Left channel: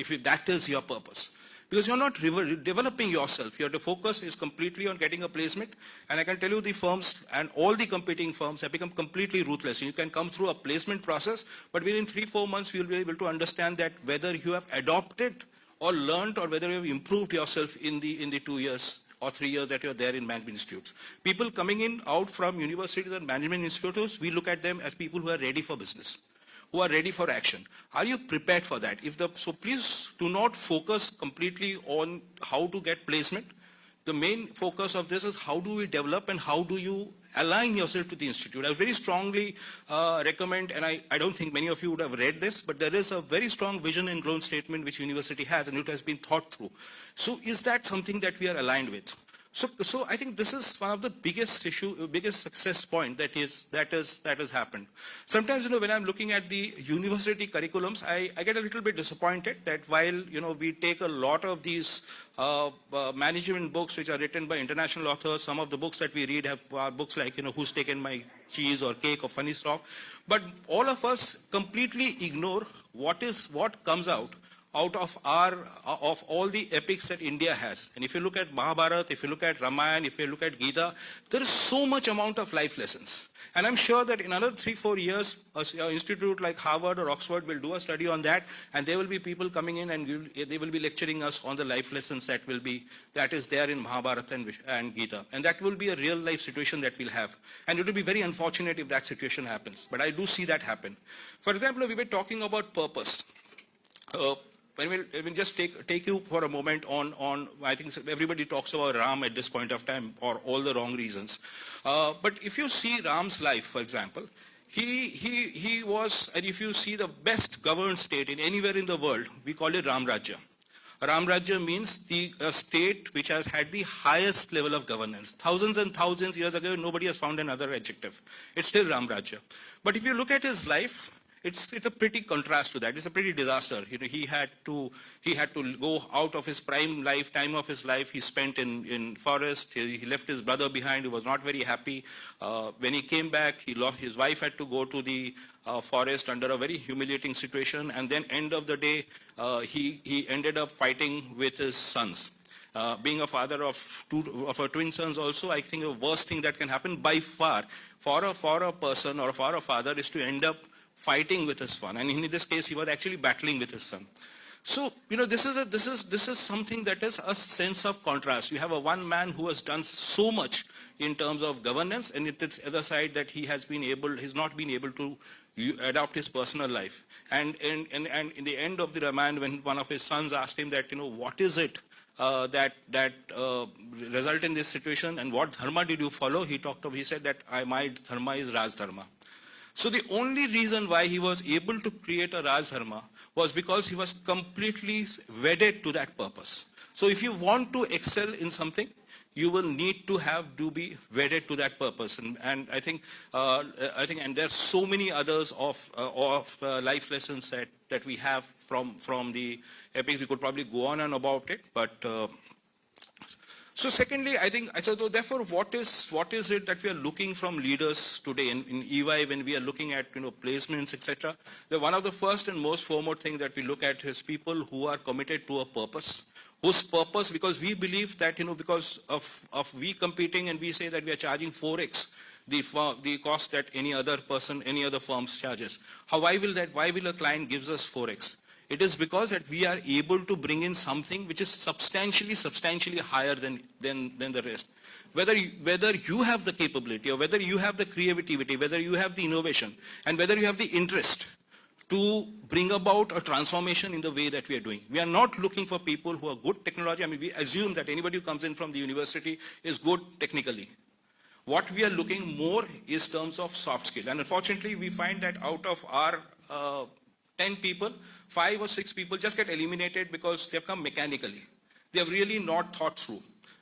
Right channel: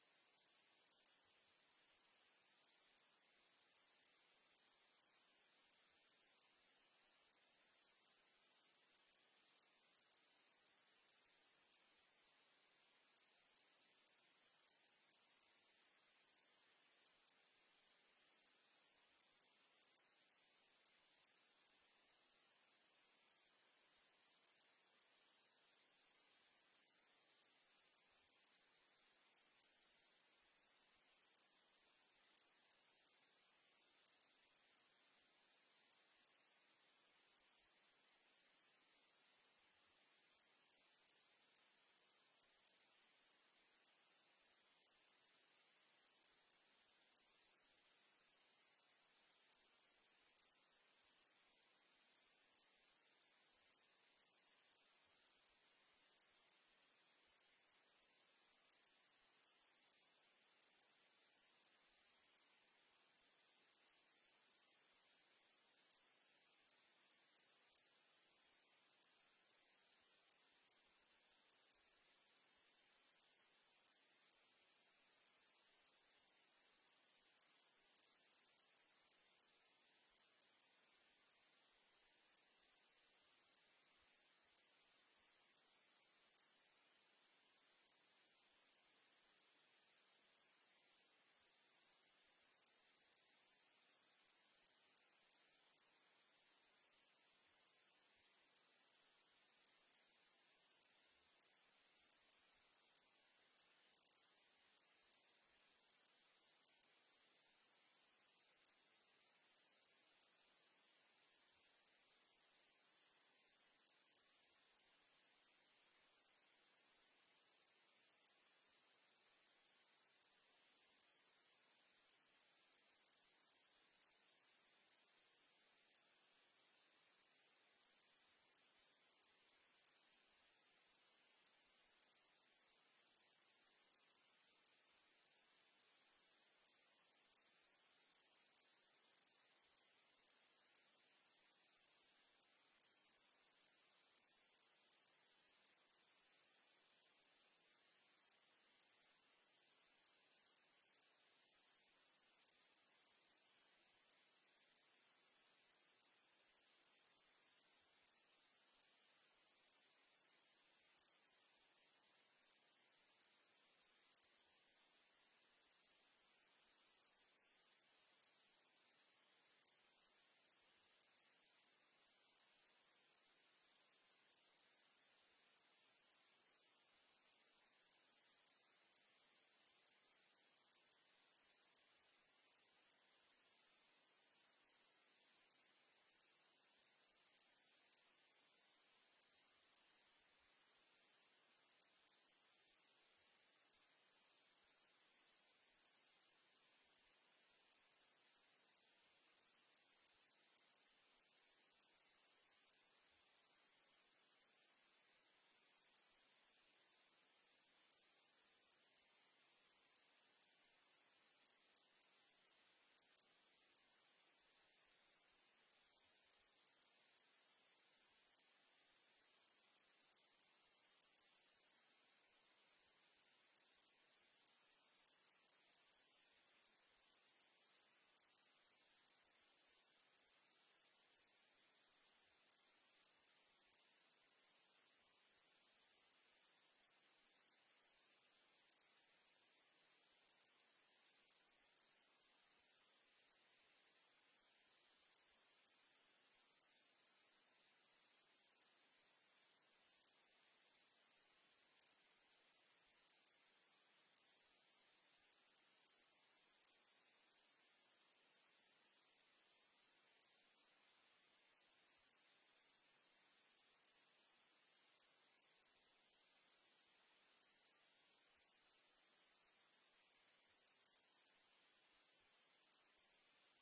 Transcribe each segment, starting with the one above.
if that is your purpose. Because you're not developing yourself. Your focus is completely on getting a placement. And I can tell you the firms and all the competing firms have become completely ruthless. You can come through a placement process, but within 3-4 months, you'll be able to understand that whether you have adopted or learned or whether you have improved yourself in the 2 years or 3 years that you're there in management institutes. People coming in out from universities and management institutes, we look at them as people who are ready for business, who are ready for action. Are you prepared for that? So please do not focus completely on how to get placement. The main focus of this is how do we develop and how do you align yourself to the institute. I very strongly recommend, and I don't think many of you would have read this, but there is a very strong vision and grown statement which university has, and it has been thought through. So is that something that we are aligned with? So I think this is one of the biggest success point that has happened. Sometimes, when I'm looking at the university curriculums, I get a little bit disappointed that while, we take a lot of these management books which are written by international authors, some of the books that we read are books like, Who's Taken My Cheese or Cake or Funny Stock, but all of us completely ignore what comes out of all the epics that India has. And if you look at Mahabharata, if you look at Ramayana, if you look at Gita, there is so much amount of life lessons. And I'm sure that in another 3-4 years, an institute like Harvard or Oxford will do a study on that, and there will be people coming in and they will be lecturing us on the life lessons that is there in Mahabharata and Gita. And that will be a real life situation that we'll have. And it will be very unfortunate if that situation happens. But I do see that happen. For example, we were talking about purpose. I will just take you for a moment on I think everybody talks about Ram at this point of time for all the wrong reasons. But if you see Ram's life, for example, he was, and if you see the best governed state in anywhere in the world, we call it Ram Rajya. Ram Rajya means a state which has had the highest level of governance. Thousands and thousands years ago, nobody has found another adjective. It's still Ram Rajya. But if you look at his life, it's a pretty contrast to that. It's a pretty disaster. He had to go out of his prime time of his life. He spent in forest. He left his brother behind. He was not very happy. When he came back, his wife had to go to the forest under a very humiliating situation. And then end of the day, he ended up fighting with his sons. Being a father of twin sons also, I think the worst thing that can happen by far for a person or for a father is to end up fighting with his son, and in this case, he was actually battling with his son. So, this is something that is a sense of contrast. You have a one man who has done so much in terms of governance, and it's the other side that he's not been able to adopt his personal life. And in the end of the Ramayana, when one of his sons asked him that, what is it that result in this situation, and what dharma did you follow? He said that my dharma is Raj Dharma. So the only reason why he was able to create a Raj Dharma was because he was completely wedded to that purpose. So if you want to excel in something, you will need to be wedded to that purpose. And I think and there are so many others of life lessons that we have from the epics. We could probably go on and about it, but. So secondly, I think, so therefore, what is it that we are looking from leaders today in EY when we are looking at, placements, etc.? One of the first and most foremost thing that we look at is people who are committed to a purpose, whose purpose, because we believe that, because of we competing and we say that we are charging 4x the cost that any other firms charges. Why will a client gives us 4x? It is because that we are able to bring in something which is substantially higher than the rest. Whether you have the capability or whether you have the creativity, whether you have the innovation, and whether you have the interest to bring about a transformation in the way that we are doing. We are not looking for people who are good technology. I mean, we assume that anybody who comes in from the university is good technically. What we are looking more is terms of soft skill. And unfortunately, we find that out of our 10 people, 5 or 6 people just get eliminated because they've come mechanically. They have really not thought through.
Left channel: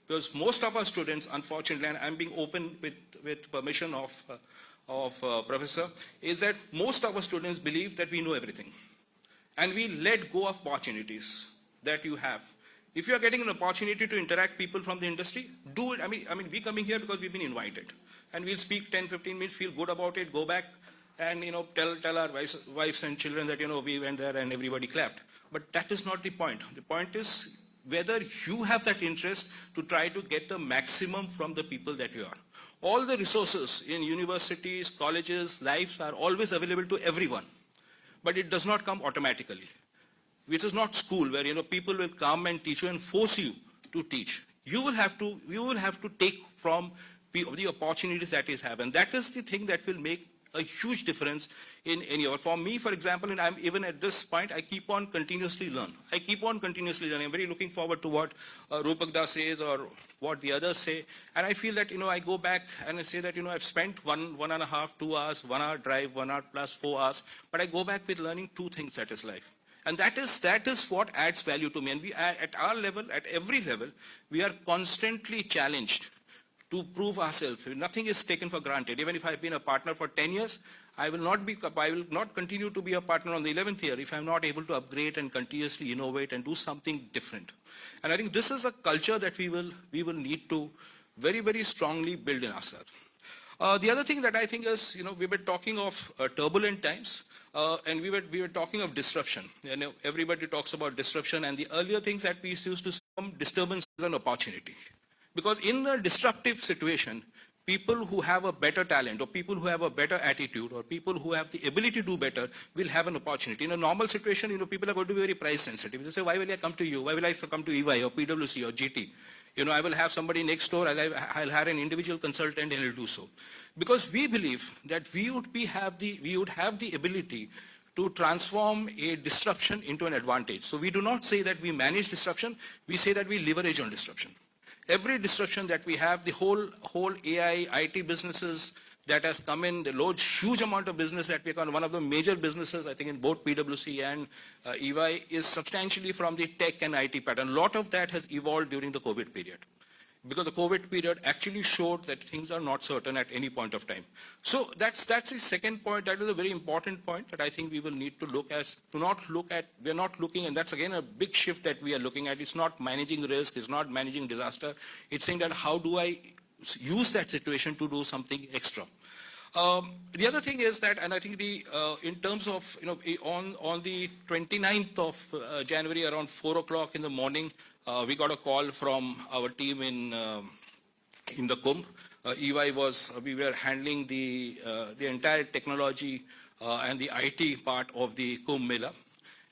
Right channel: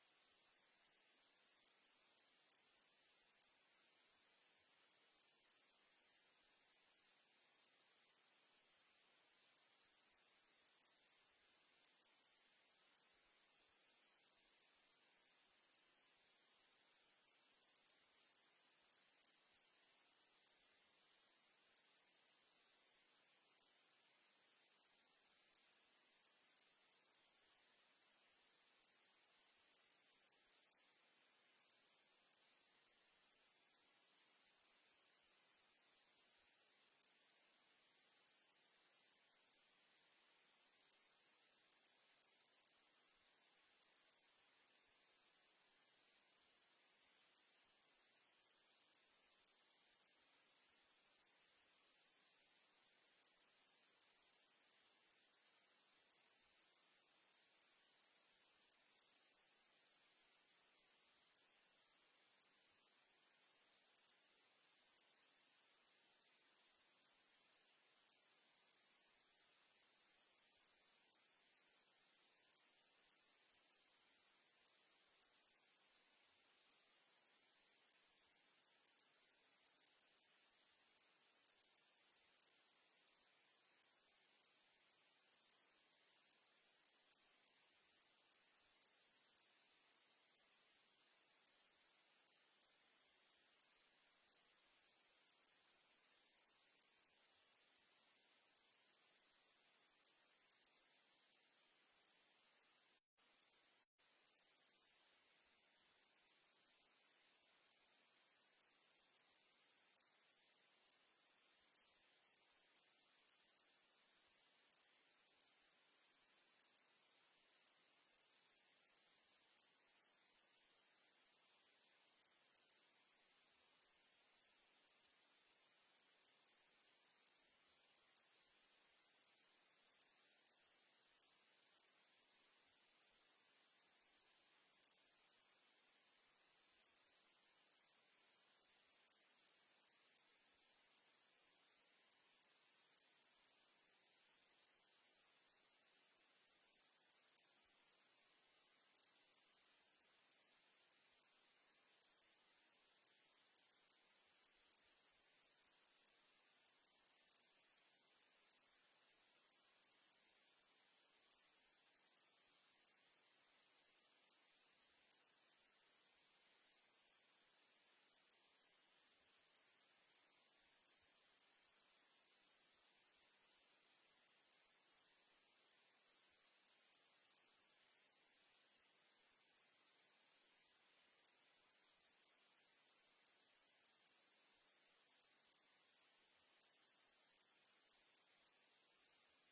Because most of our students, unfortunately, and I'm being open with permission of Professor, is that most of our students believe that we know everything. And we let go of opportunities that you have. If you are getting an opportunity to interact people from the industry, do it. I mean, we coming here because we've been invited. And we'll speak 10, 15 minutes, feel good about it, go back, and tell our wives and children that we went there and everybody clapped. But that is not the point. The point is whether you have that interest to try to get the maximum from the people that you are. All the resources in universities, colleges, lives are always available to everyone. But it does not come automatically. Which is not school where people will come and teach you and force you to teach. You will have to take from the opportunities that is have, and that is the thing that will make a huge difference in any of. For me, for example, and I'm even at this point, I keep on continuously learn. I keep on continuously learning. I'm very looking forward to what Rupakda says or what the others say, and I feel that I go back and I say that I've spent 1.5, 2 hours, 1 hour drive, 1 hour plus 4 hours, but I go back with learning 2 things, that is life. And that is what adds value to me. And we are, at our level, at every level, we are constantly challenged to prove ourselves. Nothing is taken for granted. Even if I've been a partner for 10 years, I will not continue to be a partner on the 11th year if I'm not able to upgrade and continuously innovate and do something different. And I think this is a culture that we will need to very, very strongly build in ourselves. The other thing that I think is, we were talking of turbulent times, and we were talking of disruption. Everybody talks about disruption, and the earlier things that we used to see disturbance is an opportunity. Because in a disruptive situation, people who have a better talent or people who have a better attitude or people who have the ability to do better will have an opportunity. In a normal situation, people are going to be very price sensitive. They say, why will I come to you? Why will I come to EY or PwC or GT? I will have somebody next door, I'll hire an individual consultant and he'll do so. Because we believe that we would have the ability to transform a disruption into an advantage. So we do not say that we manage disruption, we say that we leverage on disruption. Every disruption that we have, the whole AI, IT businesses that has come in, the huge amount of business that we have, one of the major businesses, I think in both PwC and EY, is substantially from the tech and IT pattern. A lot of that has evolved during the COVID period. Because the COVID period actually showed that things are not certain at any point of time. So that's the second point. That is a very important point that I think we will need to we're not looking, and that's again a big shift that we are looking at. It's not managing risk, it's not managing disaster. It's saying that how do I use that situation to do something extra. The other thing is that, and I think in terms of, on the 29th of January around 4 o'clock in the morning, we got a call from our team in the Kumbh. EY we were handling the entire technology and the IT part of the Kumbh Mela.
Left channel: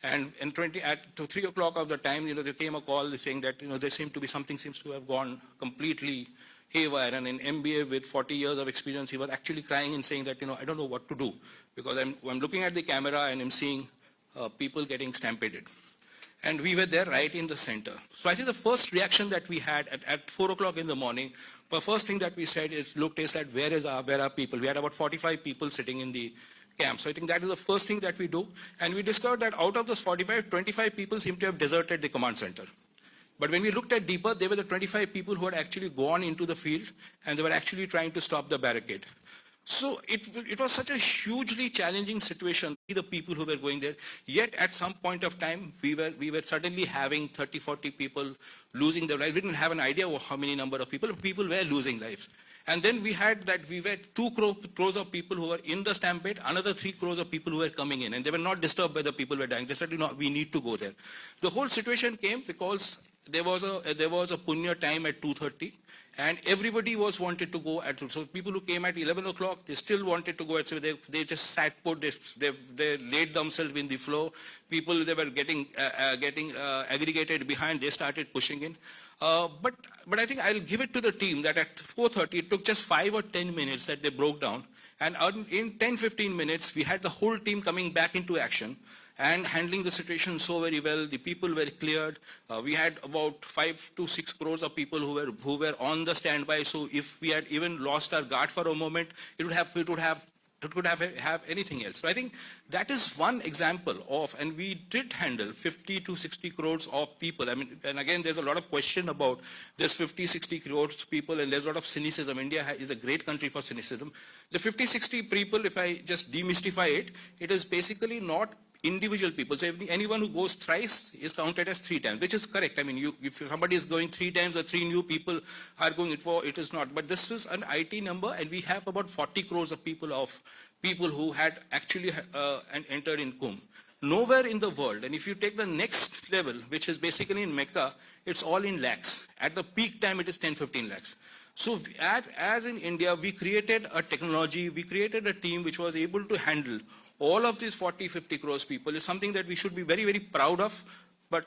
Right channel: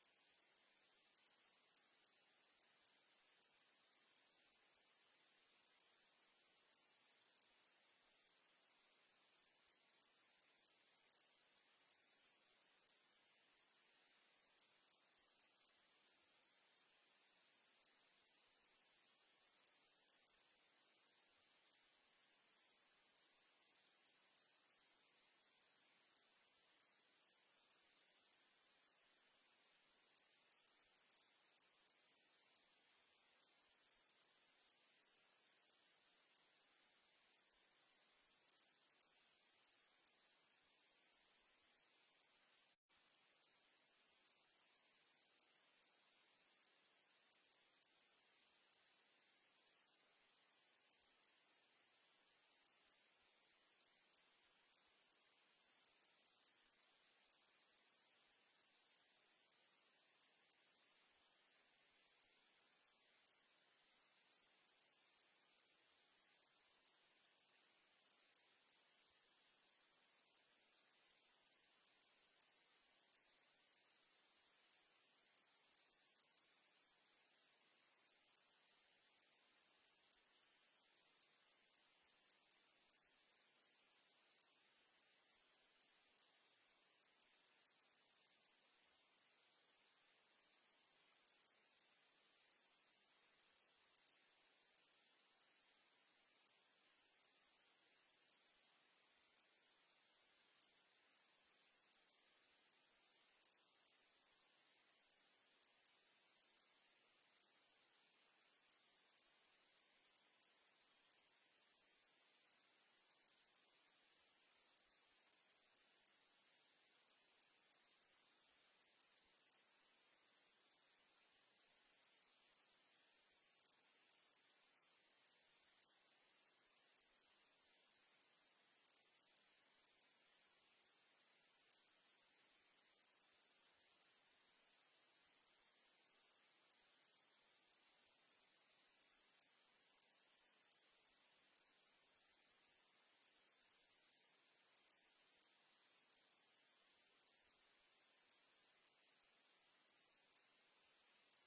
And at 3 o'clock of the time, there came a call saying that, there something seems to have gone completely haywire. And an MBA with 40 years of experience, he was actually crying and saying that, I don't know what to do. Because I'm looking at the camera and I'm seeing people getting stampeded. And we were there right in the center. So I think the first reaction that we had at 4 o'clock in the morning, the first thing that we said is, looked is that where are people? We had about 45 people sitting in the camp. So I think that is the first thing that we do. And we discovered that out of those 45, 25 people seem to have deserted the command center. But when we looked at deeper, they were the 25 people who had actually gone into the field and they were actually trying to stop the barricade. So it was such a hugely challenging situation, the people who were going there. Yet at some point of time, we were suddenly having 30, 40 people losing their lives. We didn't have an idea of how many number of people were losing lives. And then we had 2 crores of people who were in the stampede, another 3 crores of people who were coming in, and they were not disturbed by the people who were dying. They said, we need to go there. The whole situation came because there was a punya time at 2:30, and everybody wanted to go at. So people who came at 11 o'clock, they still wanted to go at. So they just sat put. They laid themselves in the floor. People, they were getting aggregated behind. They started pushing in. But I think I'll give it to the team that at 4:30, it took just 5 or 10 minutes that they broke down. And in 10-15 minutes, we had the whole team coming back into action and handling the situation so very well. The people were cleared. We had about 5 to 6 crores of people who were on the standby. So if we had even lost our guard for a moment, it could have anything else. So I think that is one example of, and we did handle 50 to 60 crores of people. I mean, and again, there's a lot of question about this 50, 60 crores people, and there's a lot of cynicism. India is a great country for cynicism. The 50, 60 people, if I just demystify it, it is basically not individual people. So if anyone who goes thrice is counted as 3 times, which is correct. I mean, if somebody is going 3 times or 3 new people are going it is not. But this is an IT number, and we have about 40 crores of people who had actually entered in Kumbh. Nowhere in the world, and if you take the next level, which is basically in Mecca, it's all in lakhs. At the peak time, it is 10, 15 lakhs. So as in India, we created a technology, we created a team which was able to handle all of these 40, 50 crores people. Is something that we should be very, very proud of, but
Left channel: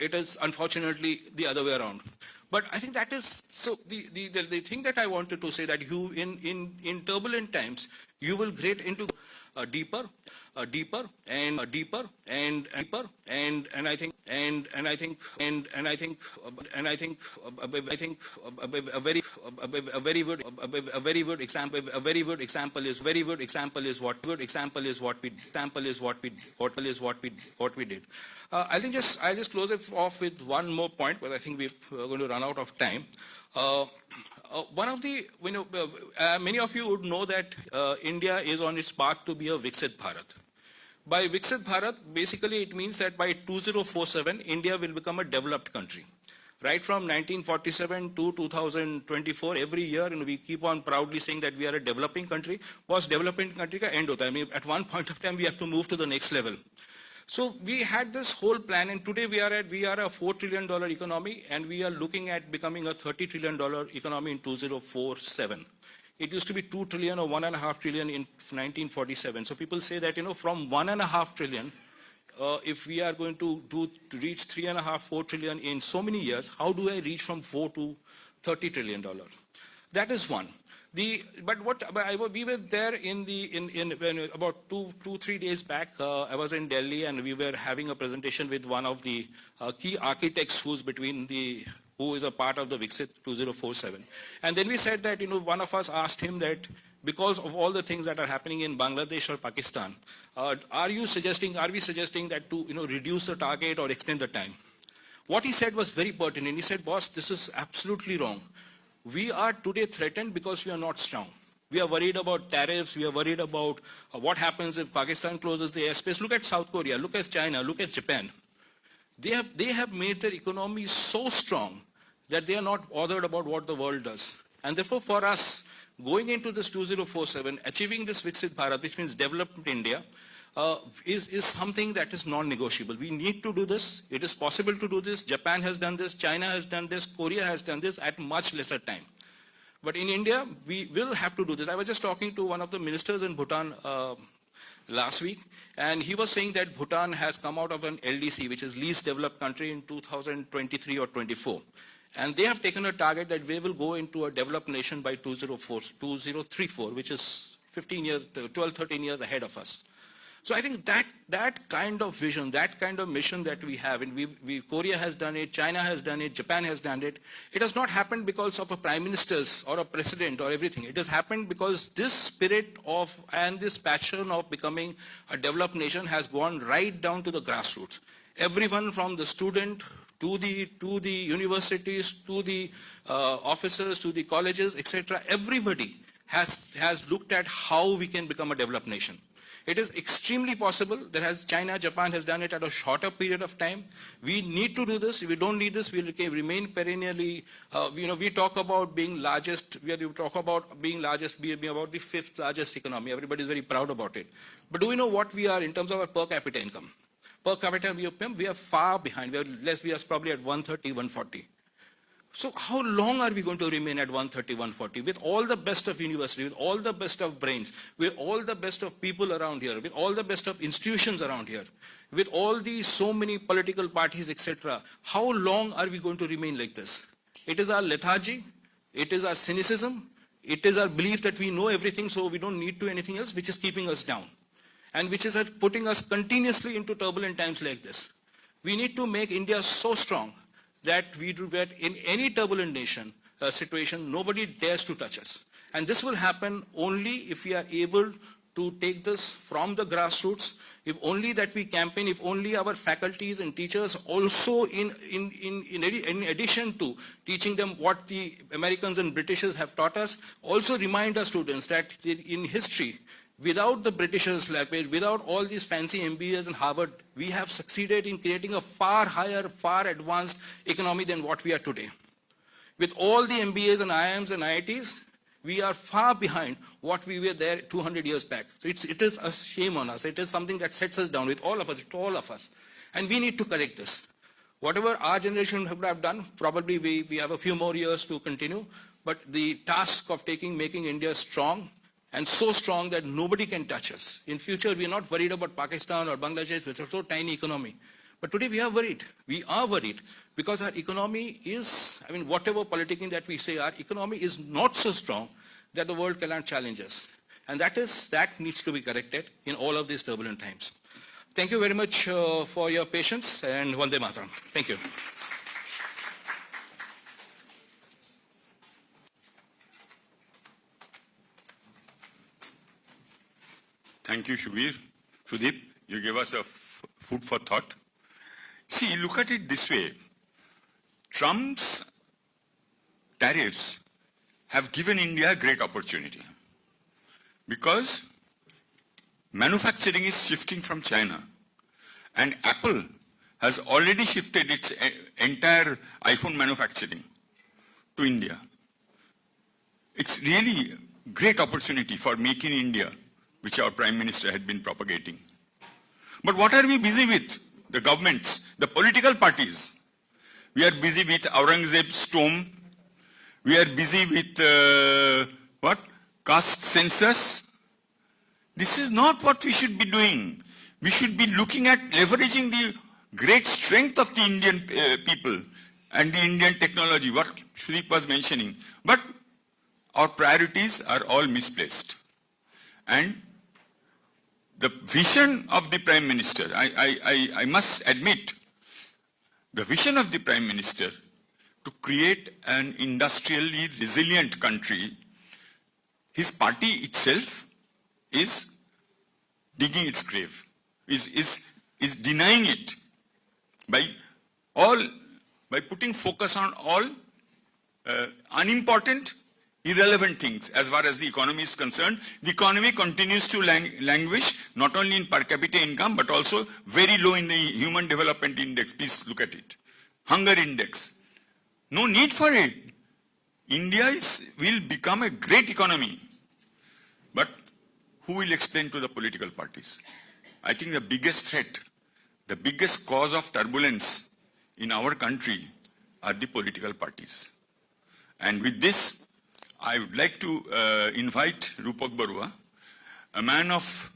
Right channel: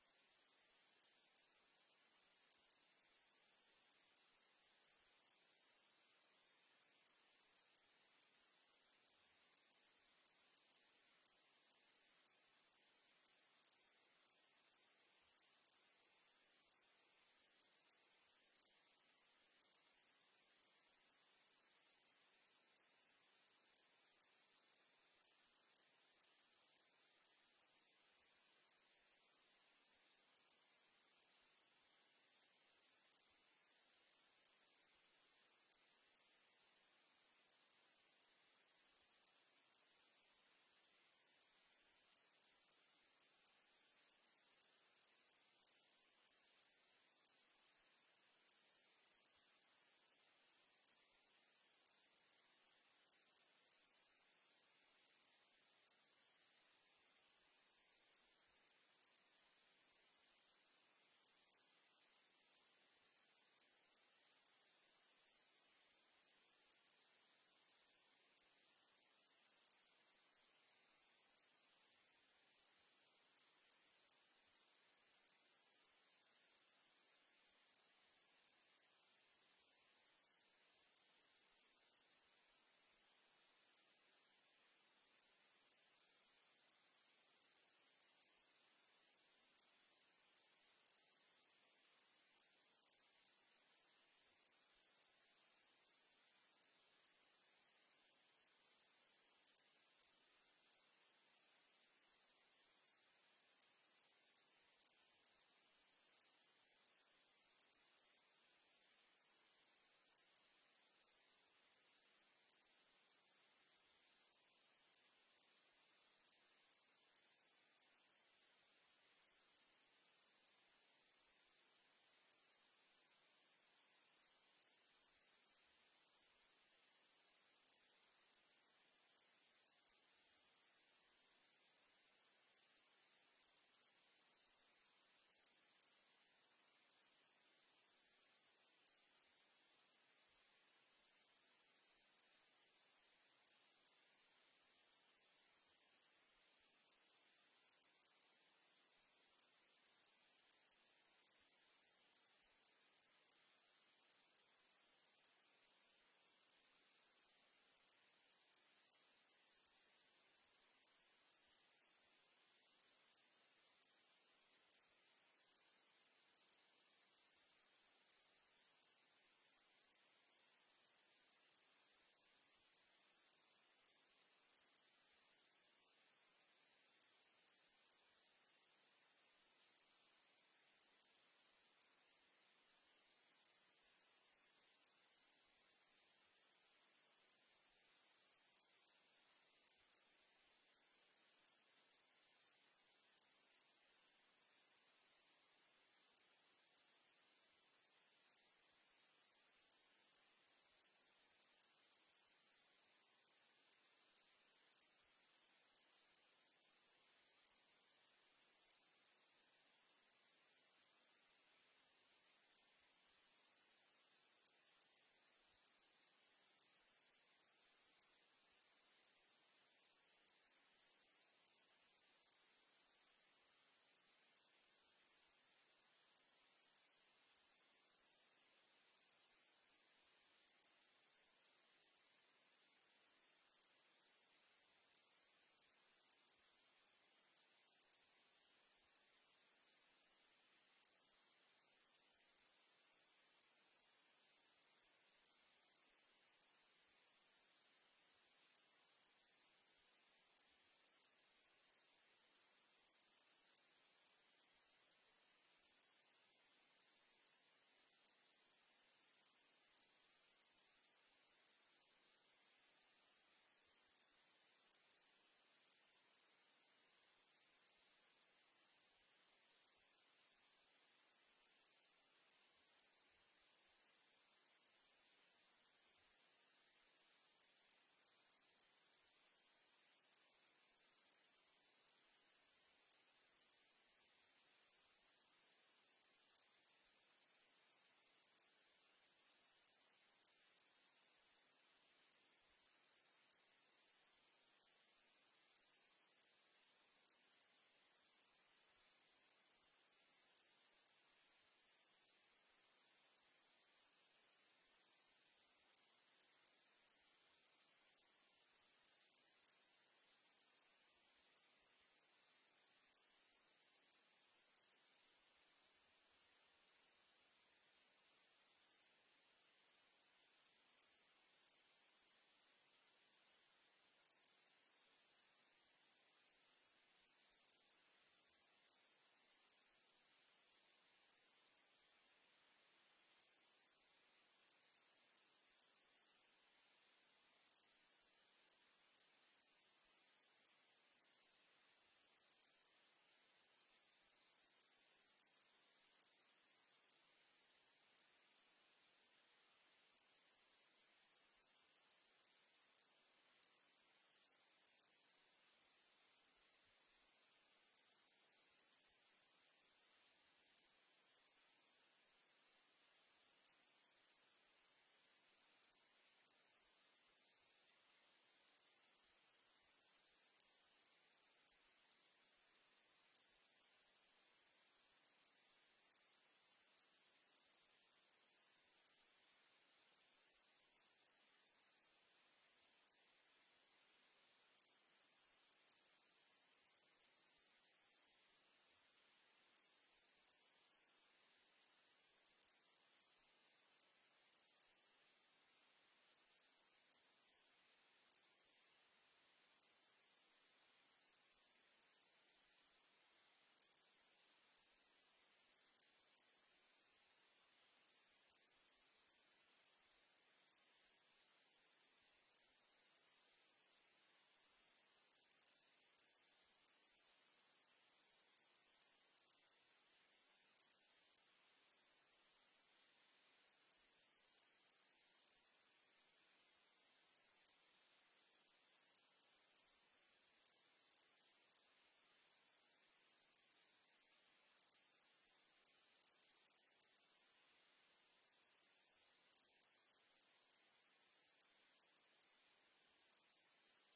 it is unfortunately the other way around. But I think that is, so the thing that I wanted to say, that you, in turbulent times, you will get into deeper, and I think a very good example is what we did. I'll just close it off with one more point, but I think we're going to run out of time. One of the, many of you would know that India is on its path to be a Viksit Bharat. By Viksit Bharat, basically it means that by 2047, India will become a developed country. Right from 1947 to 2024, every year, and we keep on proudly saying that we are a developing country. Was developing country ka end hota hai. I mean, at one point of time, we have to move to the next level. So we had this whole plan, and today we are a $4 trillion economy, and we are looking at becoming a $30 trillion economy in 2047. It used to be 2 trillion or 1.5 trillion in 1947. So people say that, from 1.5 trillion, if we are going to reach 3.5, 4 trillion in so many years, how do I reach from 4 to $30 trillion? That is one. We were there when about 3 days back. I was in Delhi, and we were having a presentation with one of the key architects who is a part of the Viksit 2047. And then we said that, one of us asked him that because of all the things that are happening in Bangladesh or Pakistan, are we suggesting that to, reduce the target or extend the time? What he said was very pertinent. He said, boss, this is absolutely wrong. We are today threatened because we are not strong. We are worried about tariffs. We are worried about what happens if Pakistan closes the airspace. Look at South Korea. Look at China. Look at Japan. They have made their economy so strong that they are not bothered about what the world does. And therefore, for us, going into this 2047, achieving this Viksit Bharat, which means developed India, is something that is non-negotiable. We need to do this. It is possible to do this. Japan has done this. China has done this. Korea has done this at much lesser time. But in India, we will have to do this. I was just talking to one of the ministers in Bhutan last week, and he was saying that Bhutan has come out of an LDC, which is least developed country, in 2023 or 24. And they have taken a target that we will go into a developed nation by 2034, which is 12, 13 years ahead of us. So I think that kind of vision, that kind of mission that we have, and Korea has done it, China has done it, Japan has done it. It has not happened because of a prime minister's or a president or everything. It has happened because this spirit of and this passion of becoming a developed nation has gone right down to the grassroots. Everyone from the student to the universities, to the officers, to the colleges, etc. Everybody has looked at how we can become a developed nation. It is extremely possible that as China, Japan has done it at a shorter period of time. We need to do this. If we don't need this, we'll remain perennially, we talk about being largest, we talk about being largest, being about the 5th largest economy. Everybody is very proud about it. But do we know what we are in terms of our per capita income? Per capita income, we are far behind. We are probably at 130, 140. So how long are we going to remain at 130, 140? With all the best of university, with all the best of brains, with all the best of people around here, with all the best of institutions around here, with all these so many political parties, etc. How long are we going to remain like this? It is our lethargy, it is our cynicism, it is our belief that we know everything, so we don't need to do anything else, which is keeping us down, and which is putting us continuously into turbulent times like this. We need to make India so strong that in any turbulent situation, nobody dares to touch us. And this will happen only if we are able to take this from the grassroots, if only that we campaign, if only our faculties and teachers also, in addition to teaching them what the Americans and Britishers have taught us, also remind our students that in history, without the Britishers, without all these fancy MBAs in Harvard, we have succeeded in creating a far higher, far advanced economy than what we are today. With all the MBAs and IIMs and IITs, we are far behind what we were there 200 years back. So it is a shame on us. It is something that sets us down with all of us, to all of us. And we need to correct this. Whatever our generation would have done, probably we have a few more years to continue, but the task of making India strong, and so strong that nobody can touch us. In future, we are not worried about Pakistan or Bangladesh, which are so tiny economy. But today we are worried. We are worried because our economy is, I mean, whatever politicking that we say, our economy is not so strong that the world cannot challenge us. And that needs to be corrected in all of these turbulent times. Thank you very much for your patience, and Vande Mataram. Thank you. Thank you, Sudeep, you gave us a food for thought. See, look at it this way. Trump's tariffs have given India a great opportunity because manufacturing is shifting from China, and Apple has already shifted its entire iPhone manufacturing to India. It's really a great opportunity for Make in India, which our Prime Minister had been propagating. But what are we busy with? The governments, the political parties. We are busy with Aurangzeb's tomb. We are busy with, caste census. This is not what we should be doing. We should be looking at leveraging the great strength of the Indian people and the Indian technology, what Sudeep was mentioning. But our priorities are all misplaced. And the vision of the Prime Minister, I must admit, the vision of the Prime Minister to create an industrially resilient country, his party itself is digging its grave, is denying it by putting focus on all unimportant, irrelevant things as far as the economy is concerned. The economy continues to languish, not only in per capita income, but also very low in the Human Development Index. Please look at it. Hunger index. No need for it. India will become a great economy. But who will explain to the political parties? I think the biggest threat, the biggest cause of turbulence in our country are the political parties. And with this, I would like to invite Rupak Barua, a man of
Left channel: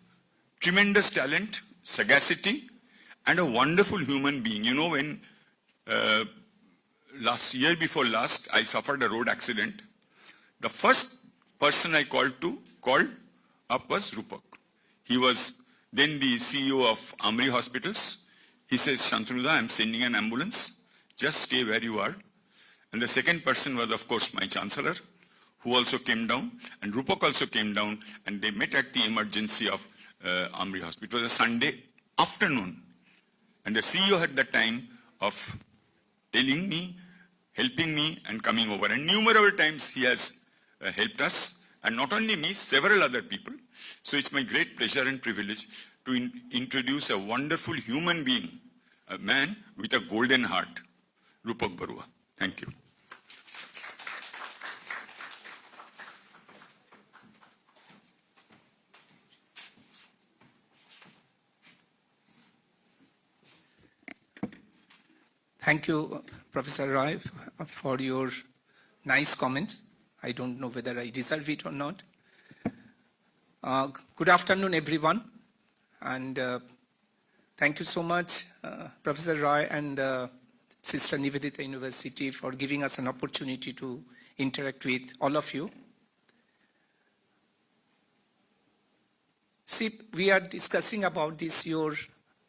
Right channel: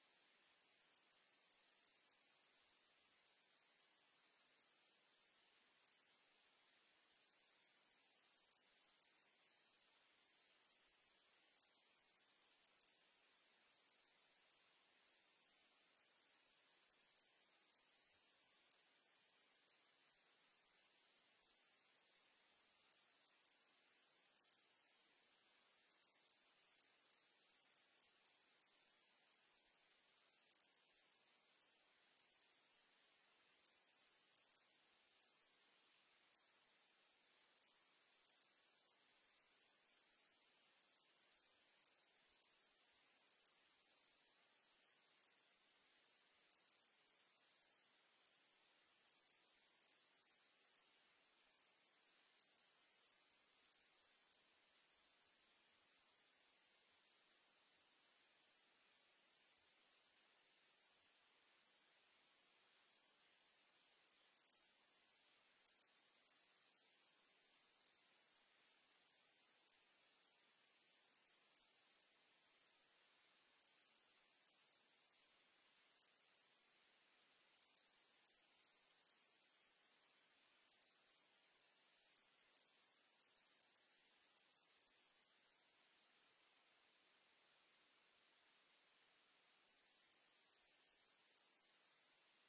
tremendous talent, sagacity, and a wonderful human being. You know, when year before last, I suffered a road accident. The first person I called up was Rupak. He was then the CEO of Amri Hospitals. He says, Shantanu, I'm sending an ambulance. Just stay where you are. And the second person was, of course, my Chancellor, who also came down, and Rupak also came down, and they met at the emergency of Amri Hospital. It was a Sunday afternoon, and the CEO had the time of telling me, helping me, and coming over. And numerous times he has helped us, and not only me, several other people. So it's my great pleasure and privilege to introduce a wonderful human being, a man with a golden heart, Rupak Barua. Thank you. Thank you, Professor Roy, for your nice comments. I don't know whether I deserve it or not. Good afternoon, everyone. And thank you so much, Professor Roy and Sister Nivedita University, for giving us an opportunity to interact with all of you. See, we are discussing about this your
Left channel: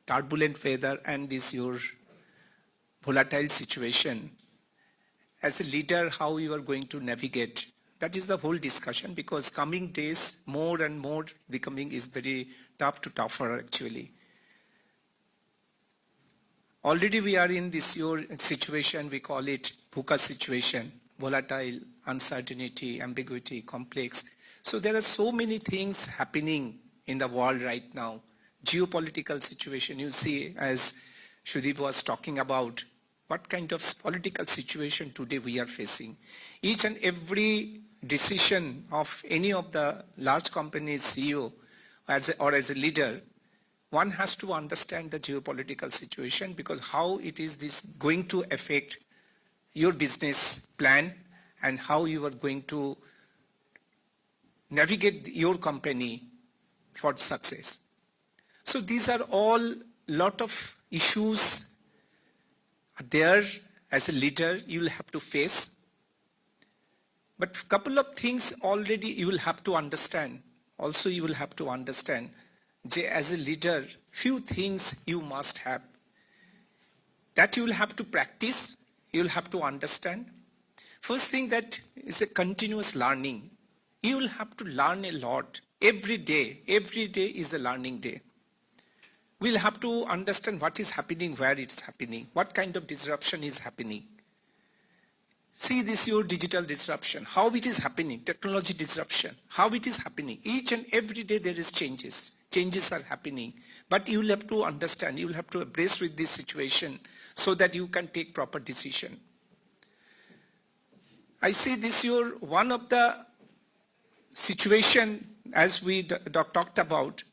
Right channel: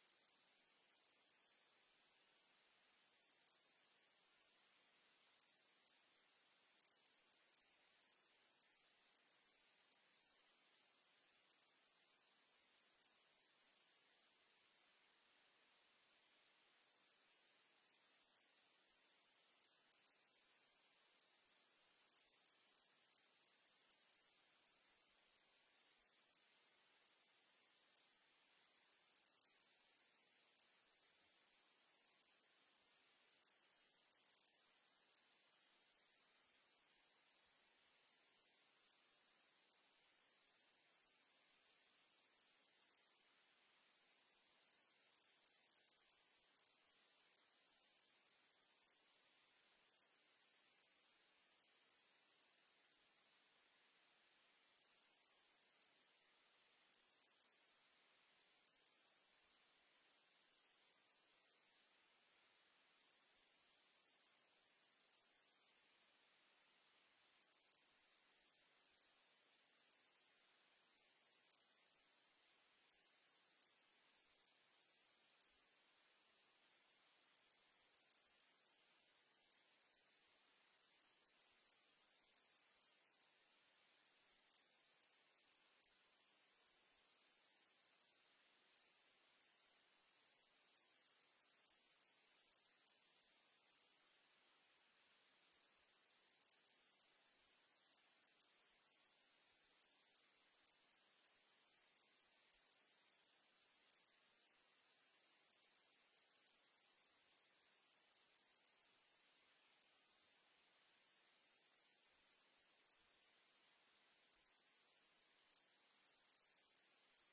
turbulent weather and this your volatile situation. As a leader, how you are going to navigate. That is the whole discussion, because coming days, more and more becoming is very tougher actually. Already we are in this your situation, we call it VUCA situation, volatile, uncertainty, ambiguity, complex. So there are so many things happening in the world right now. Geopolitical situation, you see, as Sudeep was talking about, what kind of political situation today we are facing. Each and every decision of any of the large companies CEO or as a leader, one has to understand the geopolitical situation, because how it is this going to affect your business plan and how you are going to navigate your company for success. So these are all lot of issues there as a leader you will have to face. But couple of things already you will have to understand. Also you will have to understand as a leader, few things you must have. That you will have to practice, you will have to understand. First thing, that is a continuous learning. You will have to learn a lot every day. Every day is a learning day. We'll have to understand what is happening, where it's happening, what kind of disruption is happening. See this, your digital disruption, how it is happening, technology disruption, how it is happening. Each and every day there is changes. Changes are happening. But you will have to understand, you will have to embrace with this situation so that you can take proper decision. I see this, your one of the situation as we talked about,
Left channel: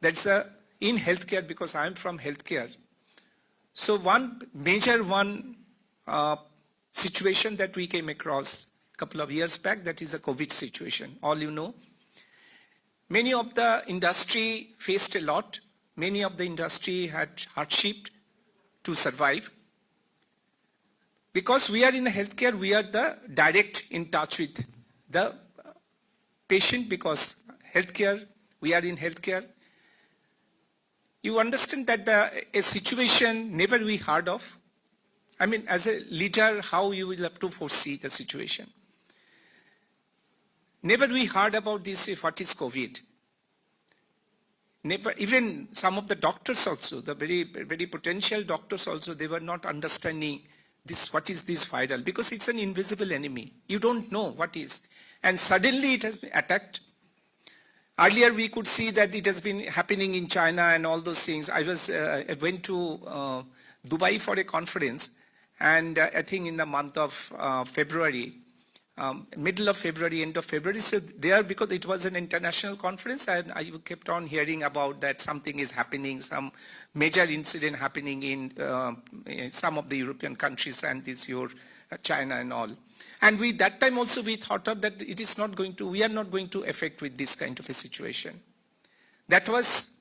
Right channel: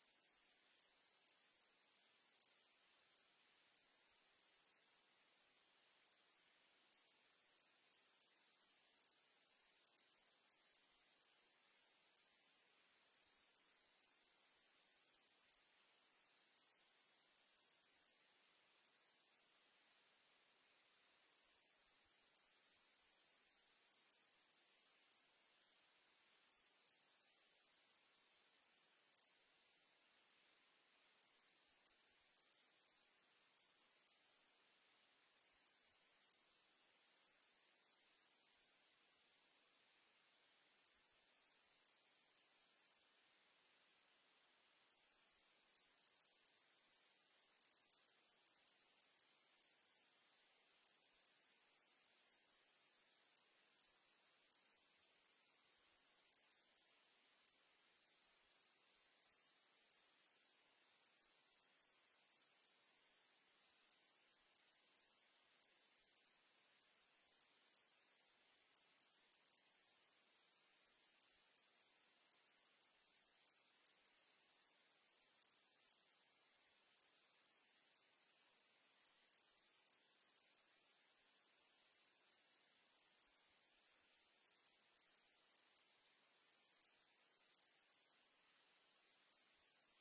that's in healthcare, because I'm from healthcare. So one major situation that we came across a couple of years back, that is a COVID situation. All you know, many of the industry faced a lot. Many of the industry had hardship to survive. Because we are in the healthcare, we are the direct in touch with the patient, because healthcare, we are in healthcare. You understand that a situation never we heard of. I mean, as a leader, how you will have to foresee the situation. Never we heard about this, what is COVID. Never, even some of the doctors also, the very potential doctors also, they were not understanding this, what is this viral, because it's an invisible enemy. You don't know what is. And suddenly it has been attacked. Earlier we could see that it has been happening in China and all those things. I went to Dubai for a conference, and I think in the month of February, middle of February, end of February. So there, because it was an international conference, and I kept on hearing about that something is happening, some major incident happening in some of the European countries, and this your China and all. And that time also we thought of that it is not going to, we are not going to affect with this kind of a situation. That was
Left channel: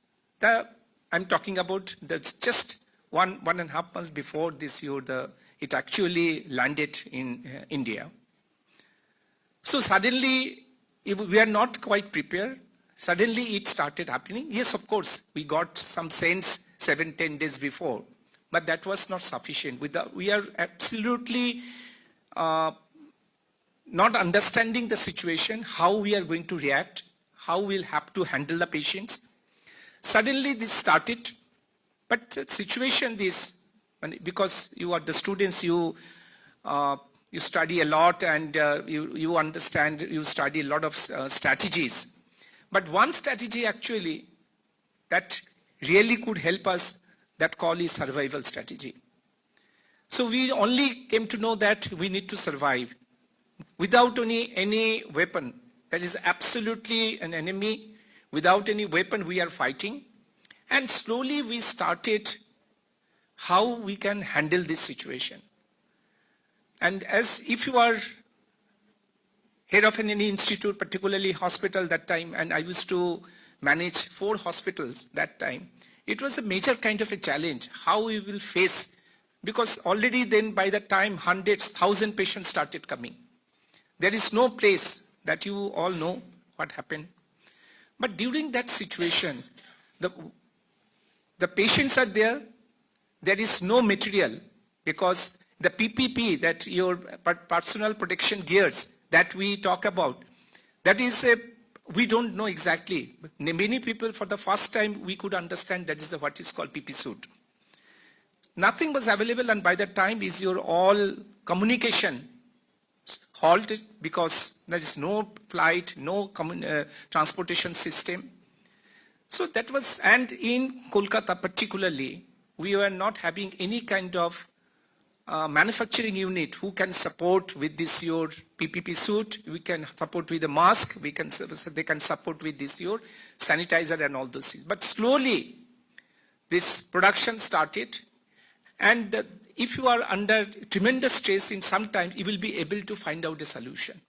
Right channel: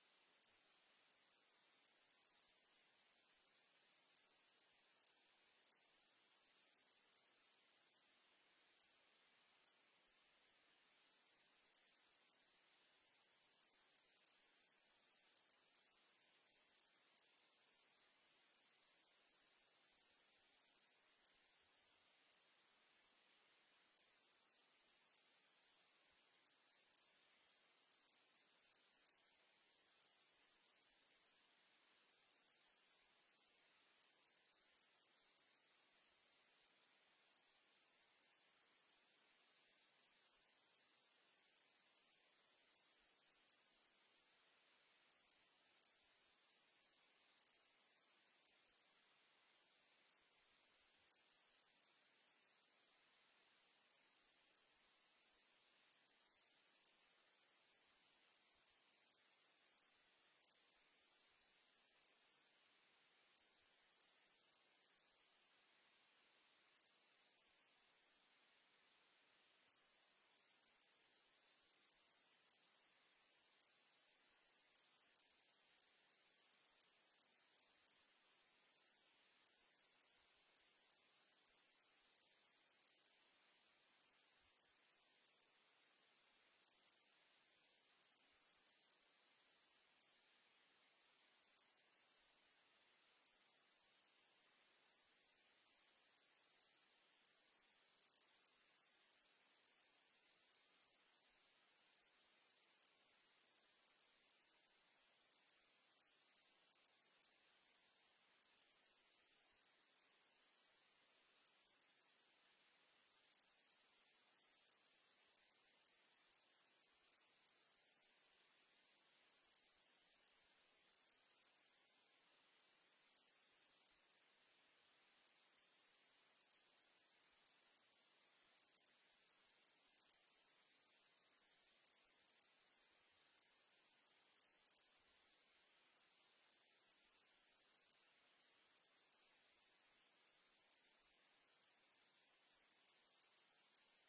I'm talking about just one and a half months before this year, it actually landed in India. So suddenly, we are not quite prepared. Suddenly it started happening. Yes, of course, we got some sense 7-10 days before, but that was not sufficient. We are absolutely not understanding the situation, how we are going to react, how we'll have to handle the patients. Suddenly this started, but the situation because you are the students, you study a lot, and you understand, you study a lot of strategies. But one strategy actually that really could help us, that call is survival strategy. So we only came to know that we need to survive without any weapon. That is absolutely an enemy. Without any weapon we are fighting. And slowly we started how we can handle this situation. And as if you are head of any institute, particularly hospital that time, and I used to manage 4 hospitals that time, it was a major kind of a challenge, how we will face, because already then by the time hundreds, 1,000 patients started coming. There is no place, that you all know what happened. But during that situation, the patients are there is no material, because the PPP, that your personal protection gears that we talk about, that is we don't know exactly. Many people, for the first time, we could understand that is what is called PP suit. Nothing was available, and by that time is your all communication halted, because there is no flight, no transportation system. So that was, and in Kolkata particularly, we were not having any kind of manufacturing unit who can support with this your PPP suit, we can support with the mask, they can support with this your sanitizer and all those things. But slowly this production started, and if you are under tremendous stress in some times, you will be able to find out a solution.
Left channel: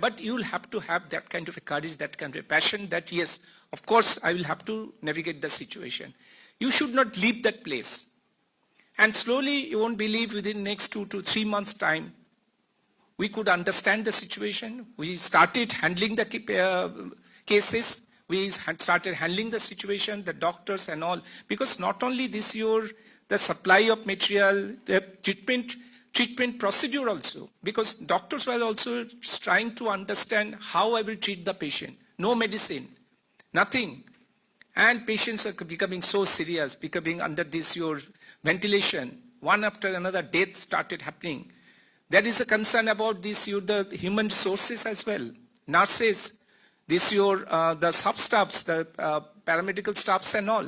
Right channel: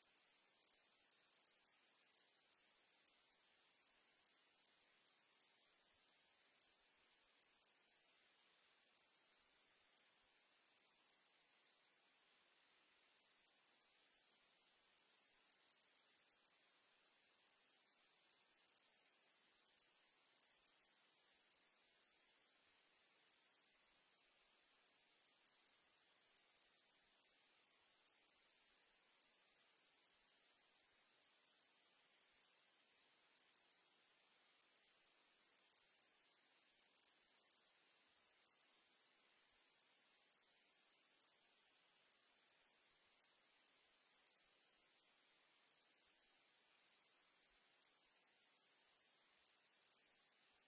But you will have to have that kind of a courage, that kind of a passion that yes, of course, I will have to navigate the situation. You should not leave that place. And slowly, you won't believe within next 2 to 3 months' time, we could understand the situation. We started handling the cases. We started handling the situation, the doctors and all. Because not only this year, the supply of material, the treatment procedure also. Because doctors were also trying to understand how I will treat the patient. No medicine, nothing. And patients are becoming so serious, becoming under this your ventilation. One after another, death started happening. There is a concern about this the human resources as well. Nurses, the sub-staffs, the paramedical staffs and all.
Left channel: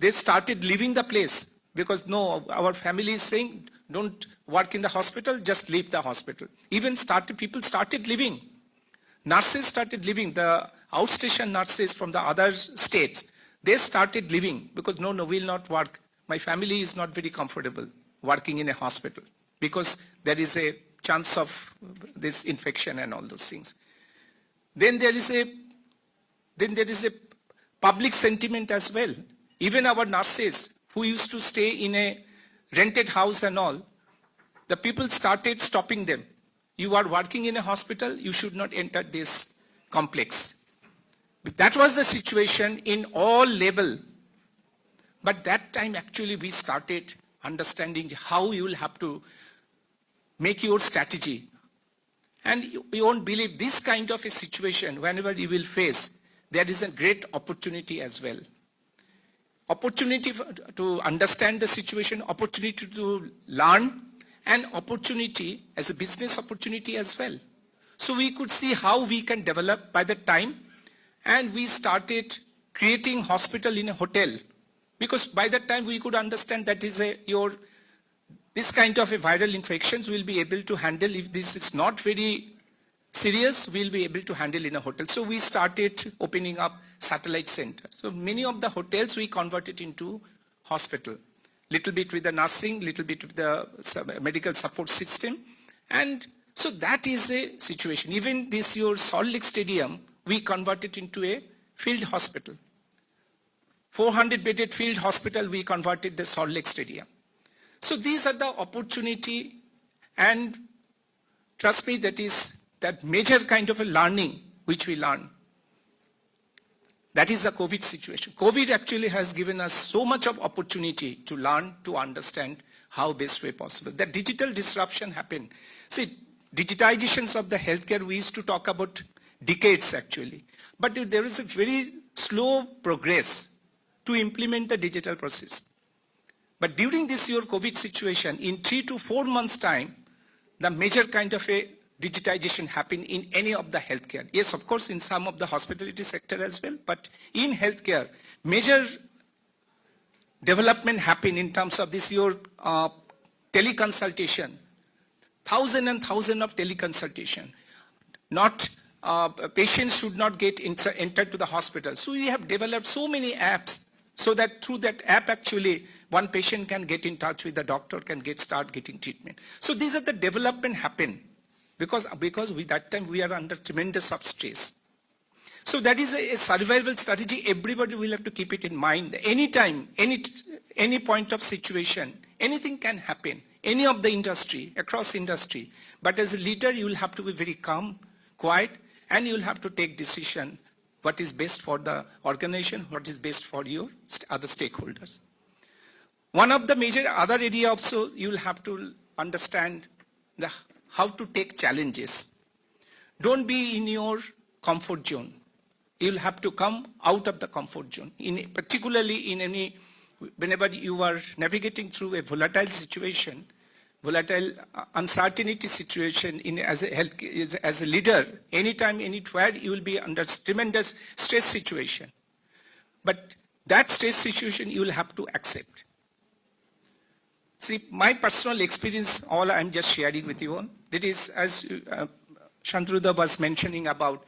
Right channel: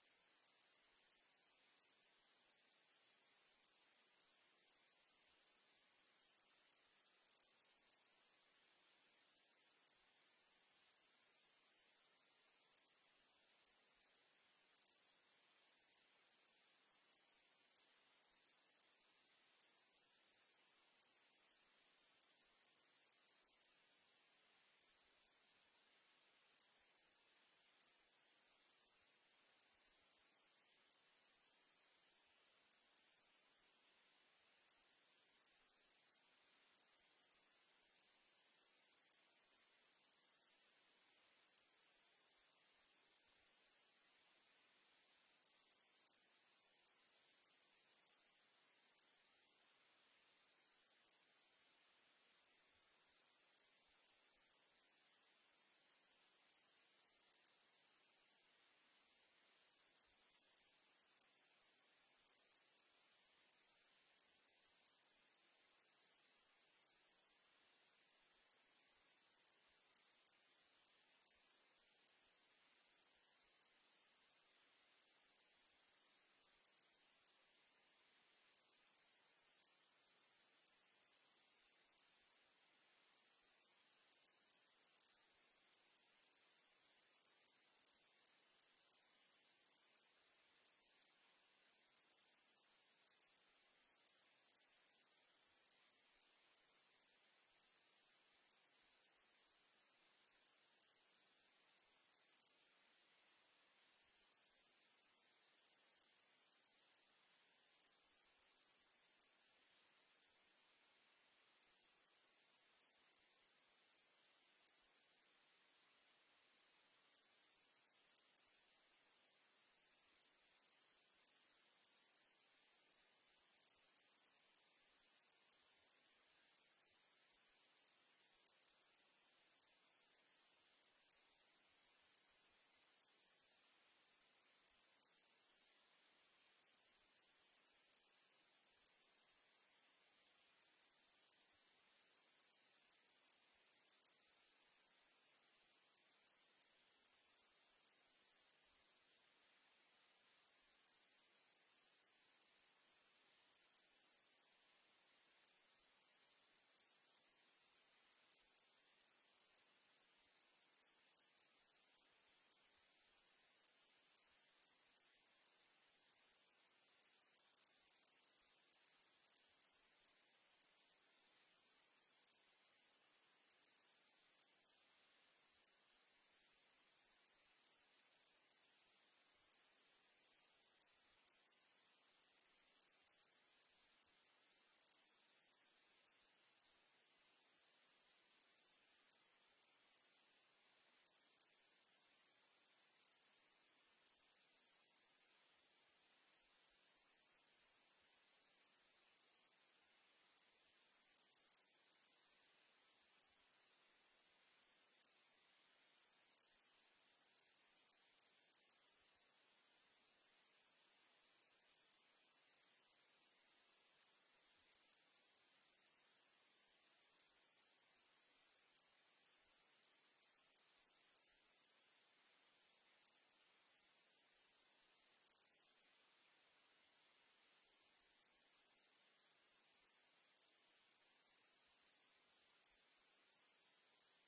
They started leaving the place because no, our family is saying, don't work in the hospital, just leave the hospital. Even people started leaving. Nurses started leaving, the outstation nurses from the other states, they started leaving because no, we'll not work. My family is not very comfortable working in a hospital because there is a chance of this infection and all those things. Then there is a public sentiment as well. Even our nurses who used to stay in a rented house and all, the people started stopping them. You are working in a hospital, you should not enter this complex. That was the situation in all level. But that time actually we started understanding how you will have to make your strategy. And you won't believe this kind of a situation, whenever you will face, there is a great opportunity as well. Opportunity to understand the situation, opportunity to learn, and opportunity as a business opportunity as well. So we could see how we can develop by the time, and we started creating hospital in a hotel. Because by that time we could understand that is this kind of a viral infections we'll be able to handle. If this is not very serious, we'll be able to handle in a hotel. So we started opening up satellite centers. So many of the hotels we converted into hospital. Little bit with the nursing, little bit with the medical support system. And so that is a situation. Even this your Salt Lake Stadium, we converted into a field hospital. 400-bedded field hospital, we converted the Salt Lake Stadium. So these are the opportunity, and trust me, that is that major kind of a learning which we learn. That is the COVID situation. COVID actually has given us so much of opportunity to learn, to understand how best way possible. The digital disruption happened. See, digitizations of the healthcare, we used to talk about decades actually. But there is a very slow progress to implement the digital process. But during this year COVID situation, in 3 to 4 months time, the major kind of a digitization happened in any of the healthcare. Yes, of course, in some of the hospitality sector as well, but in healthcare, major development happened in terms of this your teleconsultation. Thousands and thousands of teleconsultation. Not patients should not get entered to the hospital. So we have developed so many apps so that through that app actually one patient can get in touch with the doctor, can start getting treatment. So these are the development happen because with that time we are under tremendous of stress. So that is a survival strategy. Everybody will have to keep it in mind. Anytime, any point of situation, anything can happen. Any of the industry, across industry. But as a leader, you will have to be very calm, quiet, and you will have to take decision what is best for the organization, what is best for your other stakeholders. One of the major other area also, you will have to understand how to take challenges. Don't be in your comfort zone. You'll have to come out of the comfort zone. Particularly whenever you are navigating through a volatile situation, volatile uncertainty situation as a leader, anytime, anywhere, you will be under tremendous stress situation. But that stress situation you will have to accept. See, my personal experience, all I'm just sharing with you all, that is, as Shantruda was mentioning about,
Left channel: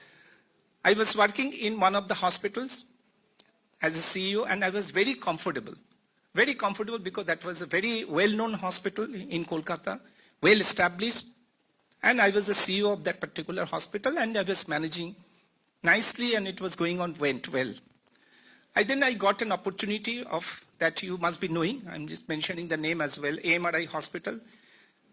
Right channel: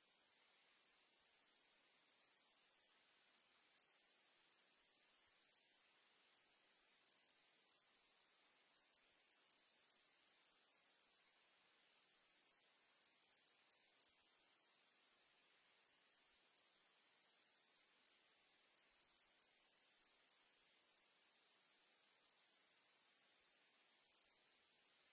I was working in one of the hospitals as a CEO, and I was very comfortable because that was a very well-known hospital in Kolkata, well established, and I was the CEO of that particular hospital, and I was managing nicely, and it was going on, went well. Then I got an opportunity of that you must be knowing. I'm just mentioning the name as well, AMRI Hospital.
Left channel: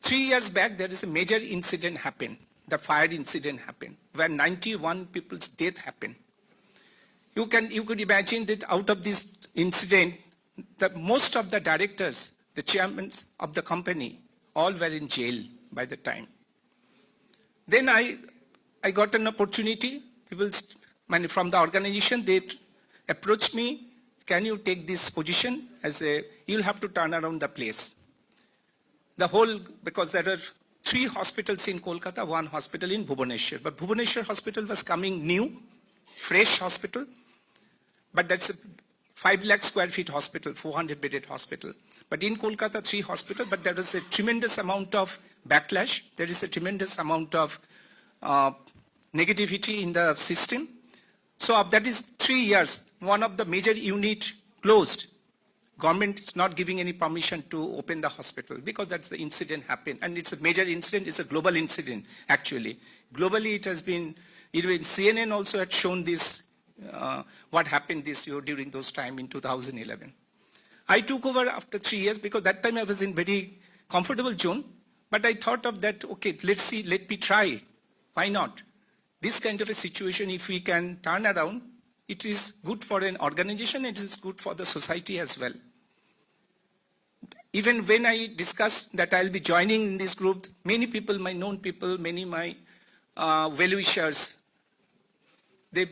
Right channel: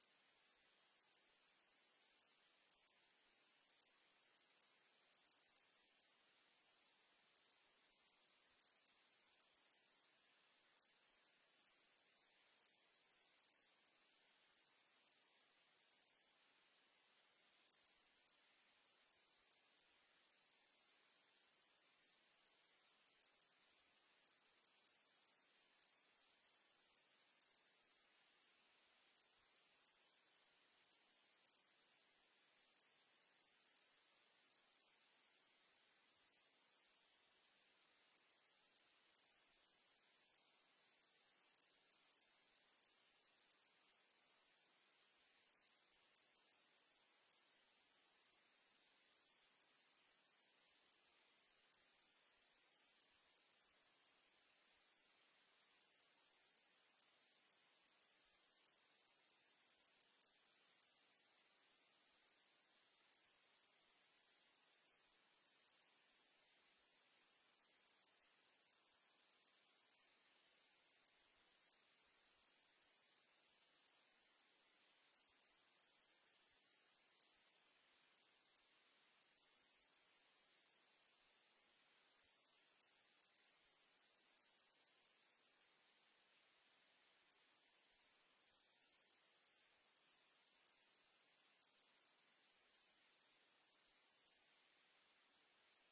3 years back, there is a major incident happened. The fire incident happened, where 91 people's death happened. You could imagine that out of this incident, most of the directors, the chairmen of the company, all were in jail by the time. Then I got an opportunity. People from the organization, they approached me, can you take this position you'll have to turn around the place. Because there are 3 hospitals in Kolkata, 1 hospital in Bhubaneswar. But Bhubaneswar hospital was coming new, fresh hospital. But that's a 5 lakh square feet hospital, 400 bedded hospital. But in Kolkata, 3 hospitals, but there is a tremendous amount of backlash. There is a tremendous amount of negativity in the system. So that is 3 years. One of the major unit closed. Government is not giving any permission to open the hospital because that's the incident happened. And it's a major incident. It's a global incident, actually. Globally, it has been, even CNN also had shown this, what happened this year during those time in 2011. I took over after 3 years because that time I was in very comfortable zone. But I thought of that, okay, let's see, let me try. Why not? This kind of a situation, if we can turn around, it is good for an organization, it is good for the society as well. Even when I discussed that I'll be joining in this group, many people, my known people, many my well-wishers, they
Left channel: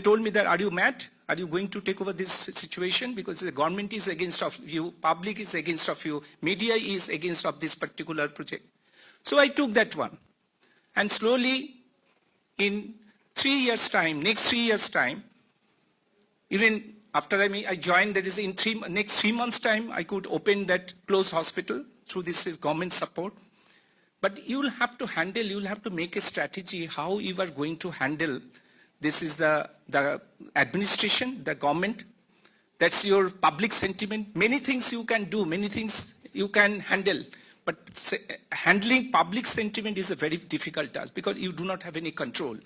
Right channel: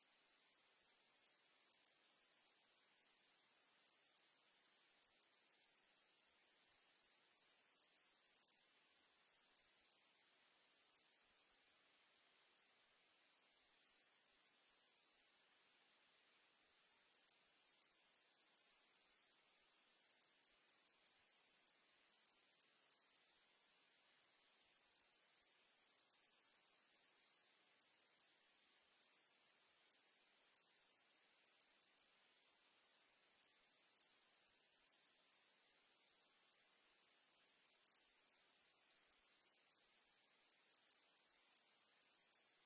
told me that, are you mad? Are you going to take over this situation? Because the government is against of you, public is against of you, media is against of this particular project. So I took that one. And slowly, in 3 years' time, next 3 years' time, even after I joined, that is in next 3 months' time, I could open that closed hospital through this government support. But you will have to handle, you will have to make a strategy how you are going to handle. This is the administration, the government. That's your public sentiment. Many things you can do, many things you can handle. But handling public sentiment is a very difficult task because you do not have any control.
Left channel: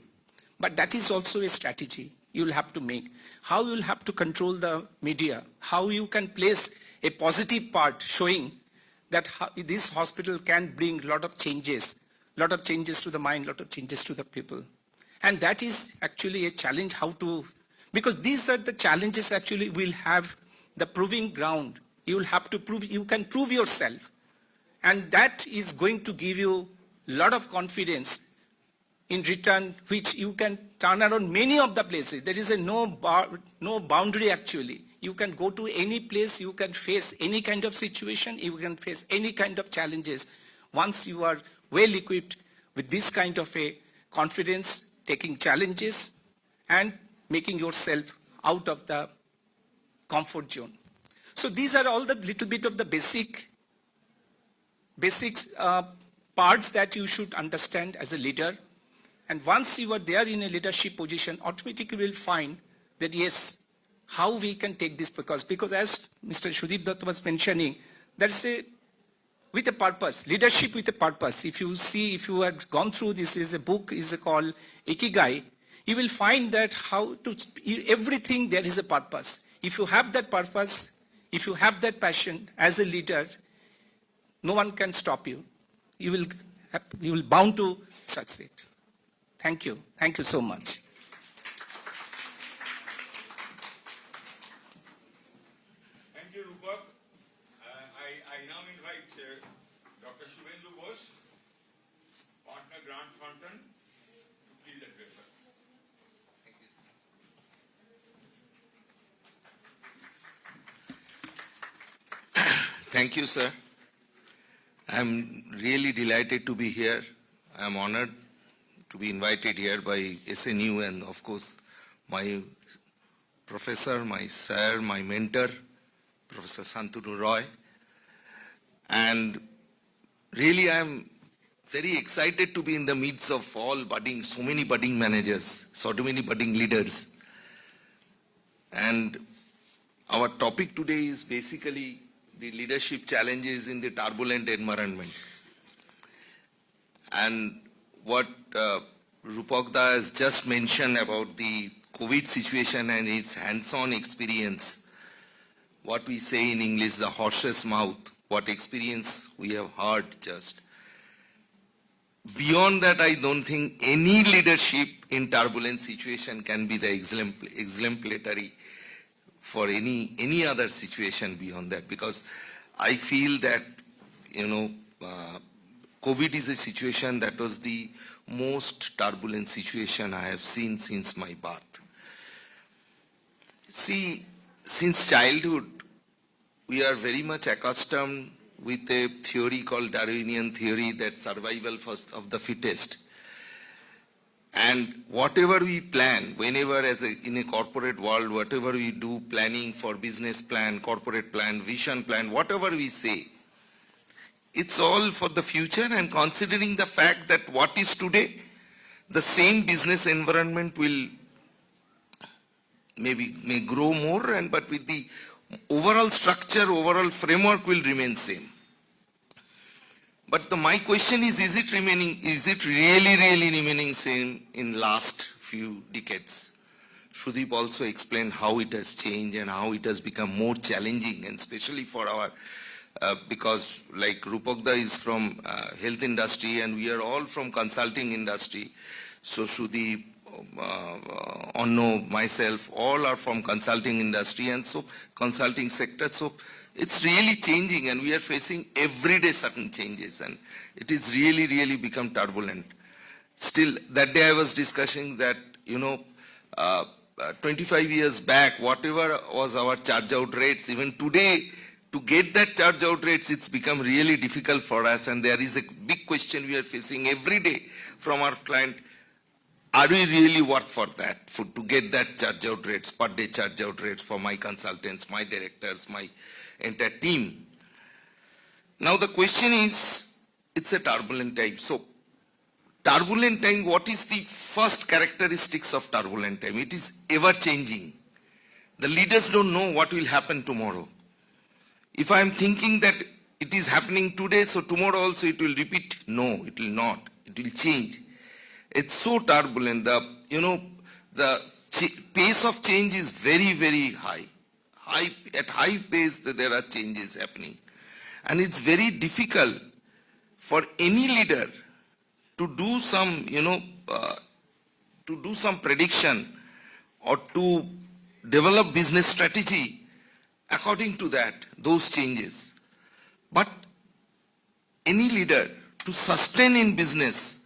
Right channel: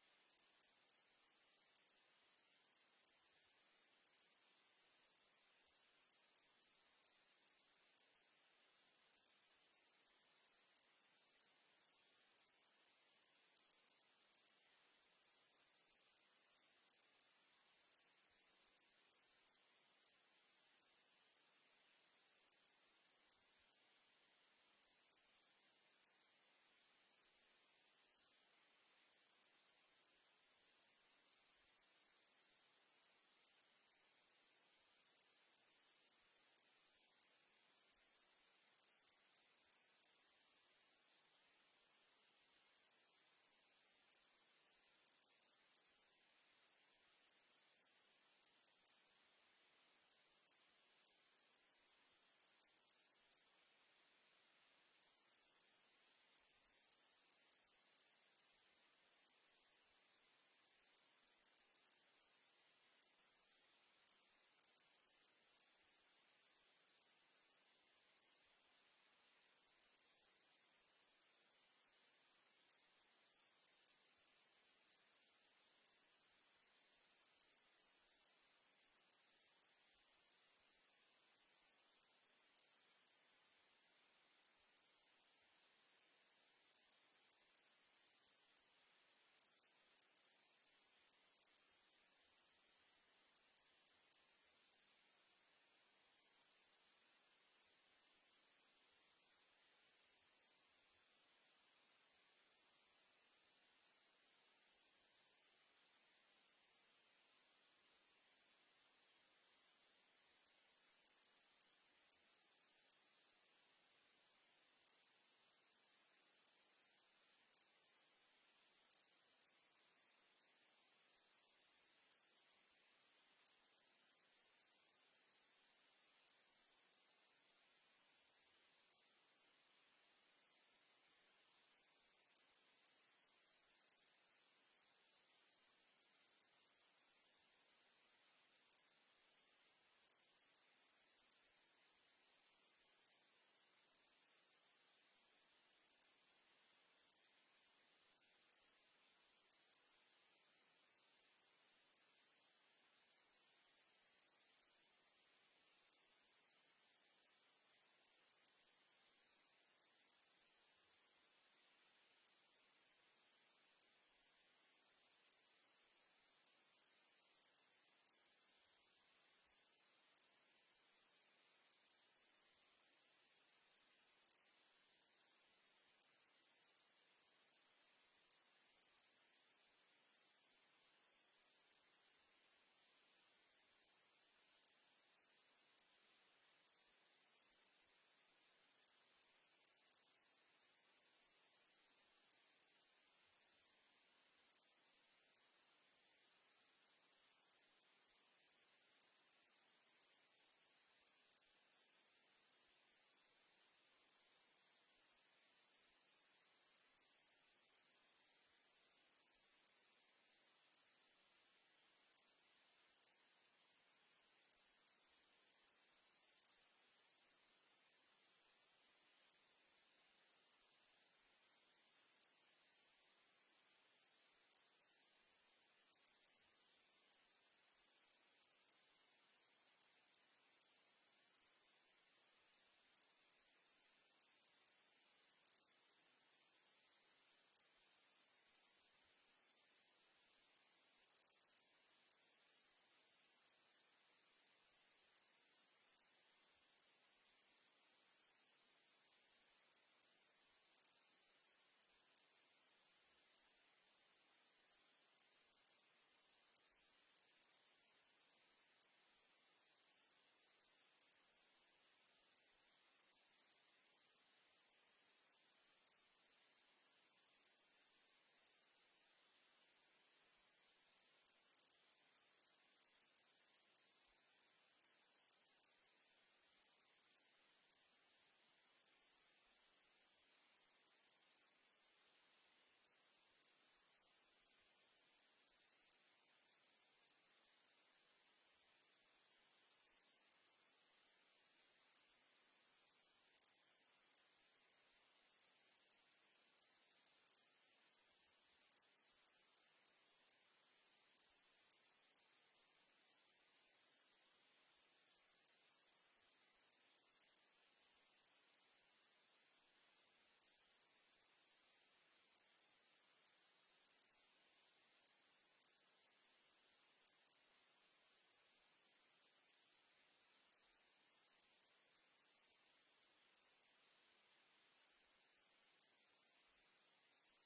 But that is also a strategy you will have to make. How you will have to control the media. How you can place a positive part showing that this hospital can bring a lot of changes to the mind, a lot of changes to the people. And that is actually a challenge because these are the challenges actually will have the proving ground. You will have to prove, you can prove yourself. And that is going to give you a lot of confidence in return, which you can turn around many of the places. There is no boundary actually. You can go to any place, you can face any kind of situation, you can face any kind of challenges. Once you are well equipped with this kind of a confidence, taking challenges and making yourself out of the comfort zone. So these are all the little bit of the basics parts that you should understand as a leader. And once you are there in a leadership position, automatically you will find that yes, how we can take this because as Mr. Shudip Dutt was mentioning, that's with a purpose, leadership with a purpose. If you had gone through this, is a book is called Ikigai, you will find that everything there is a purpose. If you have that purpose, if you have that passion as a leader, no one can stop you. You will bound to succeed. Thank you. Thank you so much. Thank you, Rupak. I now invite Dr. Shubhendu Ghosh, partner Grant Thornton, to please address us. Thank you, sir. I'm really delighted to be here. I'm honored to be invited here by SNU and, of course, my professor, my sir, my mentor, Professor Shantanu Roy. And really I'm very excited to be in the midst of so many budding managers, so many budding leaders. And our topic today is basically the leadership challenges in the turbulent environment. And what Rupakda has just mentioned about the COVID situation and its hands-on experience, what we say in English, the horse's mouth, what experience we have heard just. Beyond that, I don't think any leadership in turbulent situation can be the exemplary for any other situation beyond that, because I feel that, COVID is a situation that was the most turbulent situation I have seen since my birth. See, since childhood, we are very much accustomed with a theory called Darwinian theory, that survival of the fittest. And whatever we plan, whenever in a corporate world, whatever we do, planning for business plan, corporate plan, vision plan, whatever we say, it's all for the future, and considering the fact that what is today, the same business environment may grow more, but with the overall structure, overall framework will remain same. But my question is it really remaining same in last few decades? Sudeep also explained how it has changed and how it has become more challenging, and especially for our, because like Rupakda is from health industry and we are all from consulting industry. So Sudeep, Onno, myself, all are from consulting industry, and so consulting sector. So it's really changing, and we are facing everyday certain changes, and it is really become turbulent. Still, that day I was discussing that, 25 years back, whatever was our charge out rates, even today, to get that charge out rates, it's become really difficult for us, and there is a big question we are facing every day from our client. Are we really worth for that, to get that charge out rates, per day charge out rates for my consultants, my directors, my entire team? Now the question is, it's a turbulent time. So turbulent time, what is the first characteristics of turbulent time? It is ever changing. The leaders don't know what will happen tomorrow. If I am thinking that it is happening today, so tomorrow also it will repeat, no, it will not. It will change. It's so turbulent. The pace of change is very high. At high pace, there are changes happening. And it's very difficult for any leader to do some, to do some prediction or to develop business strategy according to those changes. But any leader to sustain in business,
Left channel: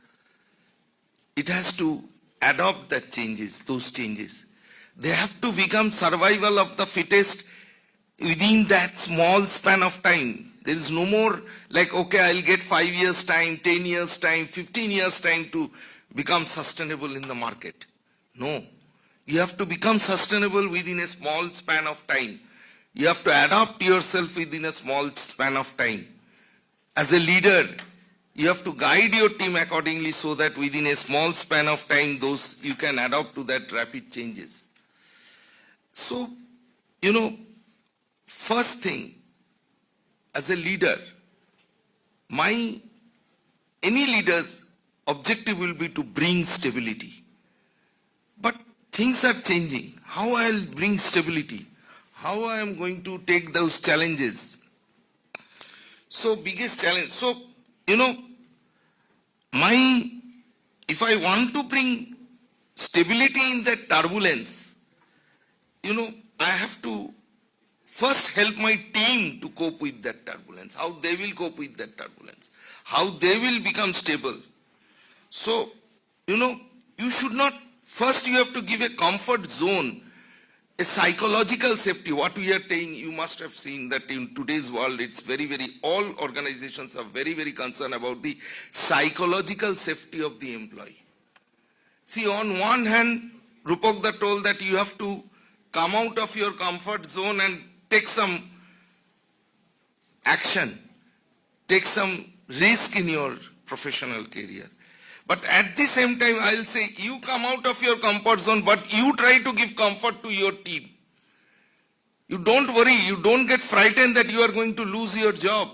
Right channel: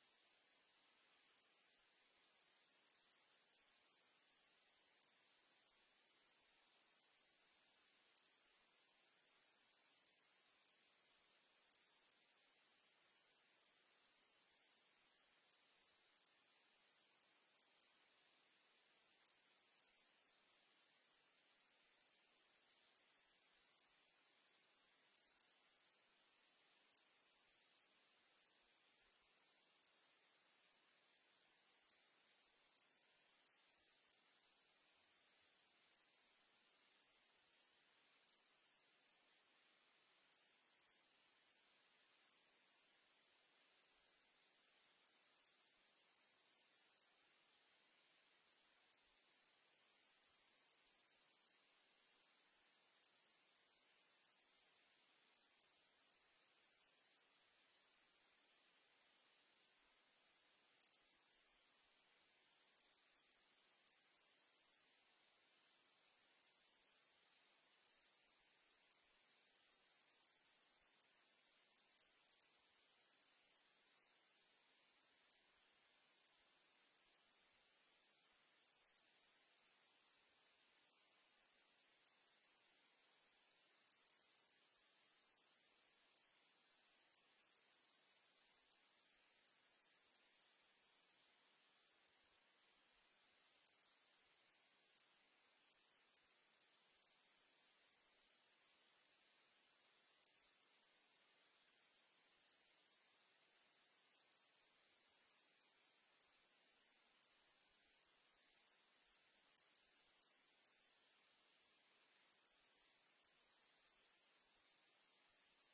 it has to adopt those changes. They have to become survival of the fittest within that small span of time. There is no more like, okay, I'll get 5 years time, 10 years time, 15 years time to become sustainable in the market. No. You have to become sustainable within a small span of time. You have to adapt yourself within a small span of time. As a leader, you have to guide your team accordingly so that within a small span of time, you can adapt to that rapid changes. So, first thing, as a leader, any leader's objective will be to bring stability. But things are changing. How I'll bring stability? How I am going to take those challenges? So, biggest challenge. So, if I want to bring stability in that turbulence, I have to first help my team to cope with that turbulence, how they will cope with that turbulence, how they will become stable. So, you should not, first you have to give a comfort zone, a psychological safety. What we are saying, you must have seen that in today's world, it's all organizations are very concerned about the psychological safety of the employee. See, on one hand, Rupakda told that you have to come out of your comfort zone and take some action. take some risk in your professional career. But at the same time, I'll say you come out of your comfort zone, but you try to give comfort to your team. You don't worry, you don't get frightened that you are going to lose your job.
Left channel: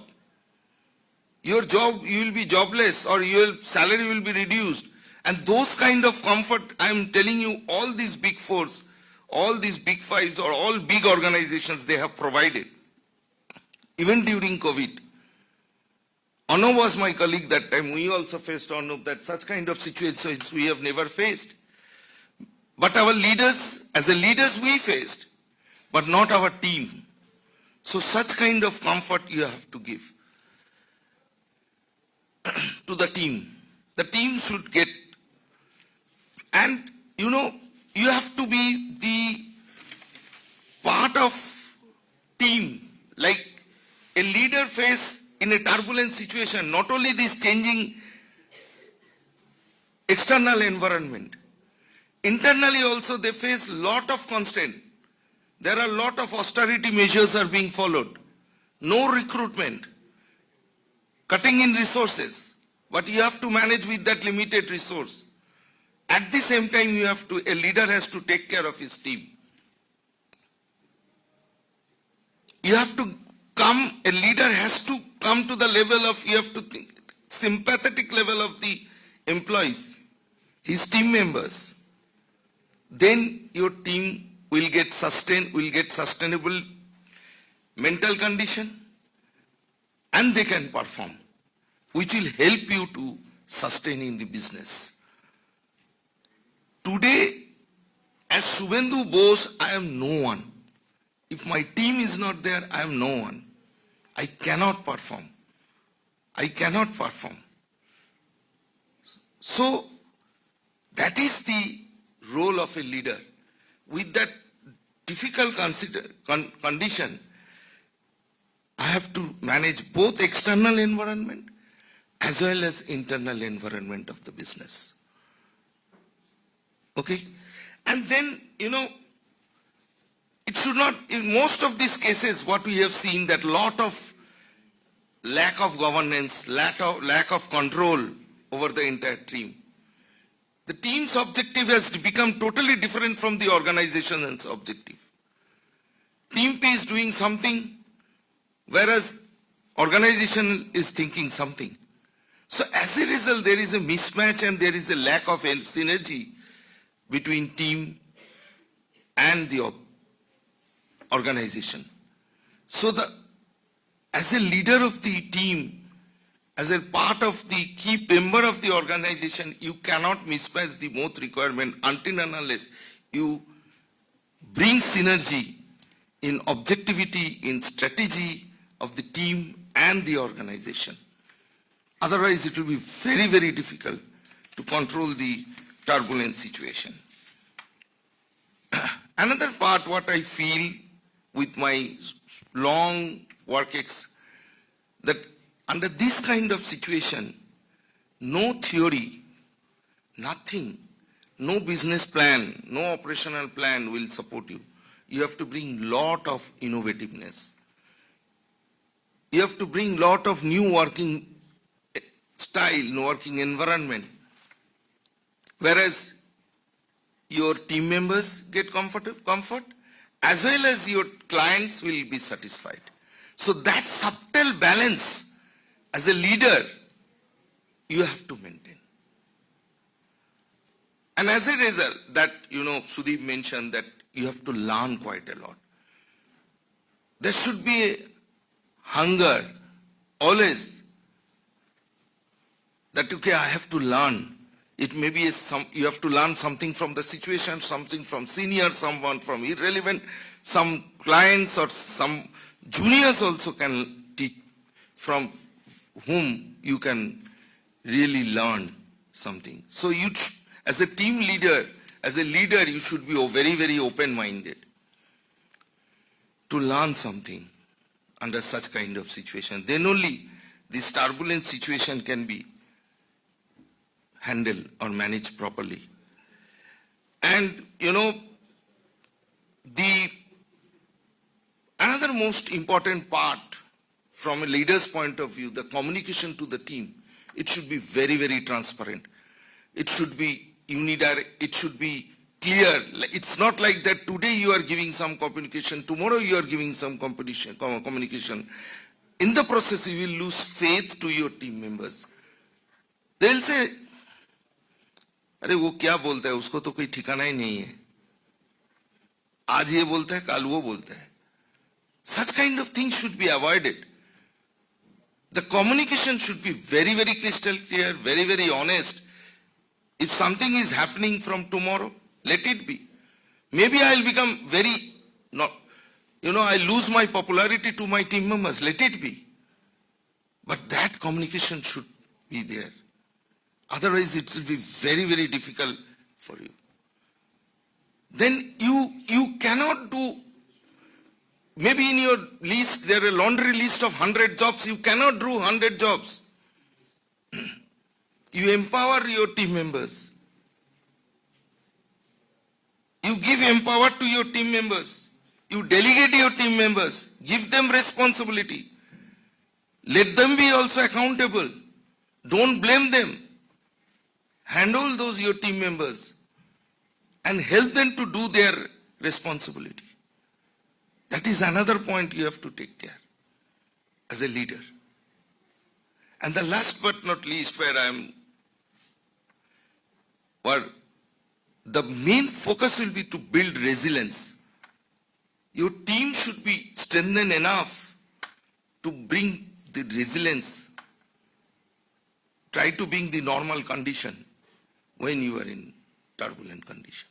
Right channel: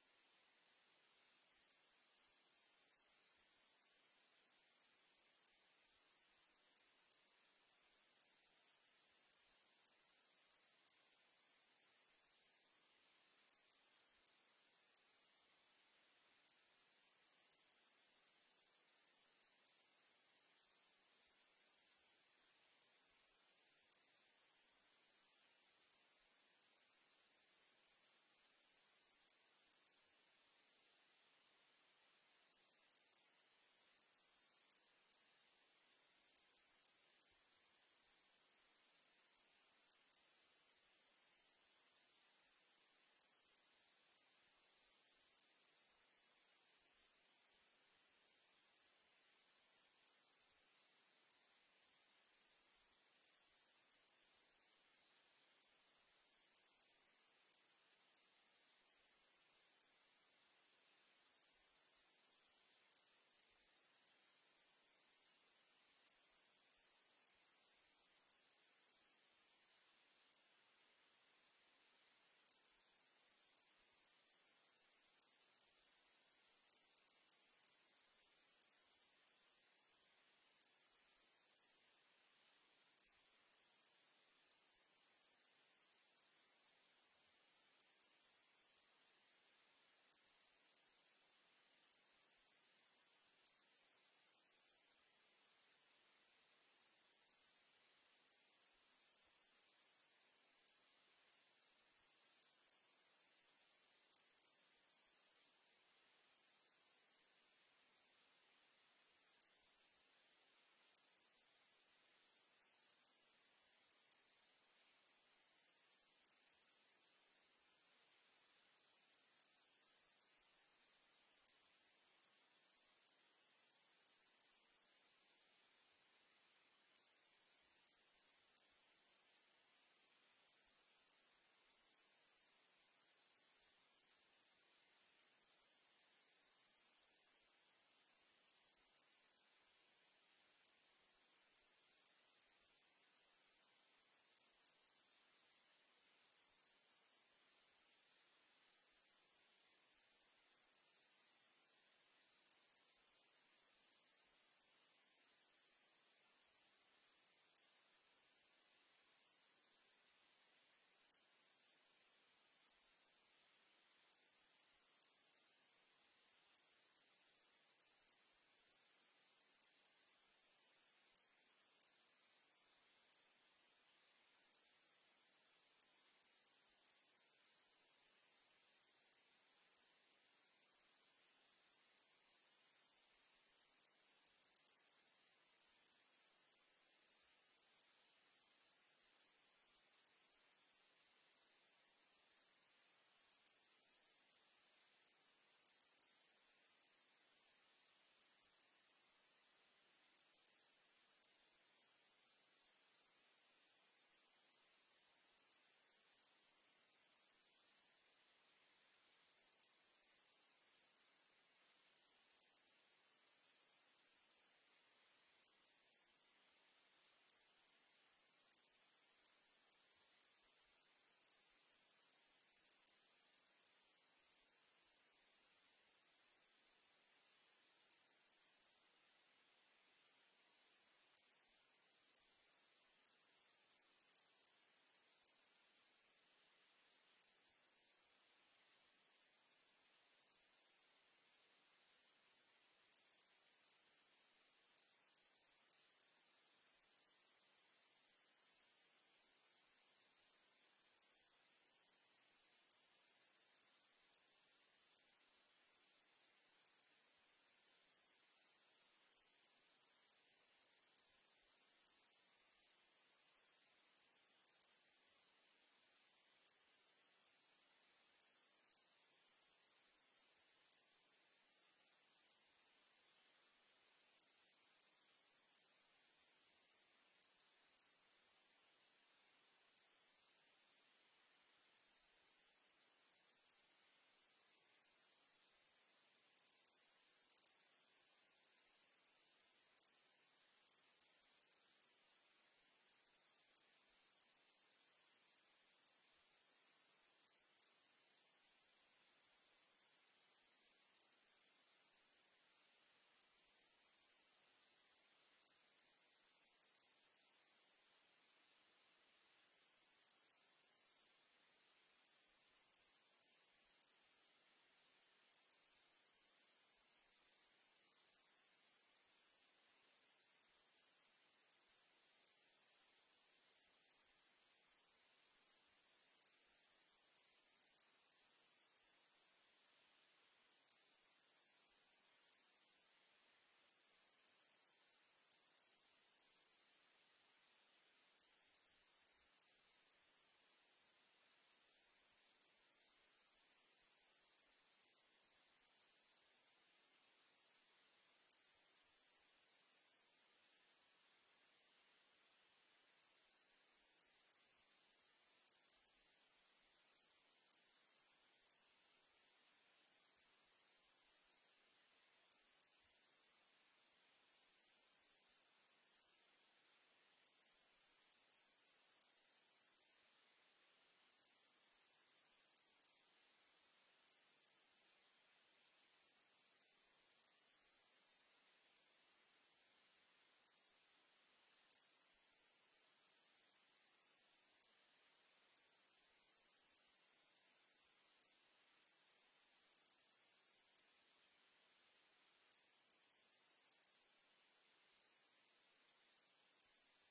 Your job, you will be jobless or your salary will be reduced. And those kind of comfort, I am telling you, all these big fours, all these big fives or all big organizations, they have provided. Even during COVID. Arnav was my colleague that time. We also faced Arnav that such kind of situations we have never faced. But our leaders, as a leaders we faced, but not our team. So such kind of comfort you have to give to the team. The team should get, and you know, you have to be the part of team. Like a leader face in a turbulent situation, not only this changing external environment, internally also they face lot of constraint. There are a lot of austerity measures are being followed. No recruitment, cutting in resources, but you have to manage with that limited resource. At the same time, a leader has to take care of his team. You have to come, a leader has to come to the level of, you have to think, sympathetic level of the employees, his team members. Then your team will get sustainable mental condition, and they can perform, which will help you to sustain in the business. Today, as Subhendu Bose, I am no one. If my team is not there, I am no one. I cannot perform. I cannot perform. So, that is the role of a leader. With that difficult condition, I have to manage both external environment as well as internal environment of the business. Okay? And then, you know, it should not, in most of these cases, what we have seen, that lot of lack of governance, lack of control over the entire team. The team's objective has become totally different from the organization's objective. Team P is doing something, whereas organization is thinking something. So as a result, there is a mismatch and there is a lack of synergy between team and the organization. So as a leader of the team, as a part of the key member of the organization, you cannot mismatch the both requirement until and unless you bring synergy in objectivity, in strategy of the team and the organization. Otherwise, it will be very, very difficult to control the turbulent situation. Another part, what I feel with my long work that under this kind of situation, no theory, nothing, no business plan, no operational plan will support you. You have to bring lot of innovativeness. You have to bring lot of new working style, working environment. Whereas your team members get comfort, as well as your clients will be satisfied. So that subtle balance, as a leader, you have to maintain. And as a result, that, you know, Sudeep mentioned that you have to learn quite a lot. There should be a hunger, always, that, okay, I have to learn. It may be you have to learn something from the situation, something from senior, someone from irrelevant, some clients or some juniors also can teach, from whom you can really learn something. So you, as a team leader, you should be very, very open-minded to learn something under such kind of situation. Then only this turbulent situation can be handled or managed properly. And, you know, another most important part from a leader's point of view, the communication to the team, it should be very, very transparent. It should be unidirect, it should be clear. It's not like that today you are giving some communication, tomorrow you are giving some communication. In the process, you will lose faith to your team members. They'll say, अरे वो क्या बोलता है, उसको तो कोई ठिकाना ही नहीं है. आज ये बोलता है, कल वो बोलता है. Such kind of things should be avoided. The communication should be very, very crystal clear, very, very honest. If something is happening from tomorrow, let it be. Maybe I'll become very, I lose my popularity to my team members, let it be. But that communication should be there. Otherwise, it will be very, very difficult for you. Then you cannot do, maybe in your list, there are a laundry list of 100 jobs, you cannot do 100 jobs. You empower your team members. You give empower to your team members. You delegate your team members. Give them responsibility. Let them be also accountable. Don't blame them. Handle those your team members and help them to do their responsibility. That is another point you have to take care as a leader. And the last but not least, where the main focus will be to build resilience. Your team should be strengthened enough to bring the resilience. Try to bring the normal condition when you are in turbulent condition.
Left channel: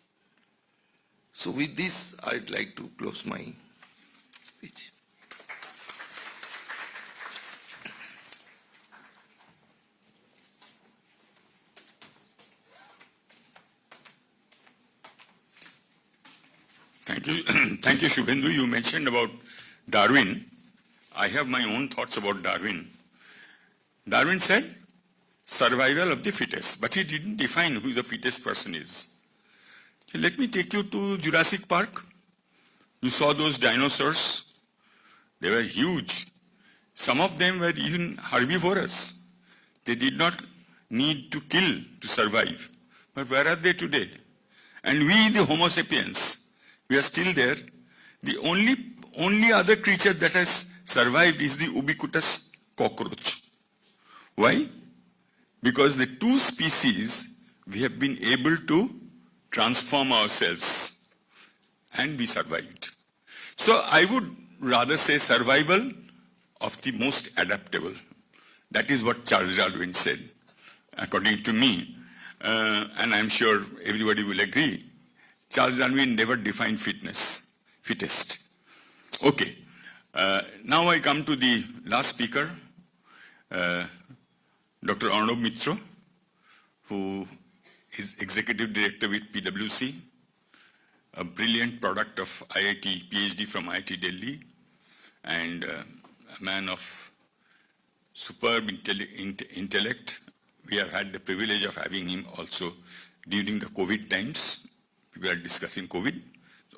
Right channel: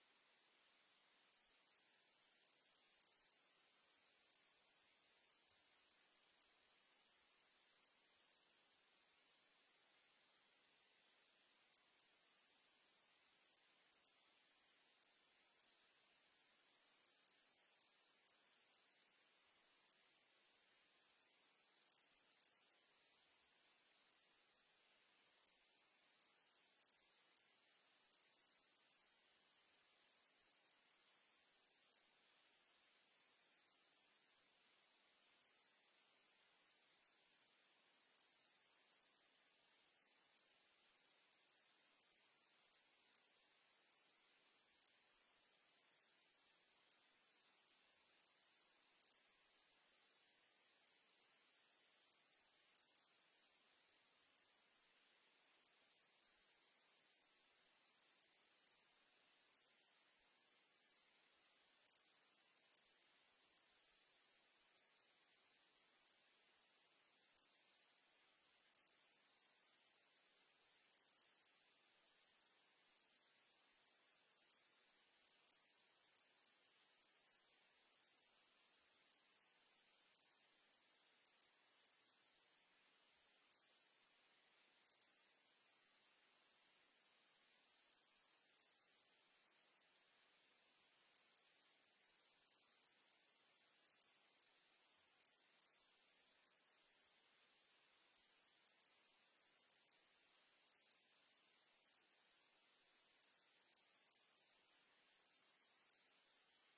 So with this, I'd like to close my speech. Thank you. Thank you, Shubhendu. You mentioned about Darwin. I have my own thoughts about Darwin. Darwin said, survival of the fittest, but he didn't define who the fittest person is. So let me take you to Jurassic Park. You saw those dinosaurs. They were huge. Some of them were even herbivorous. They did not need to kill to survive. But where are they today? And we, the Homo sapiens, we are still there. The only other creature that has survived is the ubiquitous cockroach. Why? Because the two species, we have been able to transform ourselves and we survived. So I would rather say survival of the most adaptable. That is what Charles Darwin said, according to me. And I'm sure everybody will agree. Charles Darwin never defined fittest. Okay. Now I come to the last speaker, Dr. Arnab Mitra, who is Executive Director with PwC, a brilliant product of IIT, PhD from IIT Delhi, and a man of superb intellect. We have had the privilege of having him also during the COVID times. We are discussing COVID.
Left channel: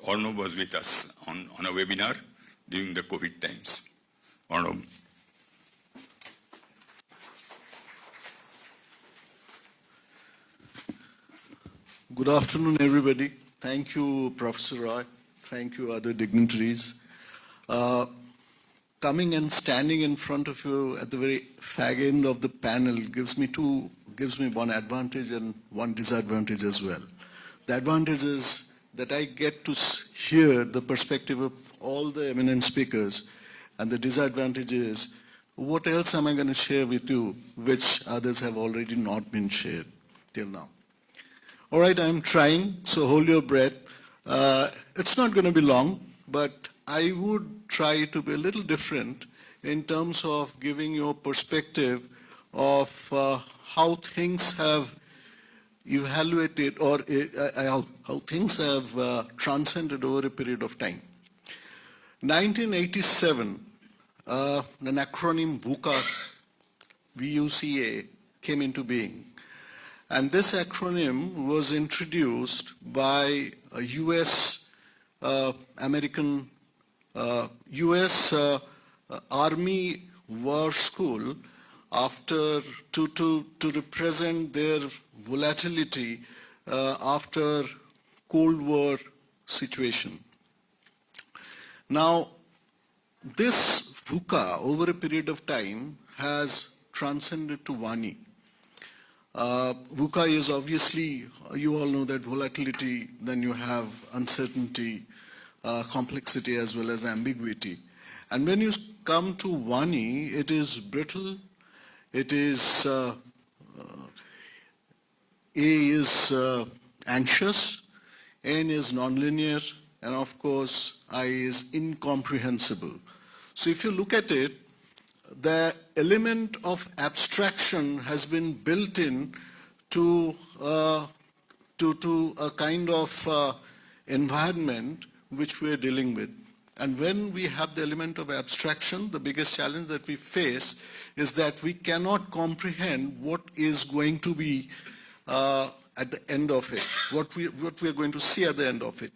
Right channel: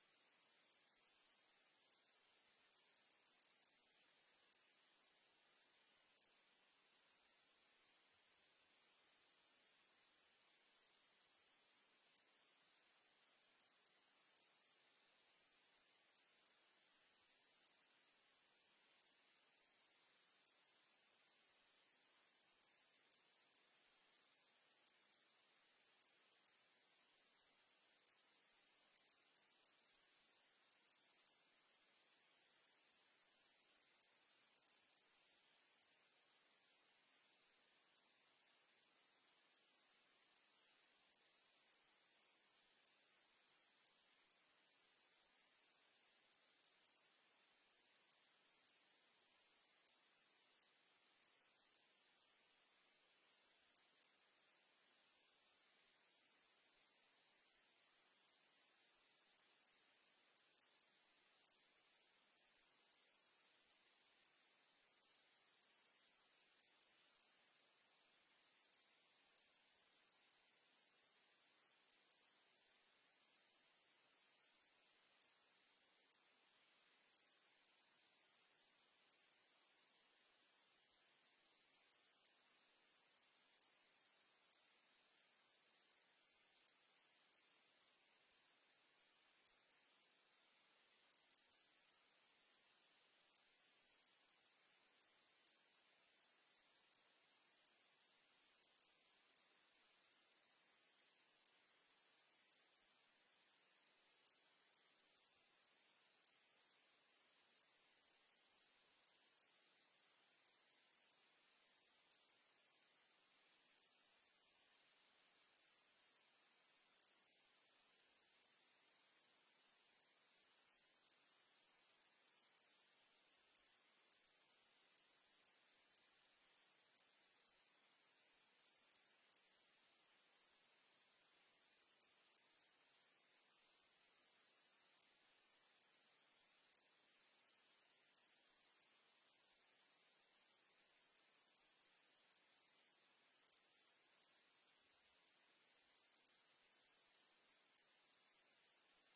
Arnab was with us on a webinar during the COVID times. Arnab. Good afternoon, everybody. Thank you, Professor Roy. Thank you, other dignitaries. Coming and standing in front of you at the very fag end of the panel gives me one advantage and one disadvantage as well. The advantage is that I get to hear the perspective of all the eminent speakers, and the disadvantage is what else am I going to share with you which others have already not been shared till now. All right, I'm trying, so hold your breath. It's not going to be long, but I would try to be a little different in terms of giving you a perspective of how things have evaluated or how things have transcended over a period of time. 1987, an acronym VUCA came into being. And this acronym was introduced by a US Army war school after to represent their volatility after Cold War situation. Now, this VUCA over a period of time has transcended to Vani. VUCA is obviously, you all know that volatility, then you have uncertainty, complexity as well as ambiguity. And when you come to Vani, it is brittle, it is, A is anxious, N is nonlinear, and of course I is incomprehensible. So if you look at it, the element of abstraction has been built in to a kind of environment which we are dealing with. And when we have the element of abstraction, the biggest challenge that we face is that we cannot comprehend what is going to be at the end of it, what we are going to see at the end of it.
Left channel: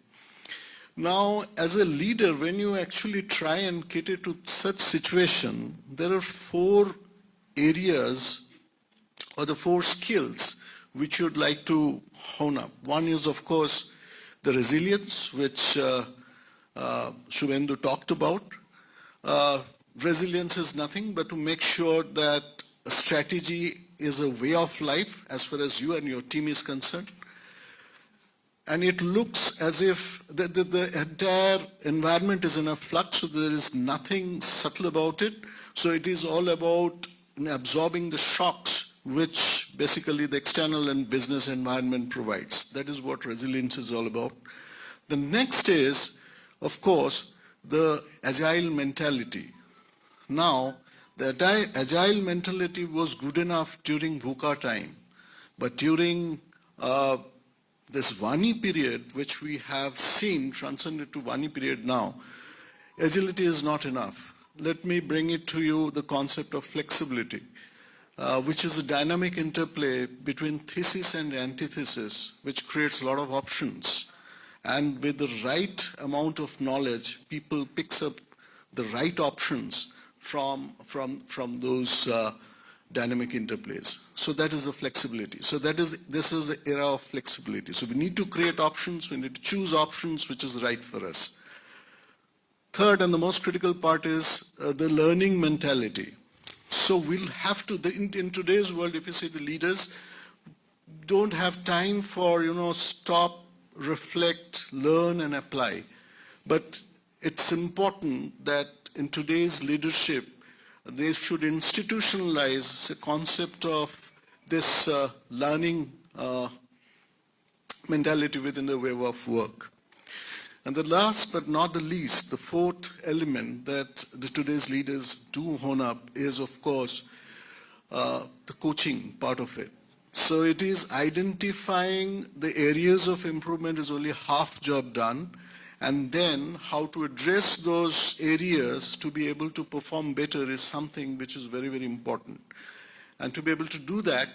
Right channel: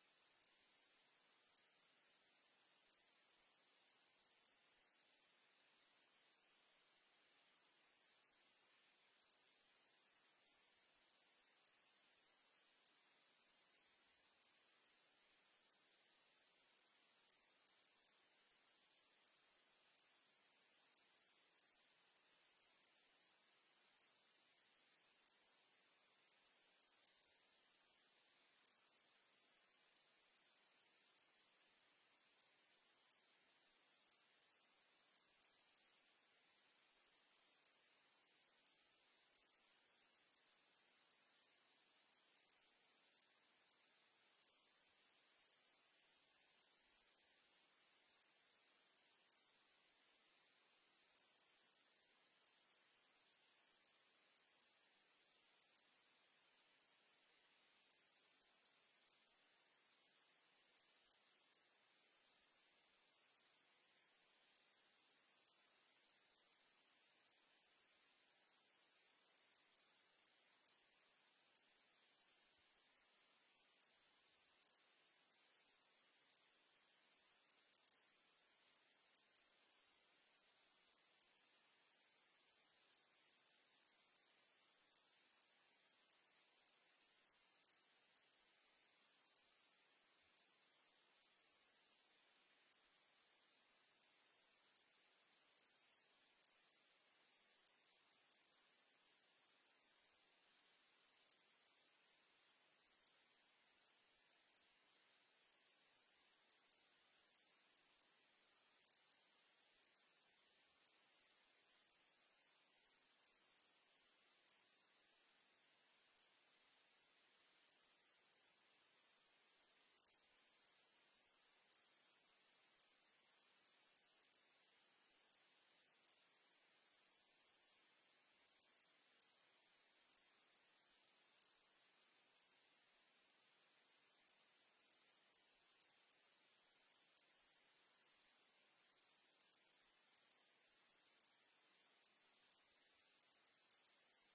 Now, as a leader, when you actually try and cater to such situation, there are 4 areas or the 4 skills which you'd like to hone up. One is, of course, the resilience, which Shubhendu talked about. Resilience is nothing but to make sure that a strategy is a way of life as far as you and your team is concerned. And it looks as if the entire environment is in a flux, so there is nothing subtle about it. So it is all about absorbing the shocks which basically the external and business environment provides. That is what resilience is all about. The next is, of course, the agile mentality. Now, the agile mentality was good enough during VUCA time, but during this Vani period, which we have seen transcended to Vani period now, agility is not enough. Let me bring it to you the concept of flexibility, which is a dynamic interplay between thesis and antithesis, which creates a lot of options. And with the right amount of knowledge, people picks up the right options from those dynamic interplays. So that is the flexibility. So this is the era of flexibility. So we need to create options, we need to choose options which is right for us. Third, and the most critical part, is the learning mentality. So we'll have to, in today's world, if you see the leaders don't have time for, stop, reflect, learn and apply. But it's important that in today's leadership, they should institutionalize the concept of this learning mentality within the way of work. And the last but not the least, the 4th element that today's leaders do hone up is, of course, the coaching part of it. So it is identifying the areas of improvement is only half job done, and then how to address those areas to be able to perform better is something which is very, very important. And to be able to do that,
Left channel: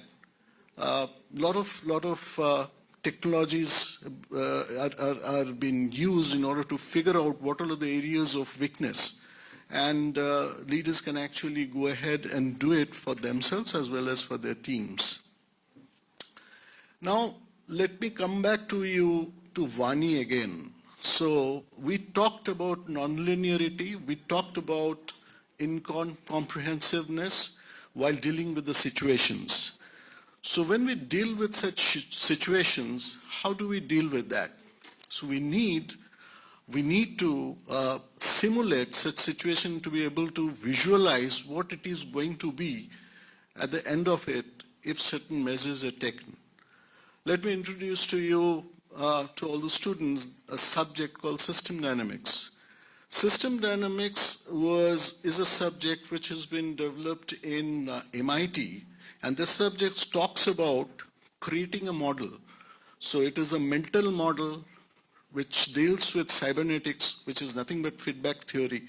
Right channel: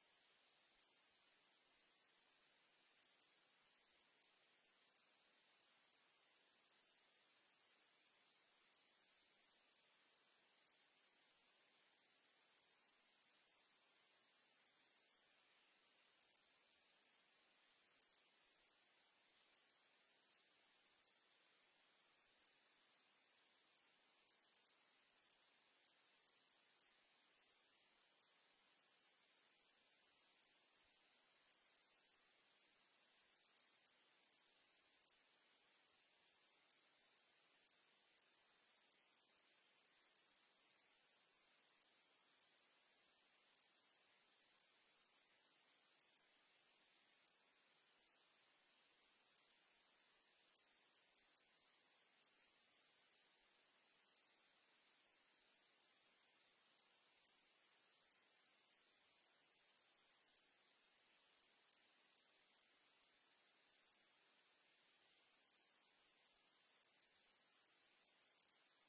lot of technologies are being used in order to figure out what are the areas of weakness. And leaders can actually go ahead and do it for themselves as well as for their teams. Now, let me come back to you to Vani again. So we talked about nonlinearity, we talked about incomprehensiveness while dealing with the situations. So when we deal with such situations, how do we deal with that? So we need to simulate such situation to be able to visualize what it is going to be at the end of it if certain measures are taken. Let me introduce to you, to all the students, a subject called system dynamics. System dynamics is a subject which has been developed in MIT, and this subject talks about creating a model. So it is a mental model which deals with cybernetics, which is nothing but feedback theory,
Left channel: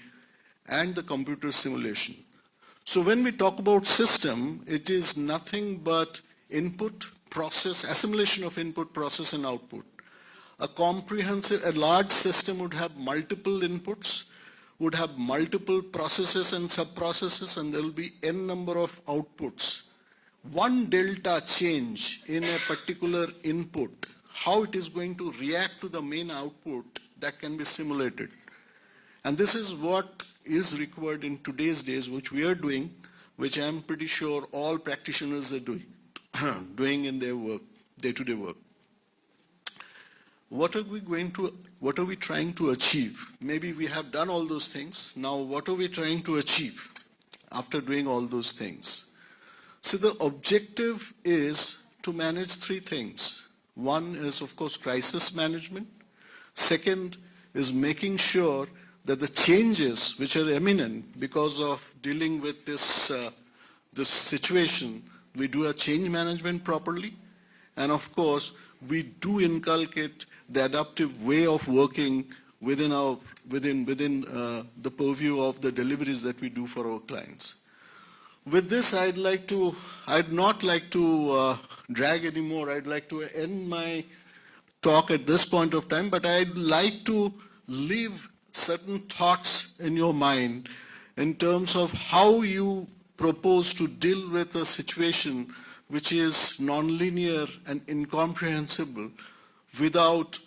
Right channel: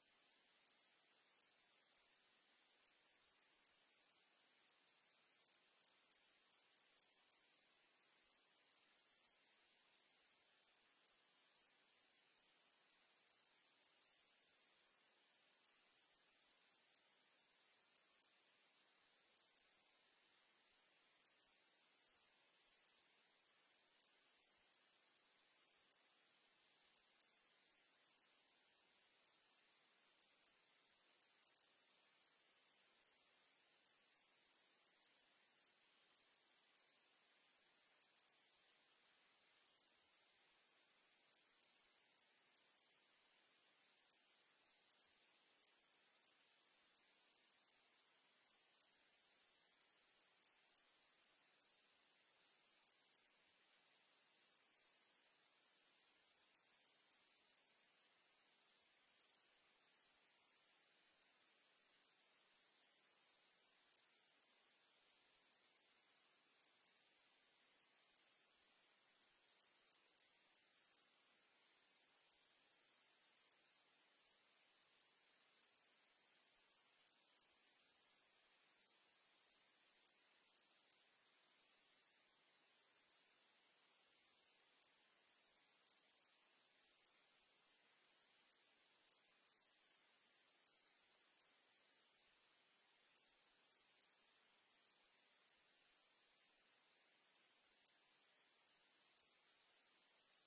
and the computer simulation. So when we talk about system, it is nothing but input, process, assimilation of input, process, and output. A large system would have multiple inputs, would have multiple processes and sub-processes, and there will be n number of outputs. One delta change in a particular input, how it is going to react to the main output, that can be simulated. And this is what is required in today's days, which we are doing, which I am pretty sure all practitioners are doing, doing in their work, day-to-day work. What are we trying to achieve? Maybe we have done all those things. Now, what are we trying to achieve after doing all those things? So the objective is to manage three things. One is, of course, crisis management. Second is making sure that the changes which are imminent because of dealing with this situation, we do a change management properly. And of course, we do inculcate the adaptive way of working within the purview of the deliveries that we do for our clients. With this, I'd not like to drag anymore. I'd like to end my talk at this point of time, but I'd like to leave certain thoughts in your mind in terms of how you propose to deal with a situation which is nonlinear and incomprehensible without,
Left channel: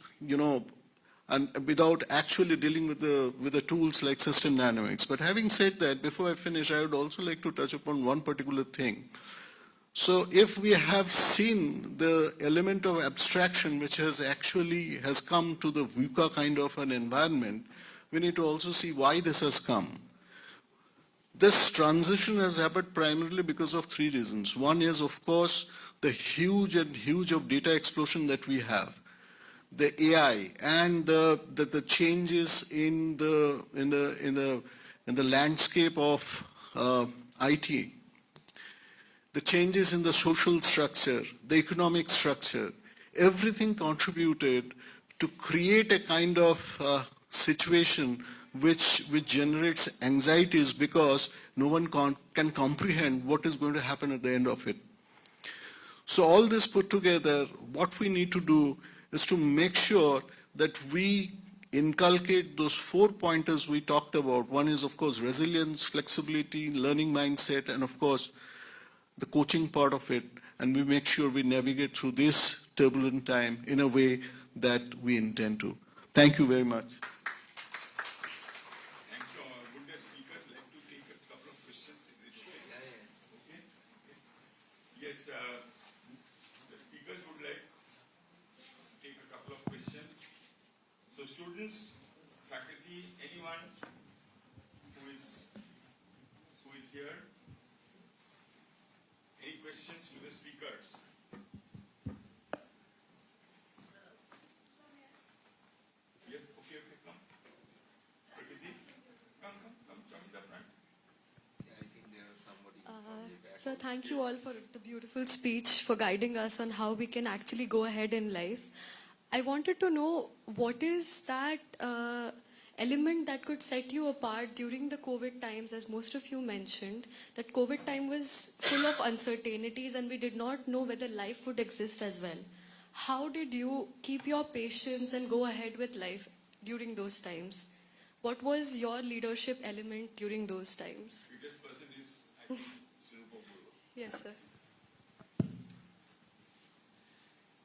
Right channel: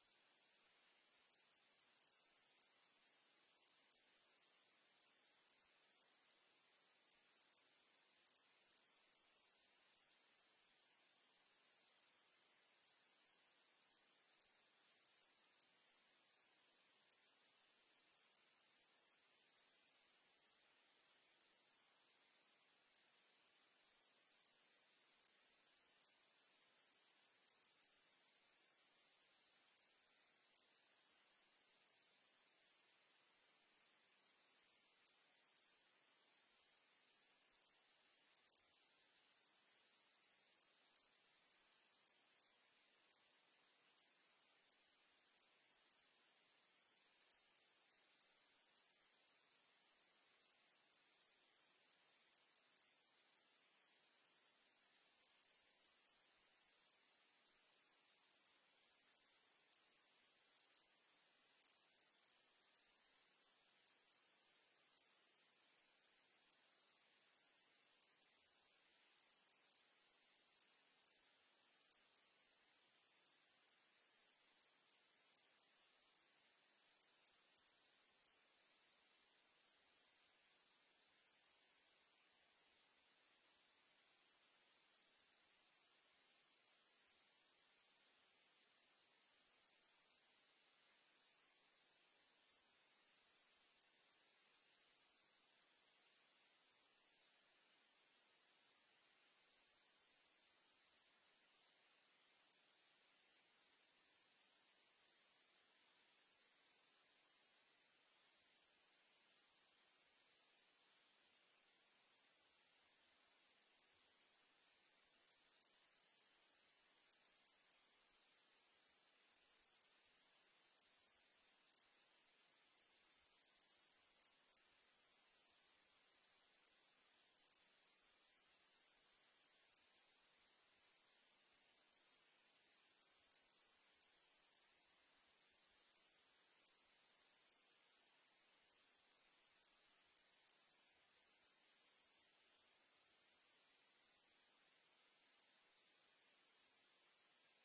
and without actually dealing with the tools like system dynamics. But having said that, before I finish, I would also like to touch upon one particular thing. So if we have seen the element of abstraction which has come to the VUCA kind of an environment, we need to also see why this has come. This transition has happened primarily because of three reasons. One is, of course, the huge of data explosion that we have, the AI, and the changes in the landscape of IT, the changes in the social structure, the economic structure. Everything contributed to create a kind of situation which generates anxieties because no one can comprehend what is going to happen at the end of it. So all this put together, what we need to do is to make sure that we inculcate those 4 pointers we talked about. One is, of course, resilience, flexibility, learning mindset, and of course, the coaching part of it. And we make sure we navigate through this turbulent time in a way that we intend to. Thank you very much. Would the speakers like to take a couple of questions? Is it okay? Okay. Yes, the speakers would like to take a couple of questions. So students, faculty, anyone who is here, any questions to the speakers? Yes, okay, come. Come in the front. Sir, thank you all for the beautiful speech, for guiding us on how we can actually go ahead in life. I wanted to know, what is that element that could set you apart during the COVID times, as most of you mentioned, that COVID time was full of uncertainties and we did not know whether life would exist as well. How did you keep your patience and go ahead with life during those times? What was your leadership element during those times? Biggest person is, I think, Sirupa Purva. Yes, sir.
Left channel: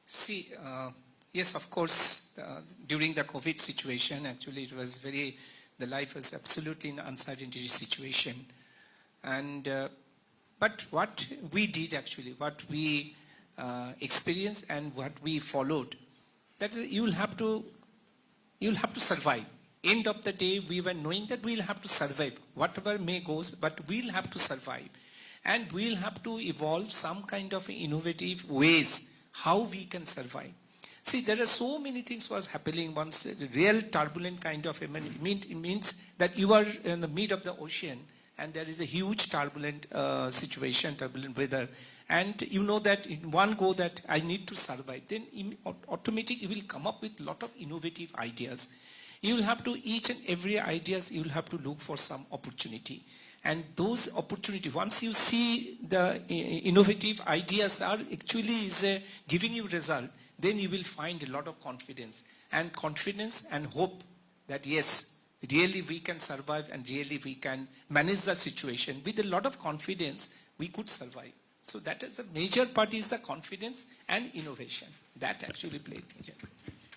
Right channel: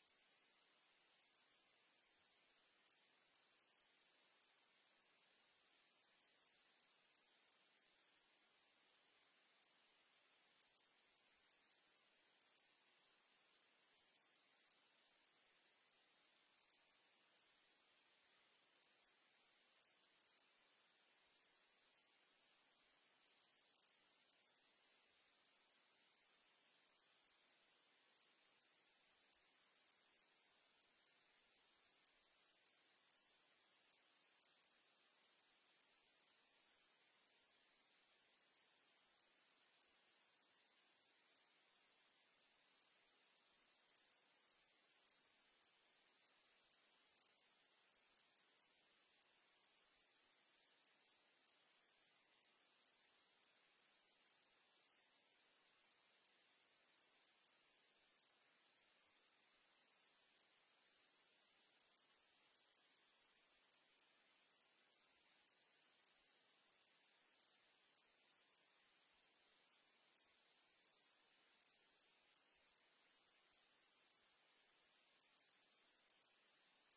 See, yes, of course, during the COVID situation, actually it was the life was absolutely an uncertainty situation. And, but what we did actually, what we experienced and what we followed, that is, you'll have to survive. End of the day, we were knowing that we'll have to survive. Whatever may goes, but we'll have to survive. And we'll have to evolve some kind of innovative ways how we can survive. See, there are so many things was happening once, real turbulent kind of, it means that you are in the mid of the ocean and there is a huge turbulent situation, turbulent weather. And you know that in one go that I need to survive. Then automatically you will come up with a lot of innovative ideas. You will have to, each and every ideas, you will have to look for some opportunity. And those opportunities, once you see the innovative ideas are actually giving you result, then you will find a lot of confidence and hope that yes, really we can survive and really we can manage the situation. With a lot of confidence, we could survive. So that is the major part is the confidence and innovation. That actually played major.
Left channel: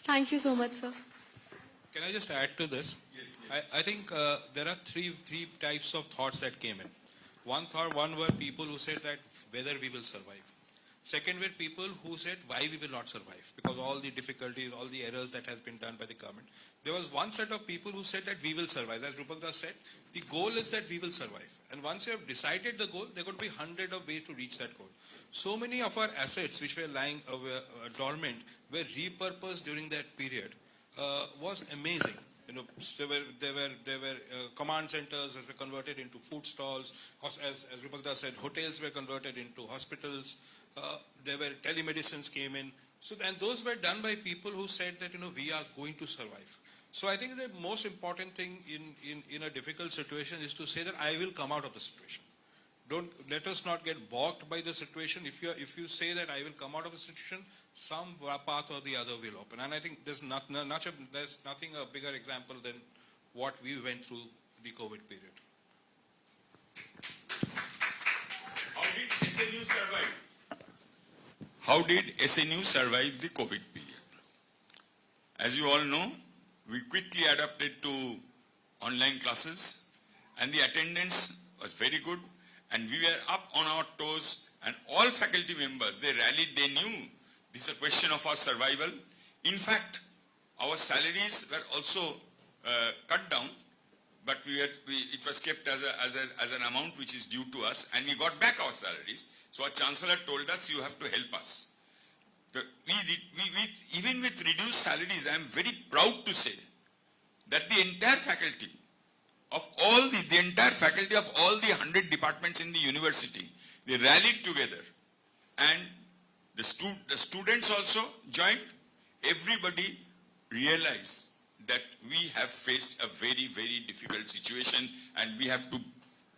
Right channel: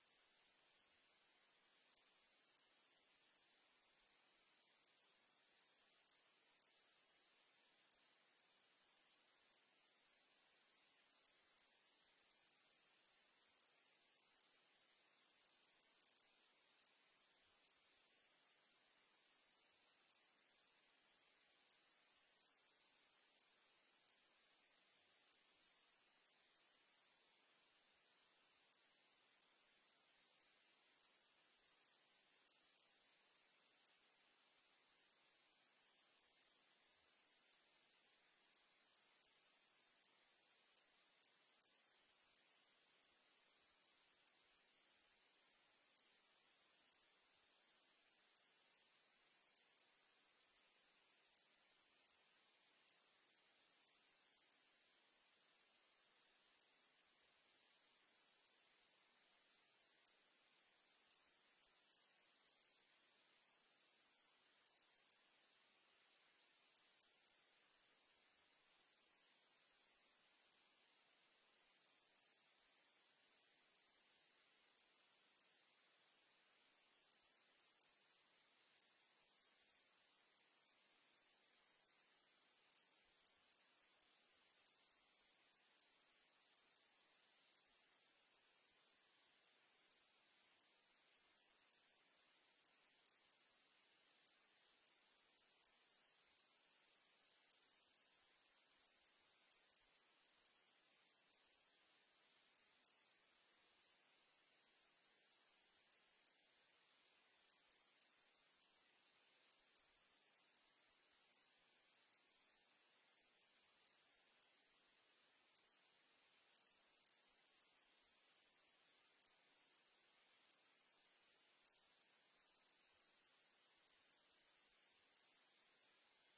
Thank you so much, sir. Can I just add to this? I think there are three types of thoughts that came in. One were people who said that whether we will survive. Second were people who said why we will not survive because all the difficulties, all the errors that has been done by the government. There was one set of people who said that we will survive. As Rupak Das said, the goal is that we will survive. And once you have decided the goal, there could be hundreds of ways to reach that goal. So many of our assets which were lying dormant were repurposed during that period. Was amazing. You know, there were command centers that were converted into food stalls. As Rupak Das said, hotels were converted into hospitals. There were telemedicines came in. So, and those were done by people who said that, you know, we are going to survive. So I think the most important thing in a difficult situation is to say that I will come out of the situation. Don't let us not get balked by the situation. If you say that I will come out of the situation, some path or the other will open. And I think there's nothing a bigger example than what we went through the COVID period. How did SNU survive? How did SNU survive the COVID period? As you all know, we quickly adapted to online classes and the attendance was very good and we were up on our toes and all faculty members, they rallied, they knew this is a question of our survival. In fact, our salaries were also cut down, but it was kept as an amount which is due to us, and we got back our salaries. So our chancellor told us, you have to help us. Even with reduced salaries, I am very proud to say that the entire faculty of all the entire faculty of all the 100 departments in the university, they rallied together, and the students also joined. Everybody realized that we have faced a very, very difficult situation and we have to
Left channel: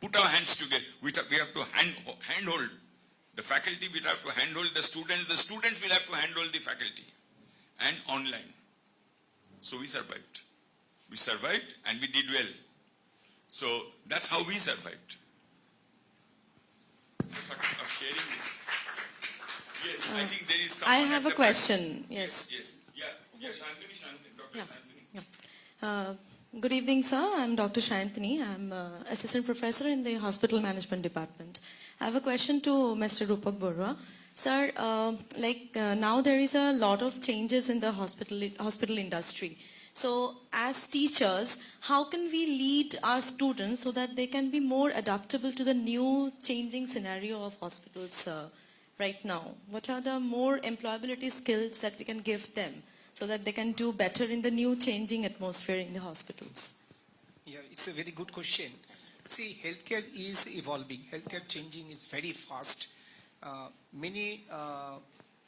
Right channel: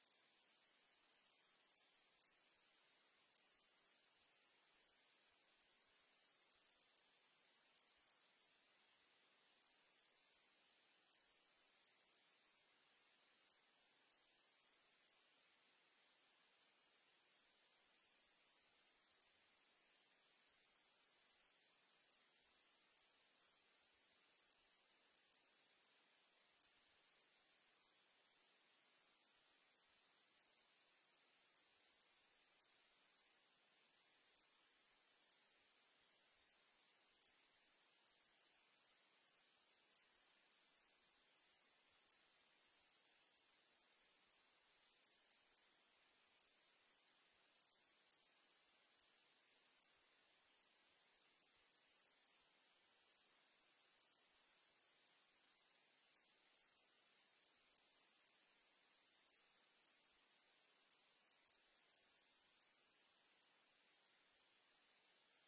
put our hands together. We have to handhold the faculty, we have to handhold the students will have to handhold the faculty and online. So we survived. We survived and we did well. So that's how we survived. I thought of sharing this. Yes, I think there is someone I have at a the question. back. Yes. Yeah, Shantini, Dr. Yeah. Shantini. Good evening, sir. I'm Dr. Shantini. I'm assistant professor in the hospital management department. I have a question to Mr. Rupak Borua. Sir, now there is a lot of changes in the hospital industry. So as teachers, how can we lead our students so that they can be more adaptable to the new changing scenario of hospitals right now? What are the more employability skills that we can give them so that they can do better in the new changing atmosphere in the hospitals? Yeah, it's a very good question. See, healthcare is evolving. Healthcare changing is very fast. Many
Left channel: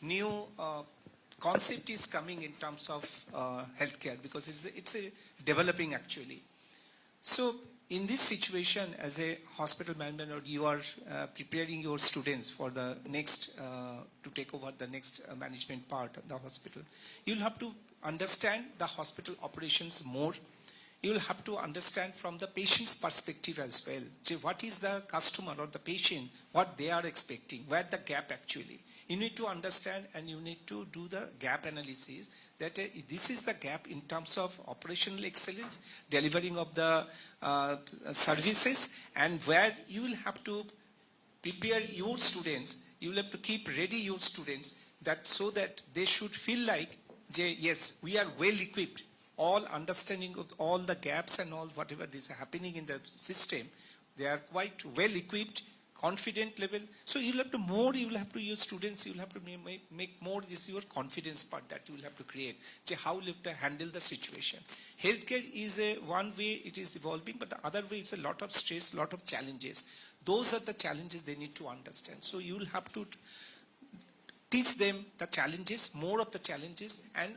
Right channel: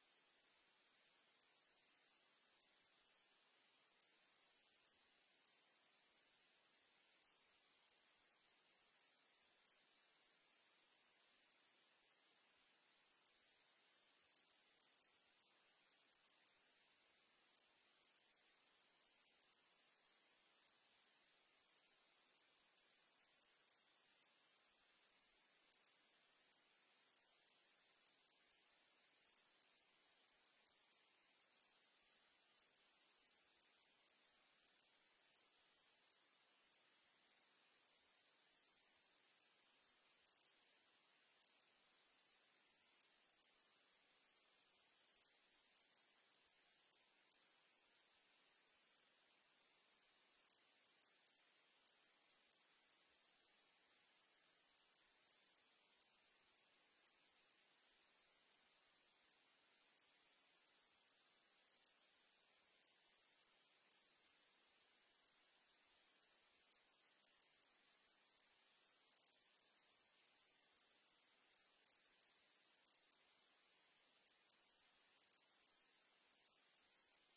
new concept is coming in terms of healthcare because it's a developing actually. So in this situation, as a hospital manager, you are preparing your students for the next to take over the next management part of the hospital. You'll have to understand the hospital operations more. You'll have to understand from the patient's perspective as well. So what is the customer or the patient, what they are expecting, where the gap actually. You need to understand and you need to do the gap analysis that this is the gap in terms of operational excellence, delivering of the services, and where you will have to prepare your students, you will have to keep ready your students that so that they should feel like, yes, we are well equipped, all understanding of all the gaps and all whatever is happening in the system, they are quite well equipped, confident level. So you will have to use students, you will have to make more this your confidence part that you will have to create. How you have to handle the situation. Healthcare is one way it is evolving, but the other way it's a lot of stress, lot of challenges. Those are the challenges they need to understand. So you will have to teach them the challenges, more of the challenges, and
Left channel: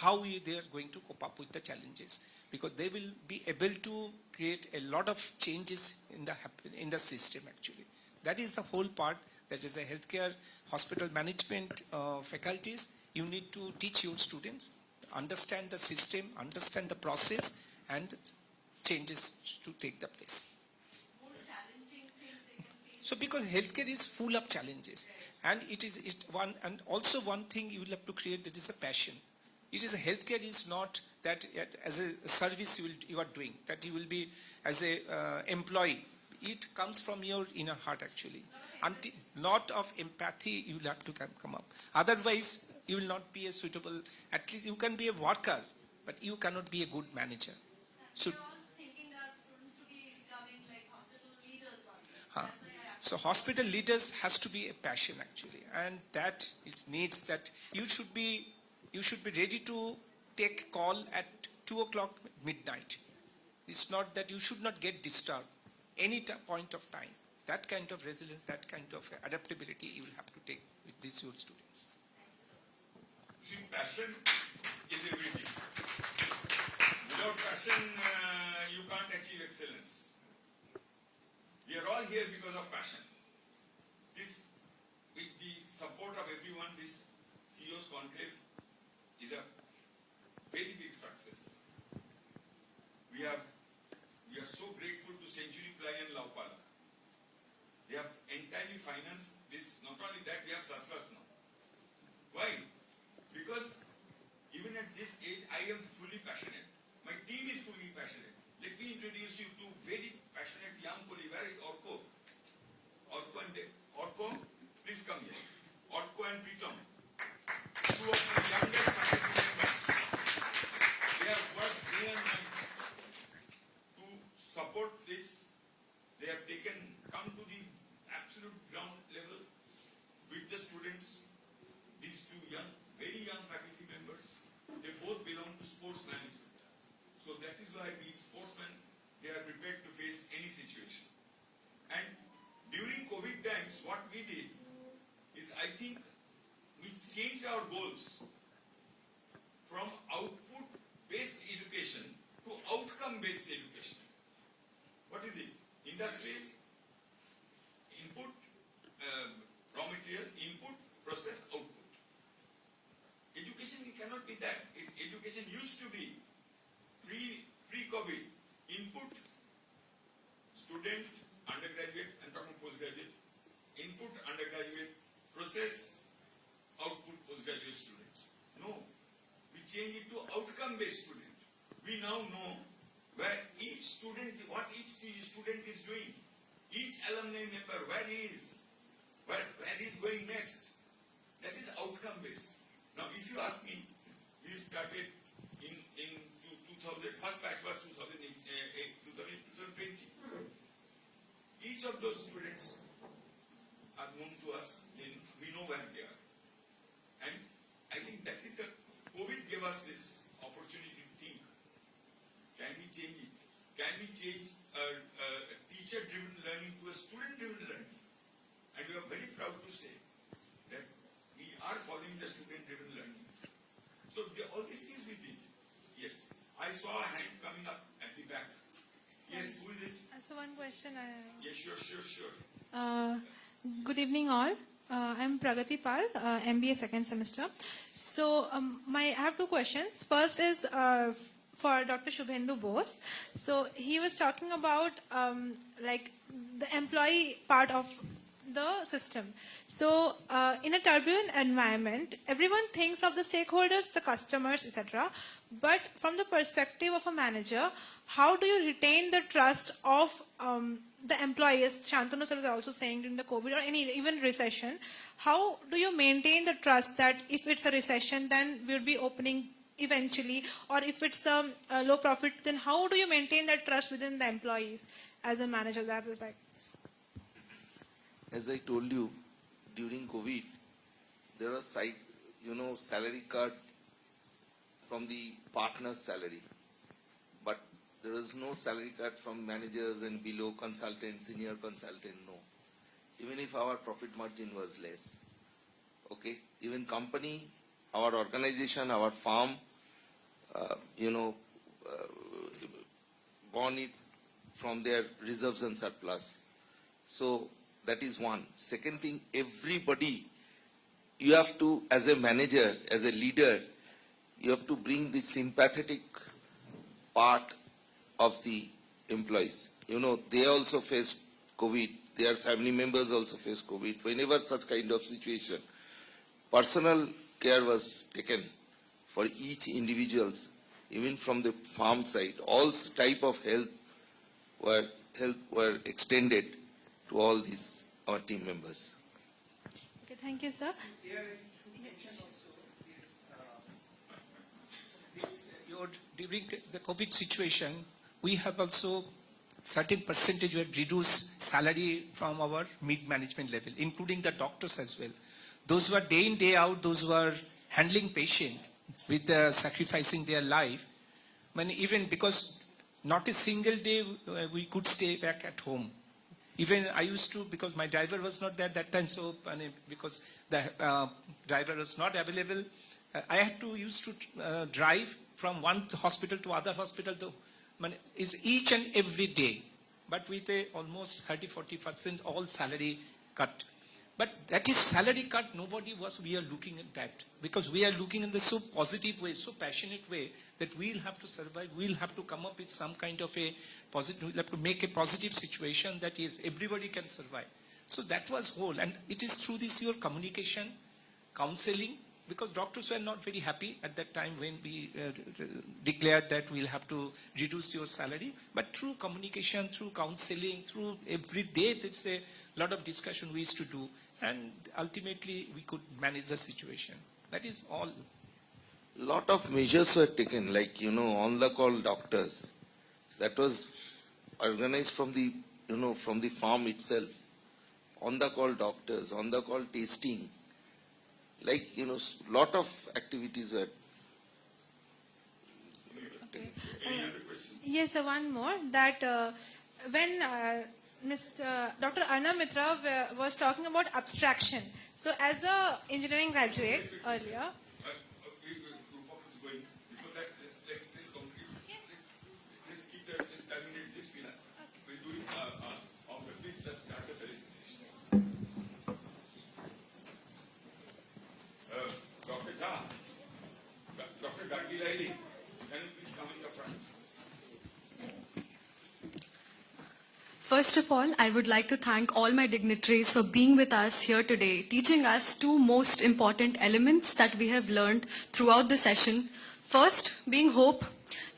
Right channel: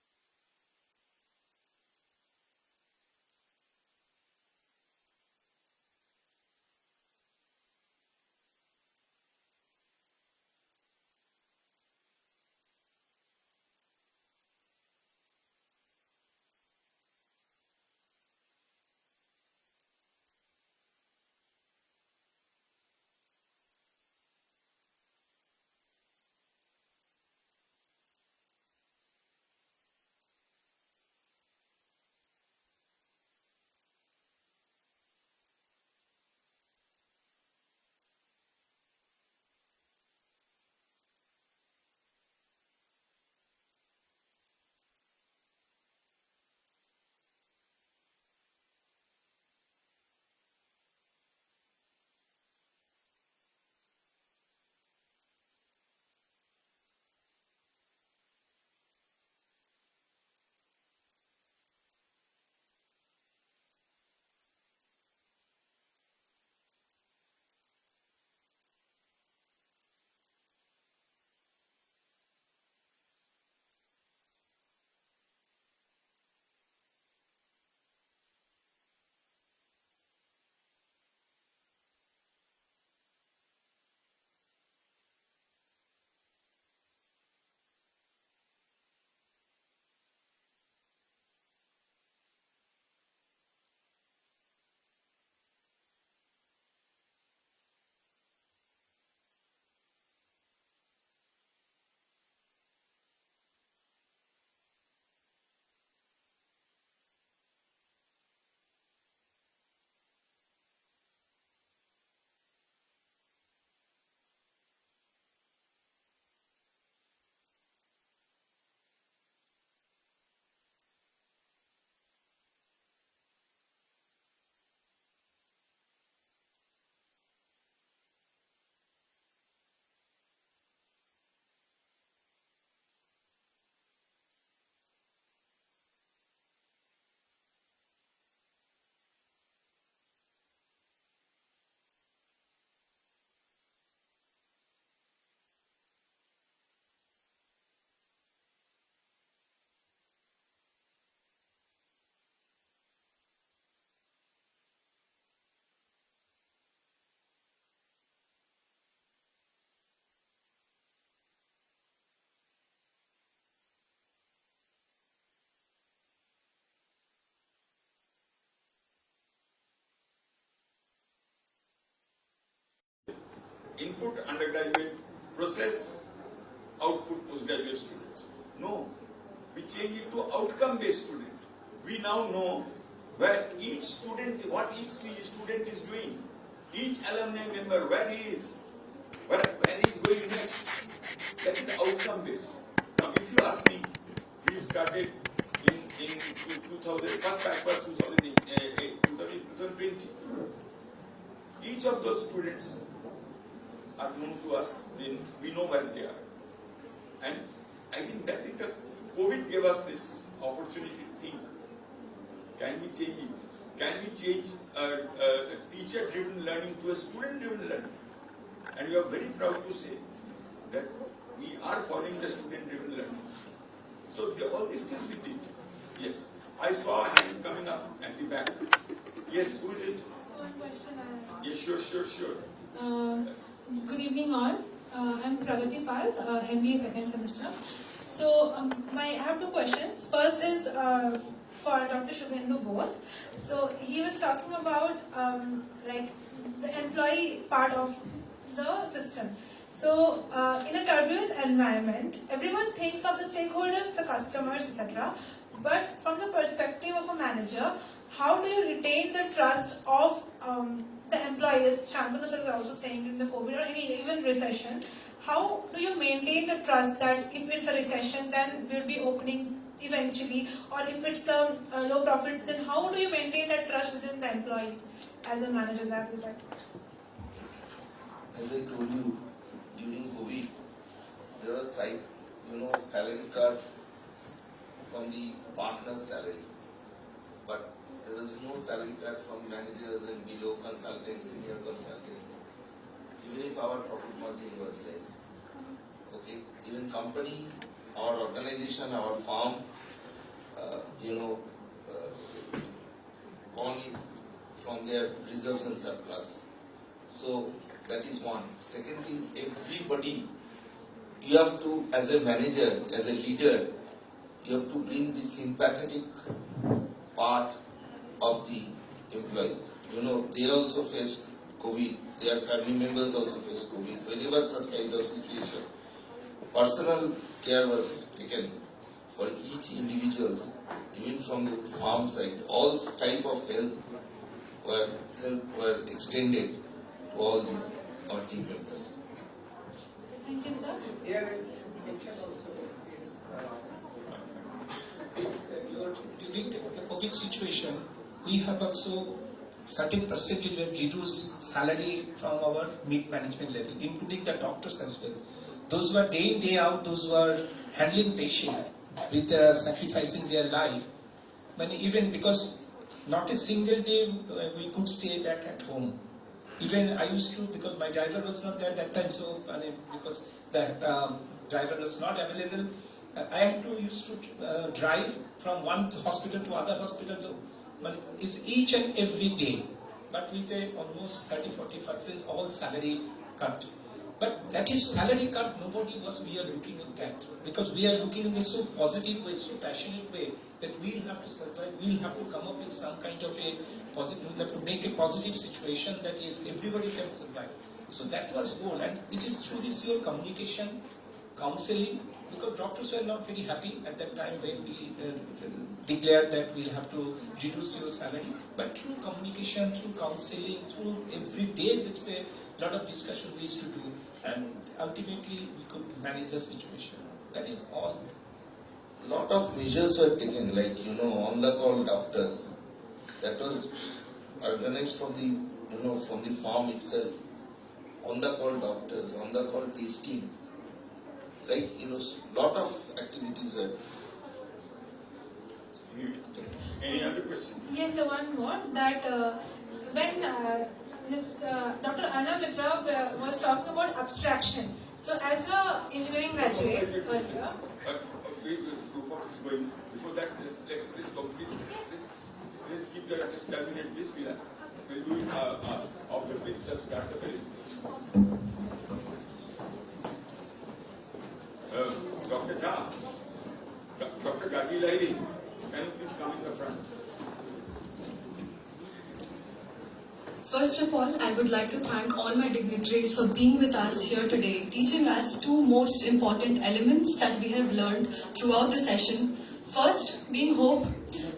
how they are going to cope up with the challenges. Because they will be able to create a lot of changes in the system actually. That is the whole part. That is a healthcare hospital management faculties. You need to teach your students, understand the system, understand the process, and changes to take the place. So because healthcare is full of challenges, and and also one thing you will have to create, that is a passion. It is healthcare is not that as a service you are doing, that you will be as a employee. It comes from your inner heart actually. Until lot of empathy you will have to come up. Otherwise you will not be a suitable. At least you can be a worker, but you cannot be a good manager. So. So hospital leaders has to be a passion actually, and that it needs that you should be ready to take call at 2 o'clock midnight. It's not that you should not get disturbed any point of time. That kind of resilience, that kind of adaptability you will have to take with these your students. See, passion is everything. Without passion, you can't achieve excellence. We are all here because of passion. This, with the support of everyone, this CEO's Conclave is a very big success. We are so grateful to Century Ply and Laupala. They have entirely financed this. Not only that, we have surplus now. Why? Because even at this age, I am fully passionate. My team is fully passionate. Let me introduce you to very passionate young colleagues. Where is Orko? Orko and Dev. Orko, please come here. Orko and Pritam. Two of the youngest faculty members. They have worked day and night to support this. They have come to the absolute ground level with the students. These two very young faculty members, they both belong to sports management. So that is why being sportsmen, they are prepared to face any situation. And during COVID times, what we did is, I think, we changed our goals from output-based education to outcome-based education. What is it? Industries, input, raw material, input, process, output. Education cannot be that. Education used to be pre-COVID, input, student, undergraduate, and talking postgraduate, input, undergraduate, process, output, postgraduate students. No, we change it to outcome-based student. We now know where each student, what each student is doing, each alumni member, where he is, where he is going next. That is outcome-based. Now, if you ask me, we started in 2000, first batch was 2020. Each of those students are known to us, then we know where they are. And I think that is the, COVID gave us this opportunity to think, can we change it? Can we change teacher-driven learning to a student-driven learning? And we are very proud to say that we are following the student-driven learning. So all these things we did. Yes. I saw a hand coming up at the back. Yes, who is it? So one question I have. Yes, sure. Good evening all. I'm Pragati Pal, MBA second semester. So I have two questions. First is for Dr. Shubhendu Bose. So he was talking about like the employee part of the system. So in a turbulent environment, everyone thinks of the stakeholders, the customers, etc. But from the perspective of a manager, how do you retain the trust of the employees? Shantanu sir was also saying during the COVID or even recession. How do you maintain the trust that if it's a recession, then we'll be opening eventually, or if it's a low profit, then how do you maintain that trust within the employees as a manager? That is that. As I told you, during COVID, there was salary cut from the partner's salary, but there was no salary cut from managers and below consultants, senior consultants, even if our profit margin was less. Okay, even company, our organization, our firm, born in from their reserves and surplus. So that is one. Second thing, everybody, you have to, as a manager, as a leader, you have to bring the sympathetic part of the employees. You know, they also faced COVID. Their family members also faced COVID. Whenever such kind of situation, personal care was taken for each individuals, even from the farm side. All type of help were extended to all these our team members. Thank you, sir. Here, indication also is during the COVID situation, we have also certain percentage of reduced salary from our mid-management level, including the doctors as well. Those who are day in, day out, those who are handling patient with sacrificing their life, even because not a single day we could stay back at home. Even I used to, because my driver was not there that time, so because the driver was not available, I had to used to drive from one hospital to other hospital. It's each and every day, but with a almost 30-40% all salary cut. But that is salary cut. We are looking at that, because we are looking in this so positive way, so passionate way, that we'll have to survive. We'll have to come up with some kind of a positive, we have to make a positive situation that is everybody can survive. So that was goal, and it is through this your communication, counseling, because doctors were not very happy at that time when we declared that we'll have to reduce your salary. But through communication, through counseling, through every day, there's a lot of discussion we used to do, and ultimately we could manage the situation. That is all. Lot of measures were taken, like, you know, on the call doctors. That was organized from the, you know, from the farm itself. On the call doctors, on the call testing. Like, you know, lot of activities were. Any other questions? Yes, sir, one more. That when Dr. Anna Mitra was talking about abstraction. So as a engineering graduate earlier. Rupak is going. Before that, let's complete. Let's keep that. Let's terminate this pillar. We'll do it after this. Let's start the presentation. Dr. Jha, Dr. Gagi Lairi, can you please come in the front? First of all, I would like to thank all my dignitaries for being with us here today, teaching us two most important elements that we have learned throughout the session. First, being hope.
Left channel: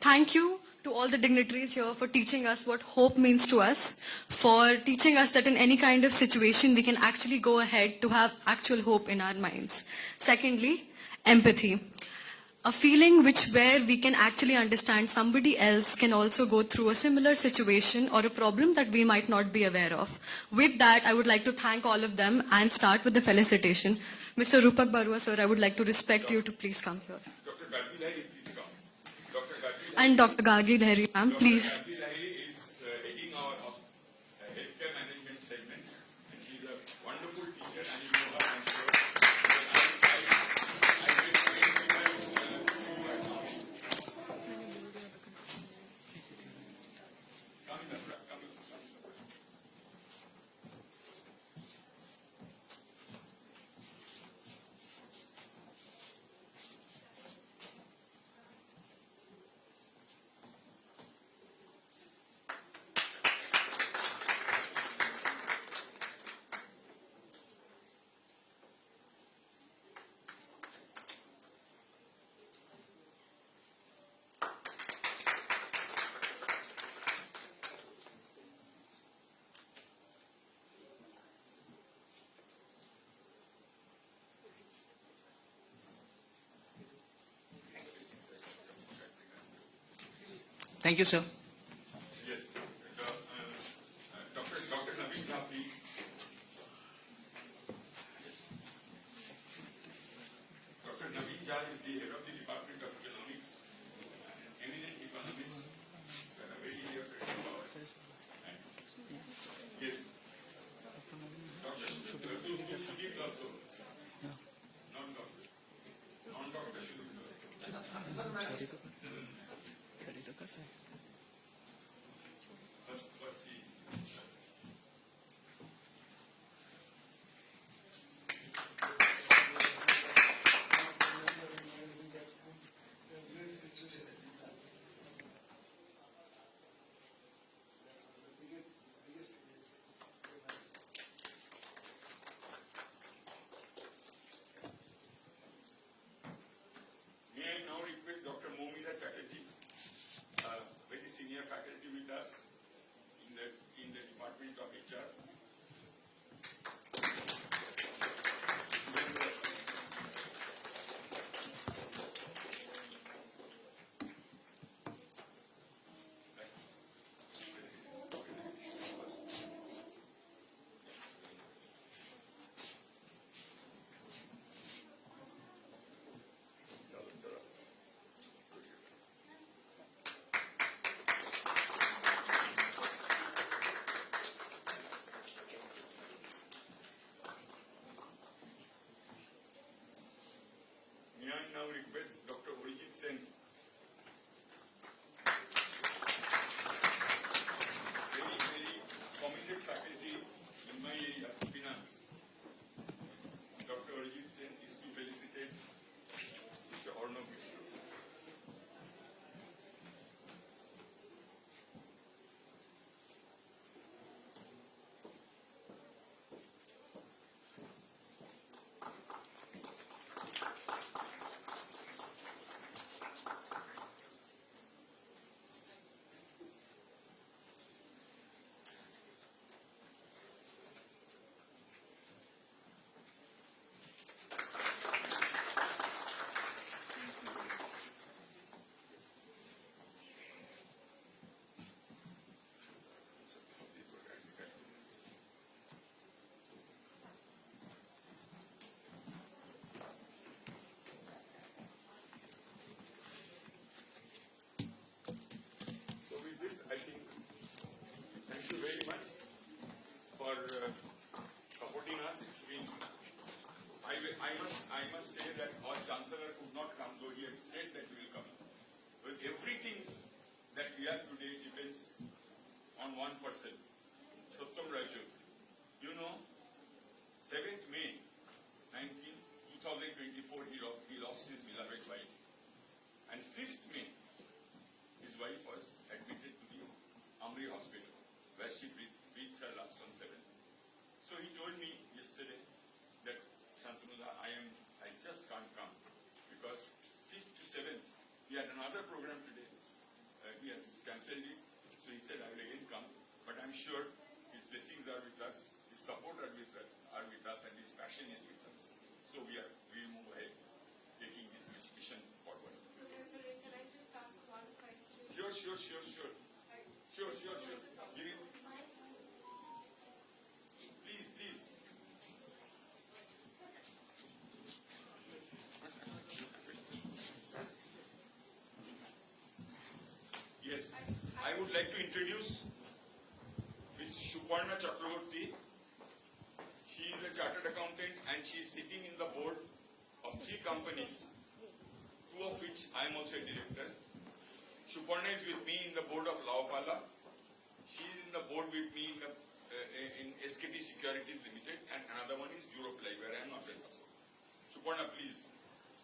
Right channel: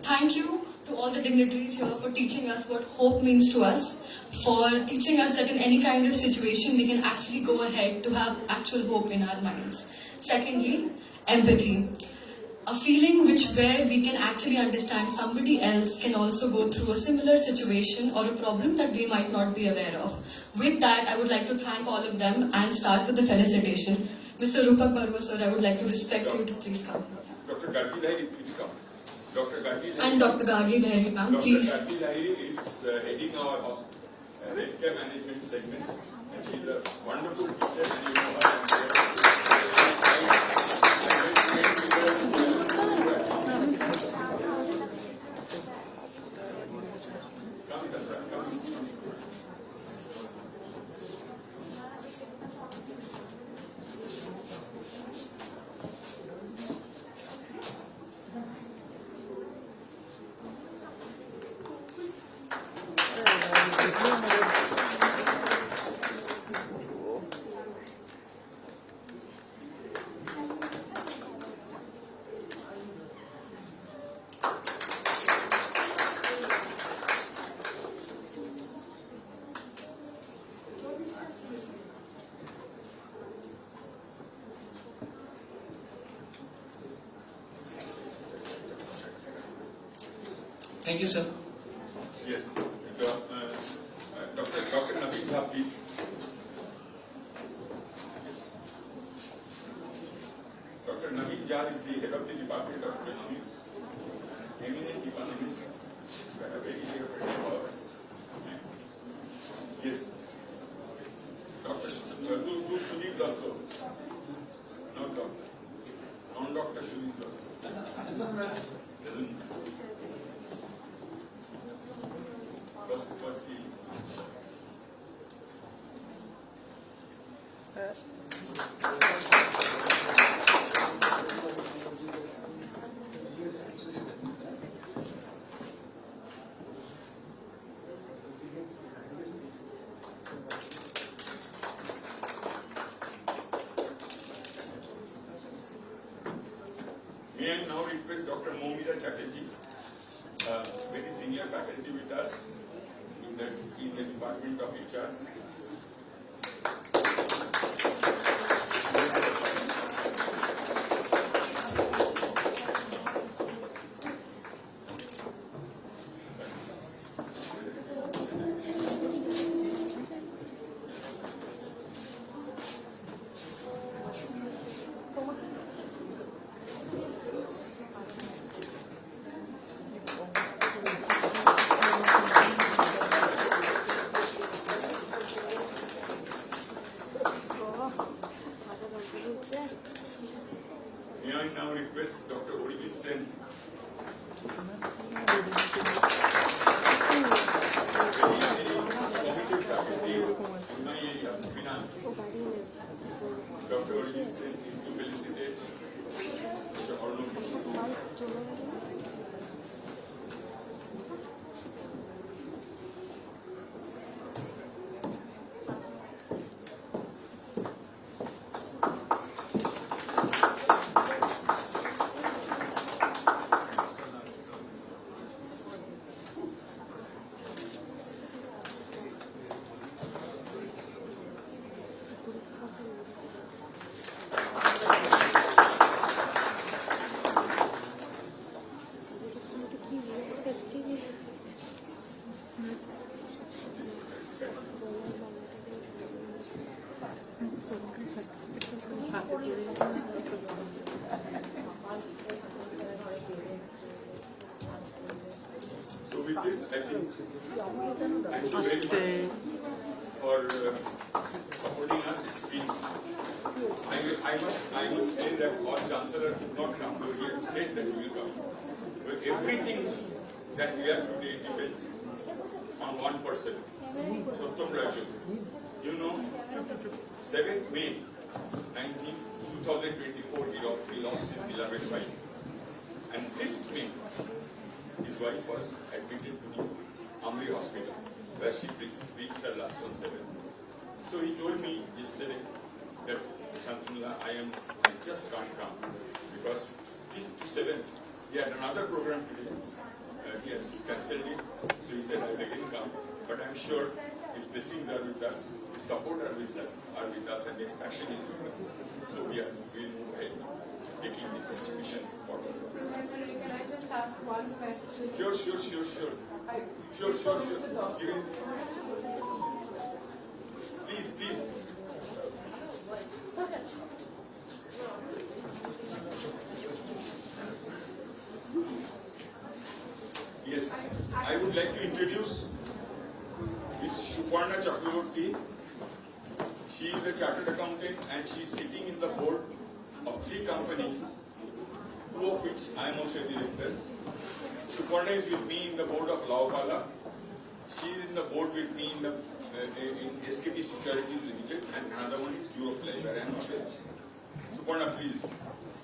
Thank you to all the dignitaries here for teaching us what hope means to us, for teaching us that in any kind of situation we can actually go ahead to have actual hope in our minds. Secondly, empathy. A feeling where we can actually understand somebody else can also go through a similar situation or a problem that we might not be aware of. With that, I would like to thank all of them and start with the felicitation. Mr. Rupak Barua, sir, I would like to respect you to please come here. Dr. Gagi Lairi, please come. Dr. Gagi And Dr. Gagi Lahiri, ma'am, please. Dr. Gagi Lairi is heading our healthcare management segment. And she is a wonderful teacher, and you know her. Thank you, sir. Yes. Dr. Nivedita, please. Yes. Dr. Nivedita is the head of the Department of Economics. Eminent economists. A very dear friend of ours. Yes. Dr. Sudhir Dotto. Not doctor. Non Dr. Sudhir Dotto. Firstly, I now request Dr. Momita Chatterjee, very senior faculty with us in the Department of HR. May I now request Dr. Origin Sen, committed faculty in my area, finance. Dr. Origin Sen is to felicitate Mr. Arnold. So with this, I think, thank you very much for supporting us. It's been, I must say that our Chancellor could not come, but he had said that he will come. But everything that we are today depends on one person, Sottam Raju. You know, 7th May 2024, he lost his beloved wife. And 5th May, his wife was admitted to the Amri Hospital, where she breathed her last on 7th. So he told me yesterday that, Shantanu, I just can't come, because 5th to 7th, he had another program today. He has cancelled it. So he said, I will again come. But I'm sure his blessings are with us, his support are with us, and his passion is with us. So we will move ahead, taking this mission forward. Professor, can I just ask one question? Sure. Sure. Please. Yes, I would like to introduce Ms. Shuparna Chakraborty. She is a chartered accountant and she is sitting in the board of 3 companies, 2 of which I am also a director. Shuparna is with me in the board of Laopala. She is in the board with me in SKT Securities Limited, and another one is Eurofly, where I am not there. Shuparna, please.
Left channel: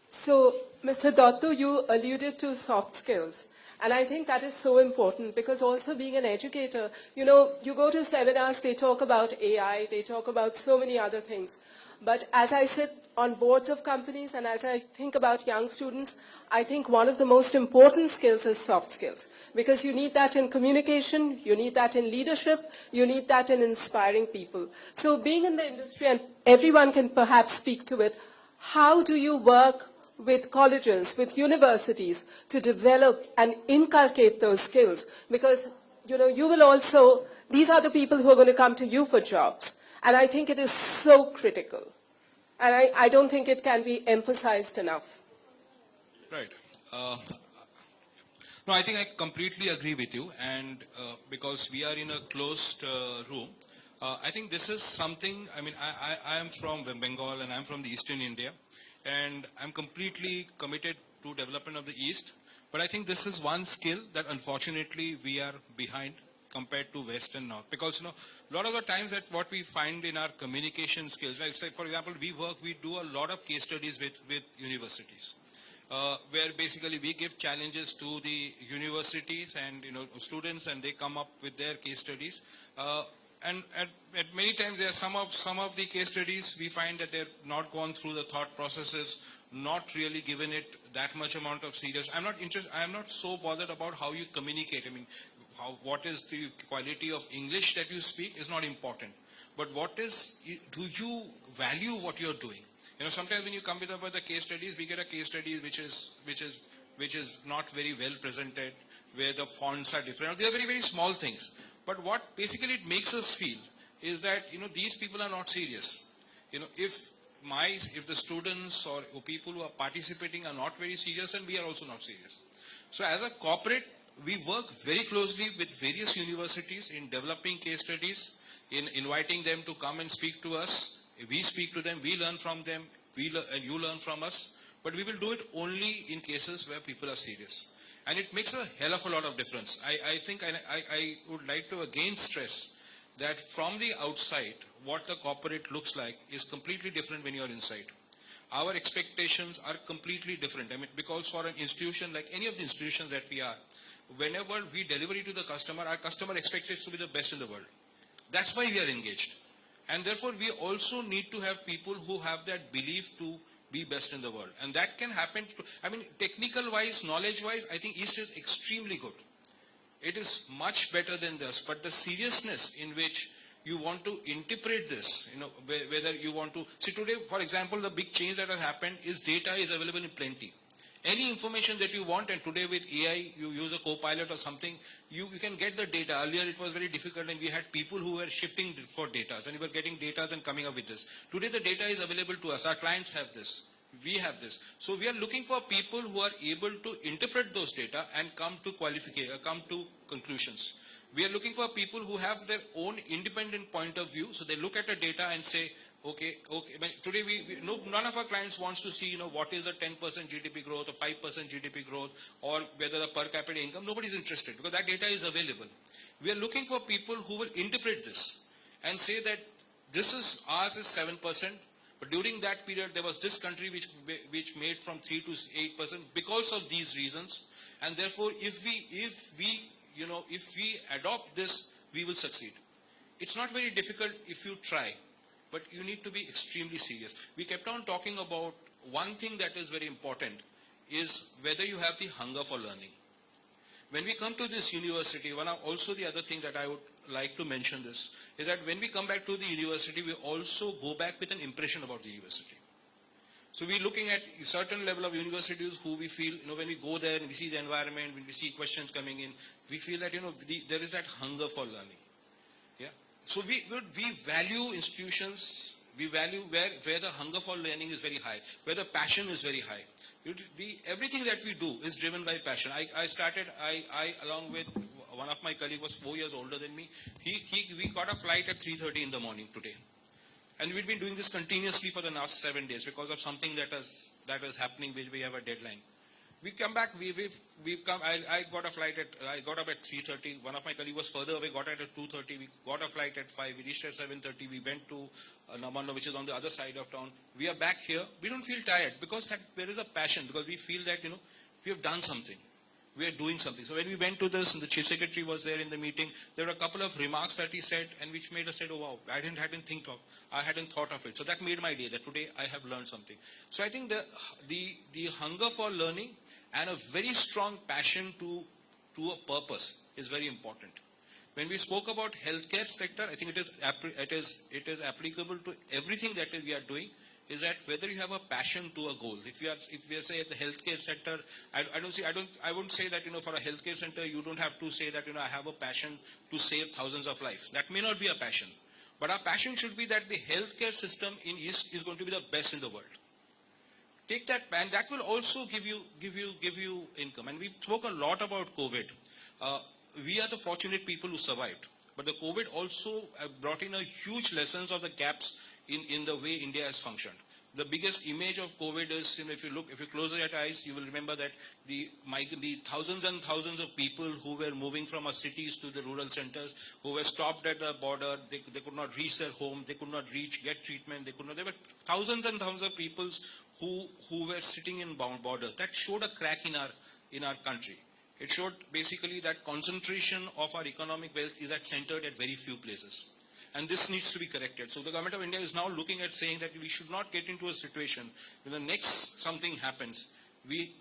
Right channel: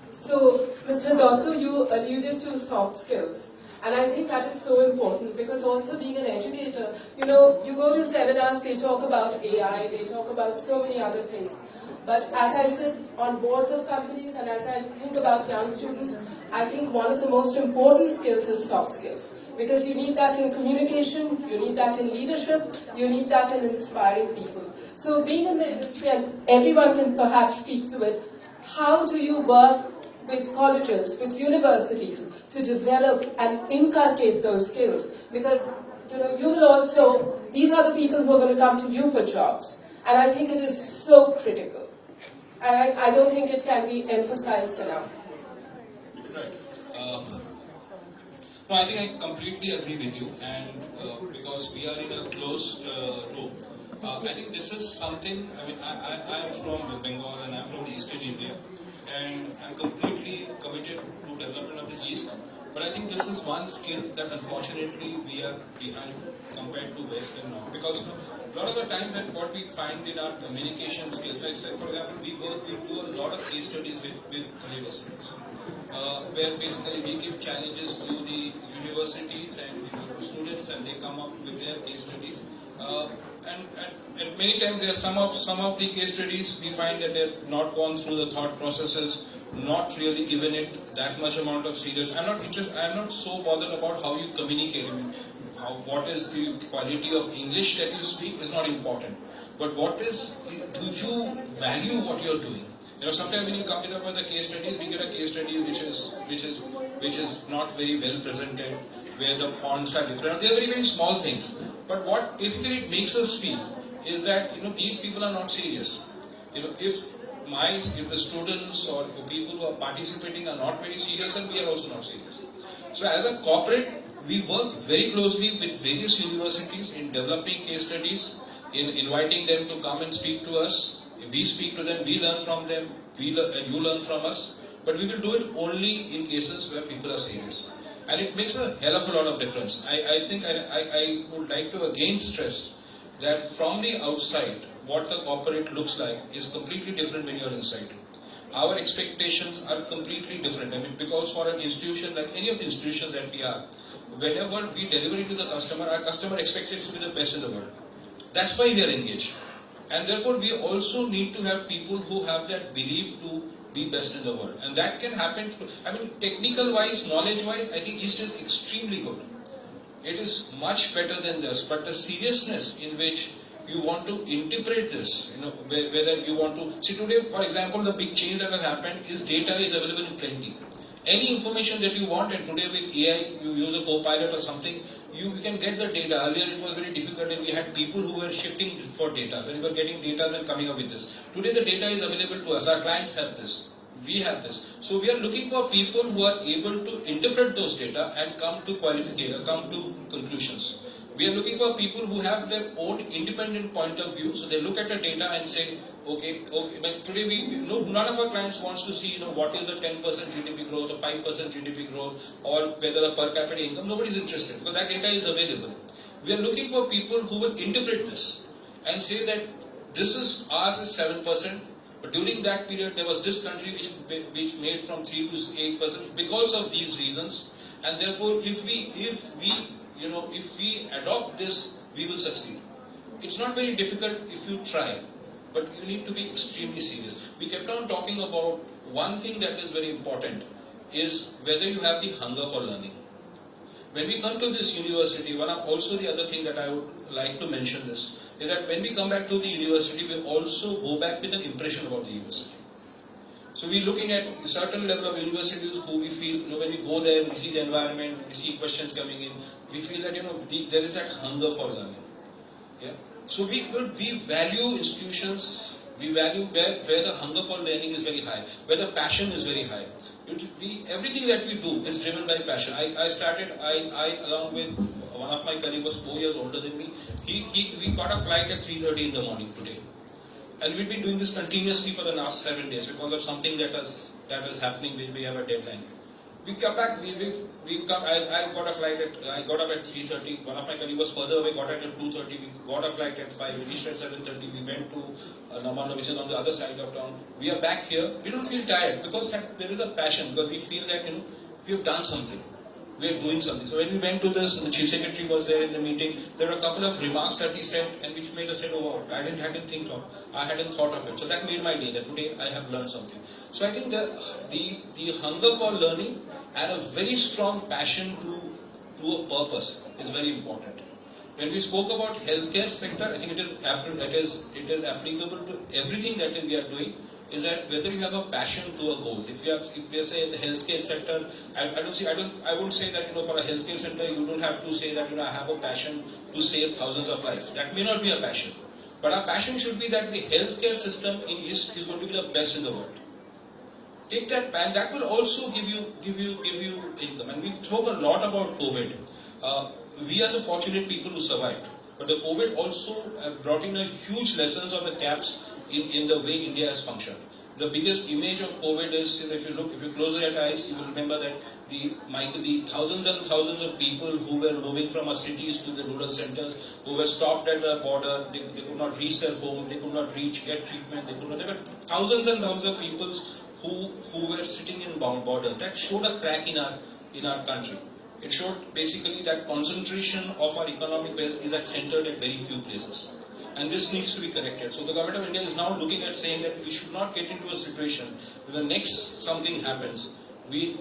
So, Mr. Dotto, you alluded to soft skills. And I think that is so important because also being an educator, you know, you go to seminars, they talk about AI, they talk about so many other things. But as I sit on boards of companies and as I think about young students, I think one of the most important skills is soft skills. Because you need that in communication, you need that in leadership, you need that in inspiring people. So being in the industry, and everyone can perhaps speak to it, how do you work with colleges, with universities, to develop and inculcate those skills? Because, you know, you will also, these are the people who are going to come to you for jobs. And I think it is so critical. And I don't think it can be emphasized enough. Right. No, I think I completely agree with you, and because we are in a closed room, I think this is something, I mean, I am from Bengal and I'm from the Eastern India, and I'm completely committed to development of the East, but I think this is one skill that unfortunately we are behind compared to West and North, because you know, a lot of the times that what we find in our communication skills, like for example, we do a lot of case studies with universities. Where basically we give challenges to the universities and students, and they come up with their case studies. and many times there are some of the case studies we find that they've not gone through the thought processes, not really given it that much amount of serious. I'm not so bothered about how you communicate. I mean, what is the quality of English that you speak is not important. But do you value what you're doing? You know, sometimes when you come up with the case studies, we get a case study which is not very well presented, where the fonts are different. They're very, very small things. But what basically it makes us feel is that, you know, these people are not serious. You know, if the students or people who are participating are not very serious, then we are also not serious. So as a corporate, we work very closely with various universities in developing case studies, in inviting them to come and speak to us. We speak to them, we learn from them, and you learn from us. But we will do it only in cases where people are serious. And it makes a hell of a lot of difference. I think I would like to again stress that from the outside, what the corporate looks like is completely different when you're inside. Our expectations are completely different. I mean, because for an institution like any of the institutions that we are, whenever we deliver it to the customer, our customer expects it to be the best in the world. That's why we are engaged. And therefore, we also need to have people who have that belief to be best in the world. And that can happen, technical-wise, knowledge-wise, I think East is extremely good. It is much better than this. But the seriousness in which you want to interpret this, you know, whether you want to... See, today, for example, the big change that has happened is data is available in plenty. Any information that you want, and today with AI, you use a co-pilot or something, you can get the data. Earlier it was very difficult and we had people who were shifting for data and we were getting data and coming up with this. Today the data is available to us. Our clients have this. We have this. So we are looking for people who are able to interpret those data and come to qualification, come to conclusions. We are looking for people who have their own independent point of view. So they look at the data and say, okay. Today none of our clients wants to see, what is a 10% GDP growth or 5% GDP growth or whether the per capita income. Nobody's interested because that data is available. We are looking for people who will interpret this and say that this is ours is 7%, but during that period there was this country which made from 3 to 8% because of these reasons, and therefore if we adopt this, we will succeed. It's not very difficult if you try. But you need to be extremely serious. We kept on talking about one thing that is very important is whether you have the hunger for learning. When we come to this university, also the other thing that I would like to mention this is that when we come back to the university, we also go back with an impression about the university. So we're looking at a certain level of universities who we feel, when we go there, we see the environment, when we see questions coming in, we feel that, there is that hunger for learning. Yeah. So we value institutions, we value where the hunger for learning is very high, where the passion is very high. Everything that we do is driven by passion. I along with one of my colleagues was 4 years older than me. We got a flight at 3:30 in the morning today. And we've been doing this continuously for the last 7 days because of something that is happening which we have a deadline. We come back, I got up at 3:30, one of my colleagues was further away, got up at 2:30, we got a flight at 5, we reached at 7:30, we went to Namano, which is on the other side of town. We are back here, we don't feel tired because there is a passion, because we feel that, we have done something. We are doing something. So when we went to this, the Chief Secretary was there in the meeting, there were a couple of remarks that he said, and which made us say, oh, I hadn't thought of it. So that made my day, that today I have learned something. So I think that the hunger for learning and a very strong passion to a purpose is very important. When we spoke about healthcare sector, I think it is applicable to everything that we are doing, is that whether you have a passion to a goal. If we are say in the healthcare sector, I won't say that, for a healthcare sector, you don't have to say that, I have a passion to save thousands of lives. That may not be a passion. But our passion should be that the healthcare system in East is going to be the best in the world. Take that, and that will also give you income. And we spoke a lot about COVID. We are the fortunate people who survived. But the COVID also brought in a huge lessons of the gaps in the way India has functioned. The biggest image of COVID is, if you close your eyes, you will remember that the thousands and thousands of people who were moving from our cities to the rural centers, who were stopped at the border, they could not reach their home, they could not get treatment, there were thousands and thousands of people who were sitting in borders. That showed a crack in our country. It showed basically that concentration of our economic wealth is centered at very few places. And this needs to be corrected. So the government of India is now looking at saying that we should not get into a situation where the next something happens, we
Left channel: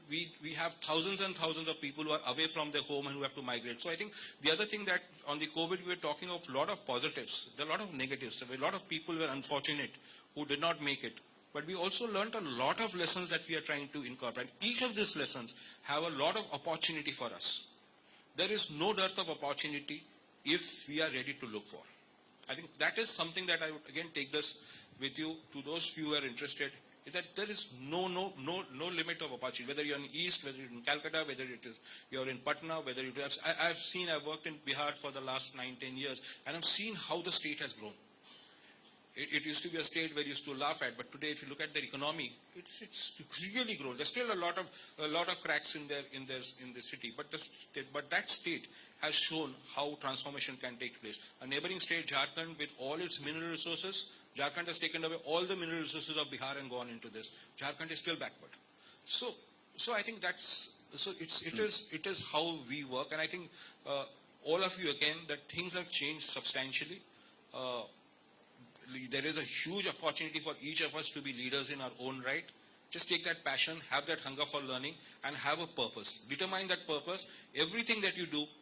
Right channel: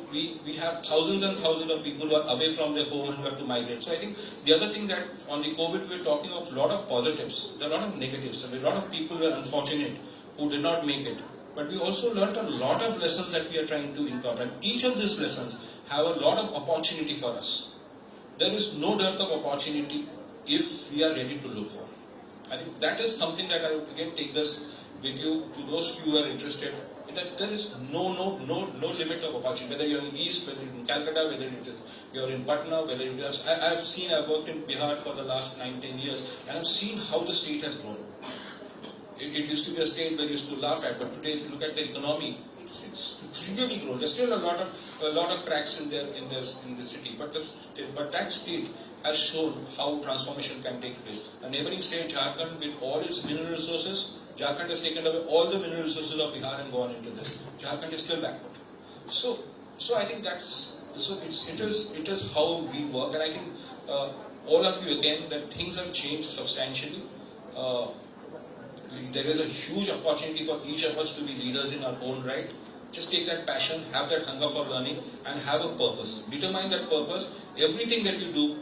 have thousands and thousands of people who are away from their home and who have to migrate. So I think the other thing that on the COVID we're talking of a lot of positives, there are a lot of negatives. A lot of people were unfortunate who did not make it. But we also learned a lot of lessons that we are trying to incorporate. Each of these lessons have a lot of opportunity for us. There is no dearth of opportunity if we are ready to look for. I think that is something that I would again take this with you to those few who are interested. That there is no limit of opportunity. Whether you're in the East, whether you're in Calcutta, whether you're in Patna, whether you have. I've worked in Bihar for the last 9-10 years, and I've seen how the state has grown. It used to be a state where you used to laugh at, but today, if you look at the economy, it's really grown. There's still a lot of cracks in the city, but that state has shown how transformation can take place. A neighboring state, Jharkhand, with all its mineral resources, Jharkhand has taken away all the mineral resources of Bihar and gone into this. Jharkhand is still backward. So I think it is how we work, and I think all of you again that things have changed substantially. There is a huge opportunity for each of us to be leaders in our own right. Just take that passion, have that hunger for learning, and have a purpose. Determine that purpose. Everything that you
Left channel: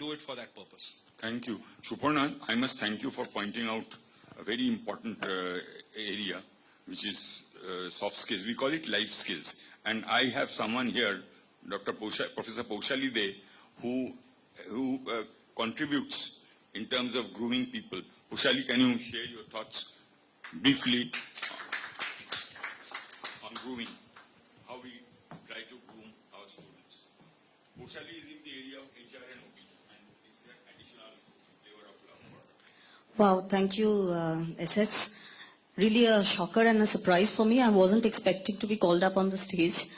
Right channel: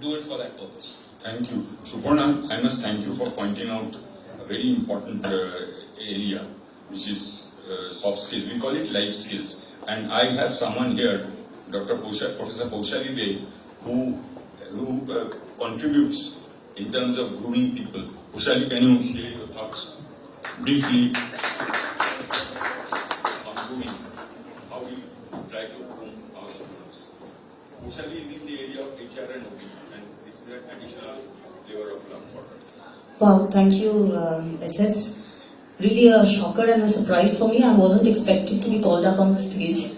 do it for that purpose. Thank you. Suparna, I must thank you for pointing out a very important area, which is soft skills. We call it life skills. And I have someone here, Professor Paushali Dey, who contributes in terms of grooming people. Paushali, can you share your thoughts briefly on grooming? How we try to groom our students. Paushali is in the area of HR and OP, and this is an additional flavor of love for her. Well, thank you, SS. Really a shocker and a surprise for me. I wasn't expecting to be called up on the stage.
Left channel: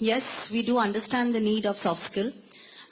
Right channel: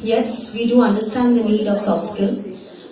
Yes, we do understand the need of soft skill,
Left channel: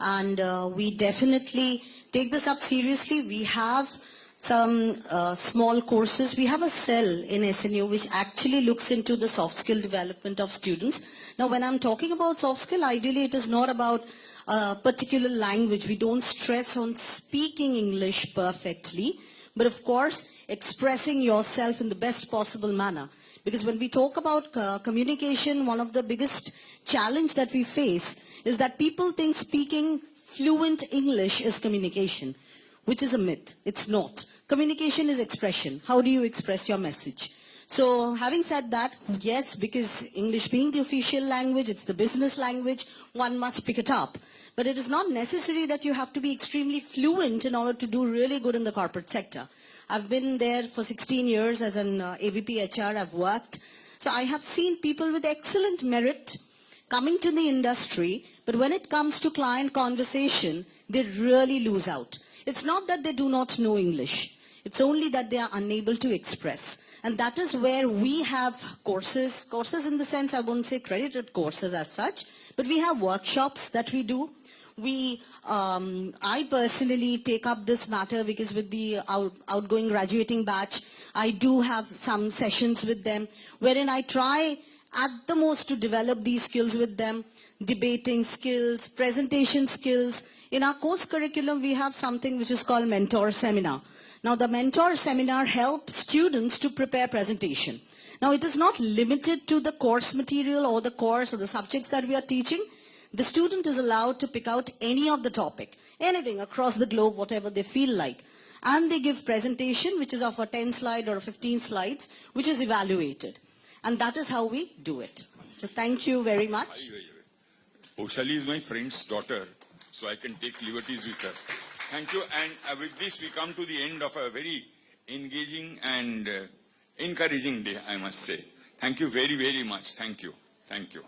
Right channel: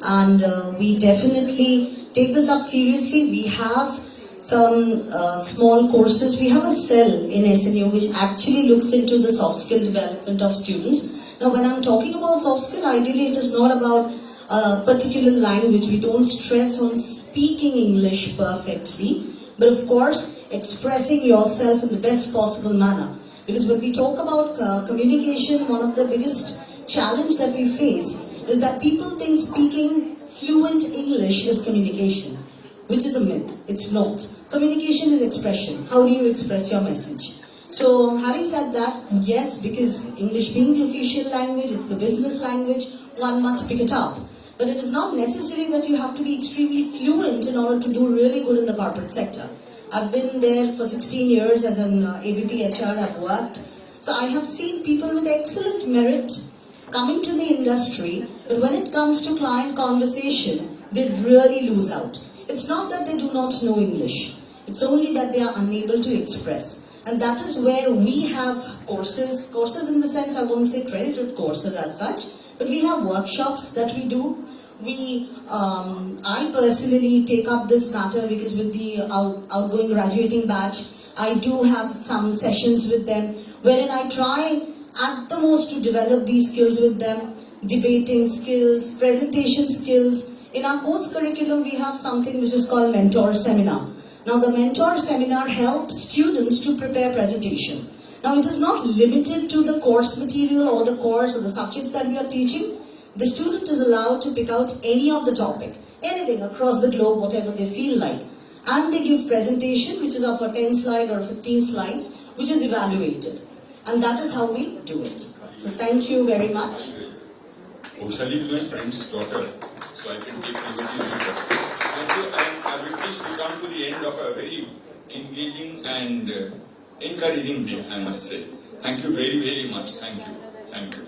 and we definitely take this up seriously. We have some small courses. We have a cell in SNU which actually looks into the soft skill development of students. Now, when I'm talking about soft skill, ideally it is not about a particular language. We don't stress on speaking English perfectly, but of course expressing yourself in the best possible manner. Because when we talk about communication, one of the biggest challenge that we face is that people think speaking fluent English is communication, which is a myth. It's not. Communication is expression. How do you express your message? So having said that, yes, because English being the official language, it's the business language, one must pick it up. But it is not necessary that you have to be extremely fluent in order to do really good in the corporate sector. I've been there for 16 years as an AVP HR, I've worked. So I have seen people with excellent merit coming to the industry, but when it comes to client conversation, they really lose out. It's not that they do not know English. It's only that they are unable to express. And that is where we have courses in the sense I won't say credited courses as such, but we have workshops that we do. I personally take up this matter because with the outgoing graduating batch, I do have some sessions with them wherein I try at the most to develop these skills with them, debating skills, presentation skills. In our course curriculum, we have something which is called mentor seminar. Now the mentor seminar helps students to prepare presentation. Now it is not limited to the course material or the course or the subjects that we are teaching. The student is allowed to pick out any of the topic, anything across the globe, whatever they feel like. And they give presentation, which is of a 10 slide or 15 slides, which is evaluated. And that is how we do it. So thank you very much. Paushali is my friend's daughter, so I can take liberties with her. And with this we come to the end of a very engaging and encouraging day, I must say. Thank you very, very much. Thank you. Thank you.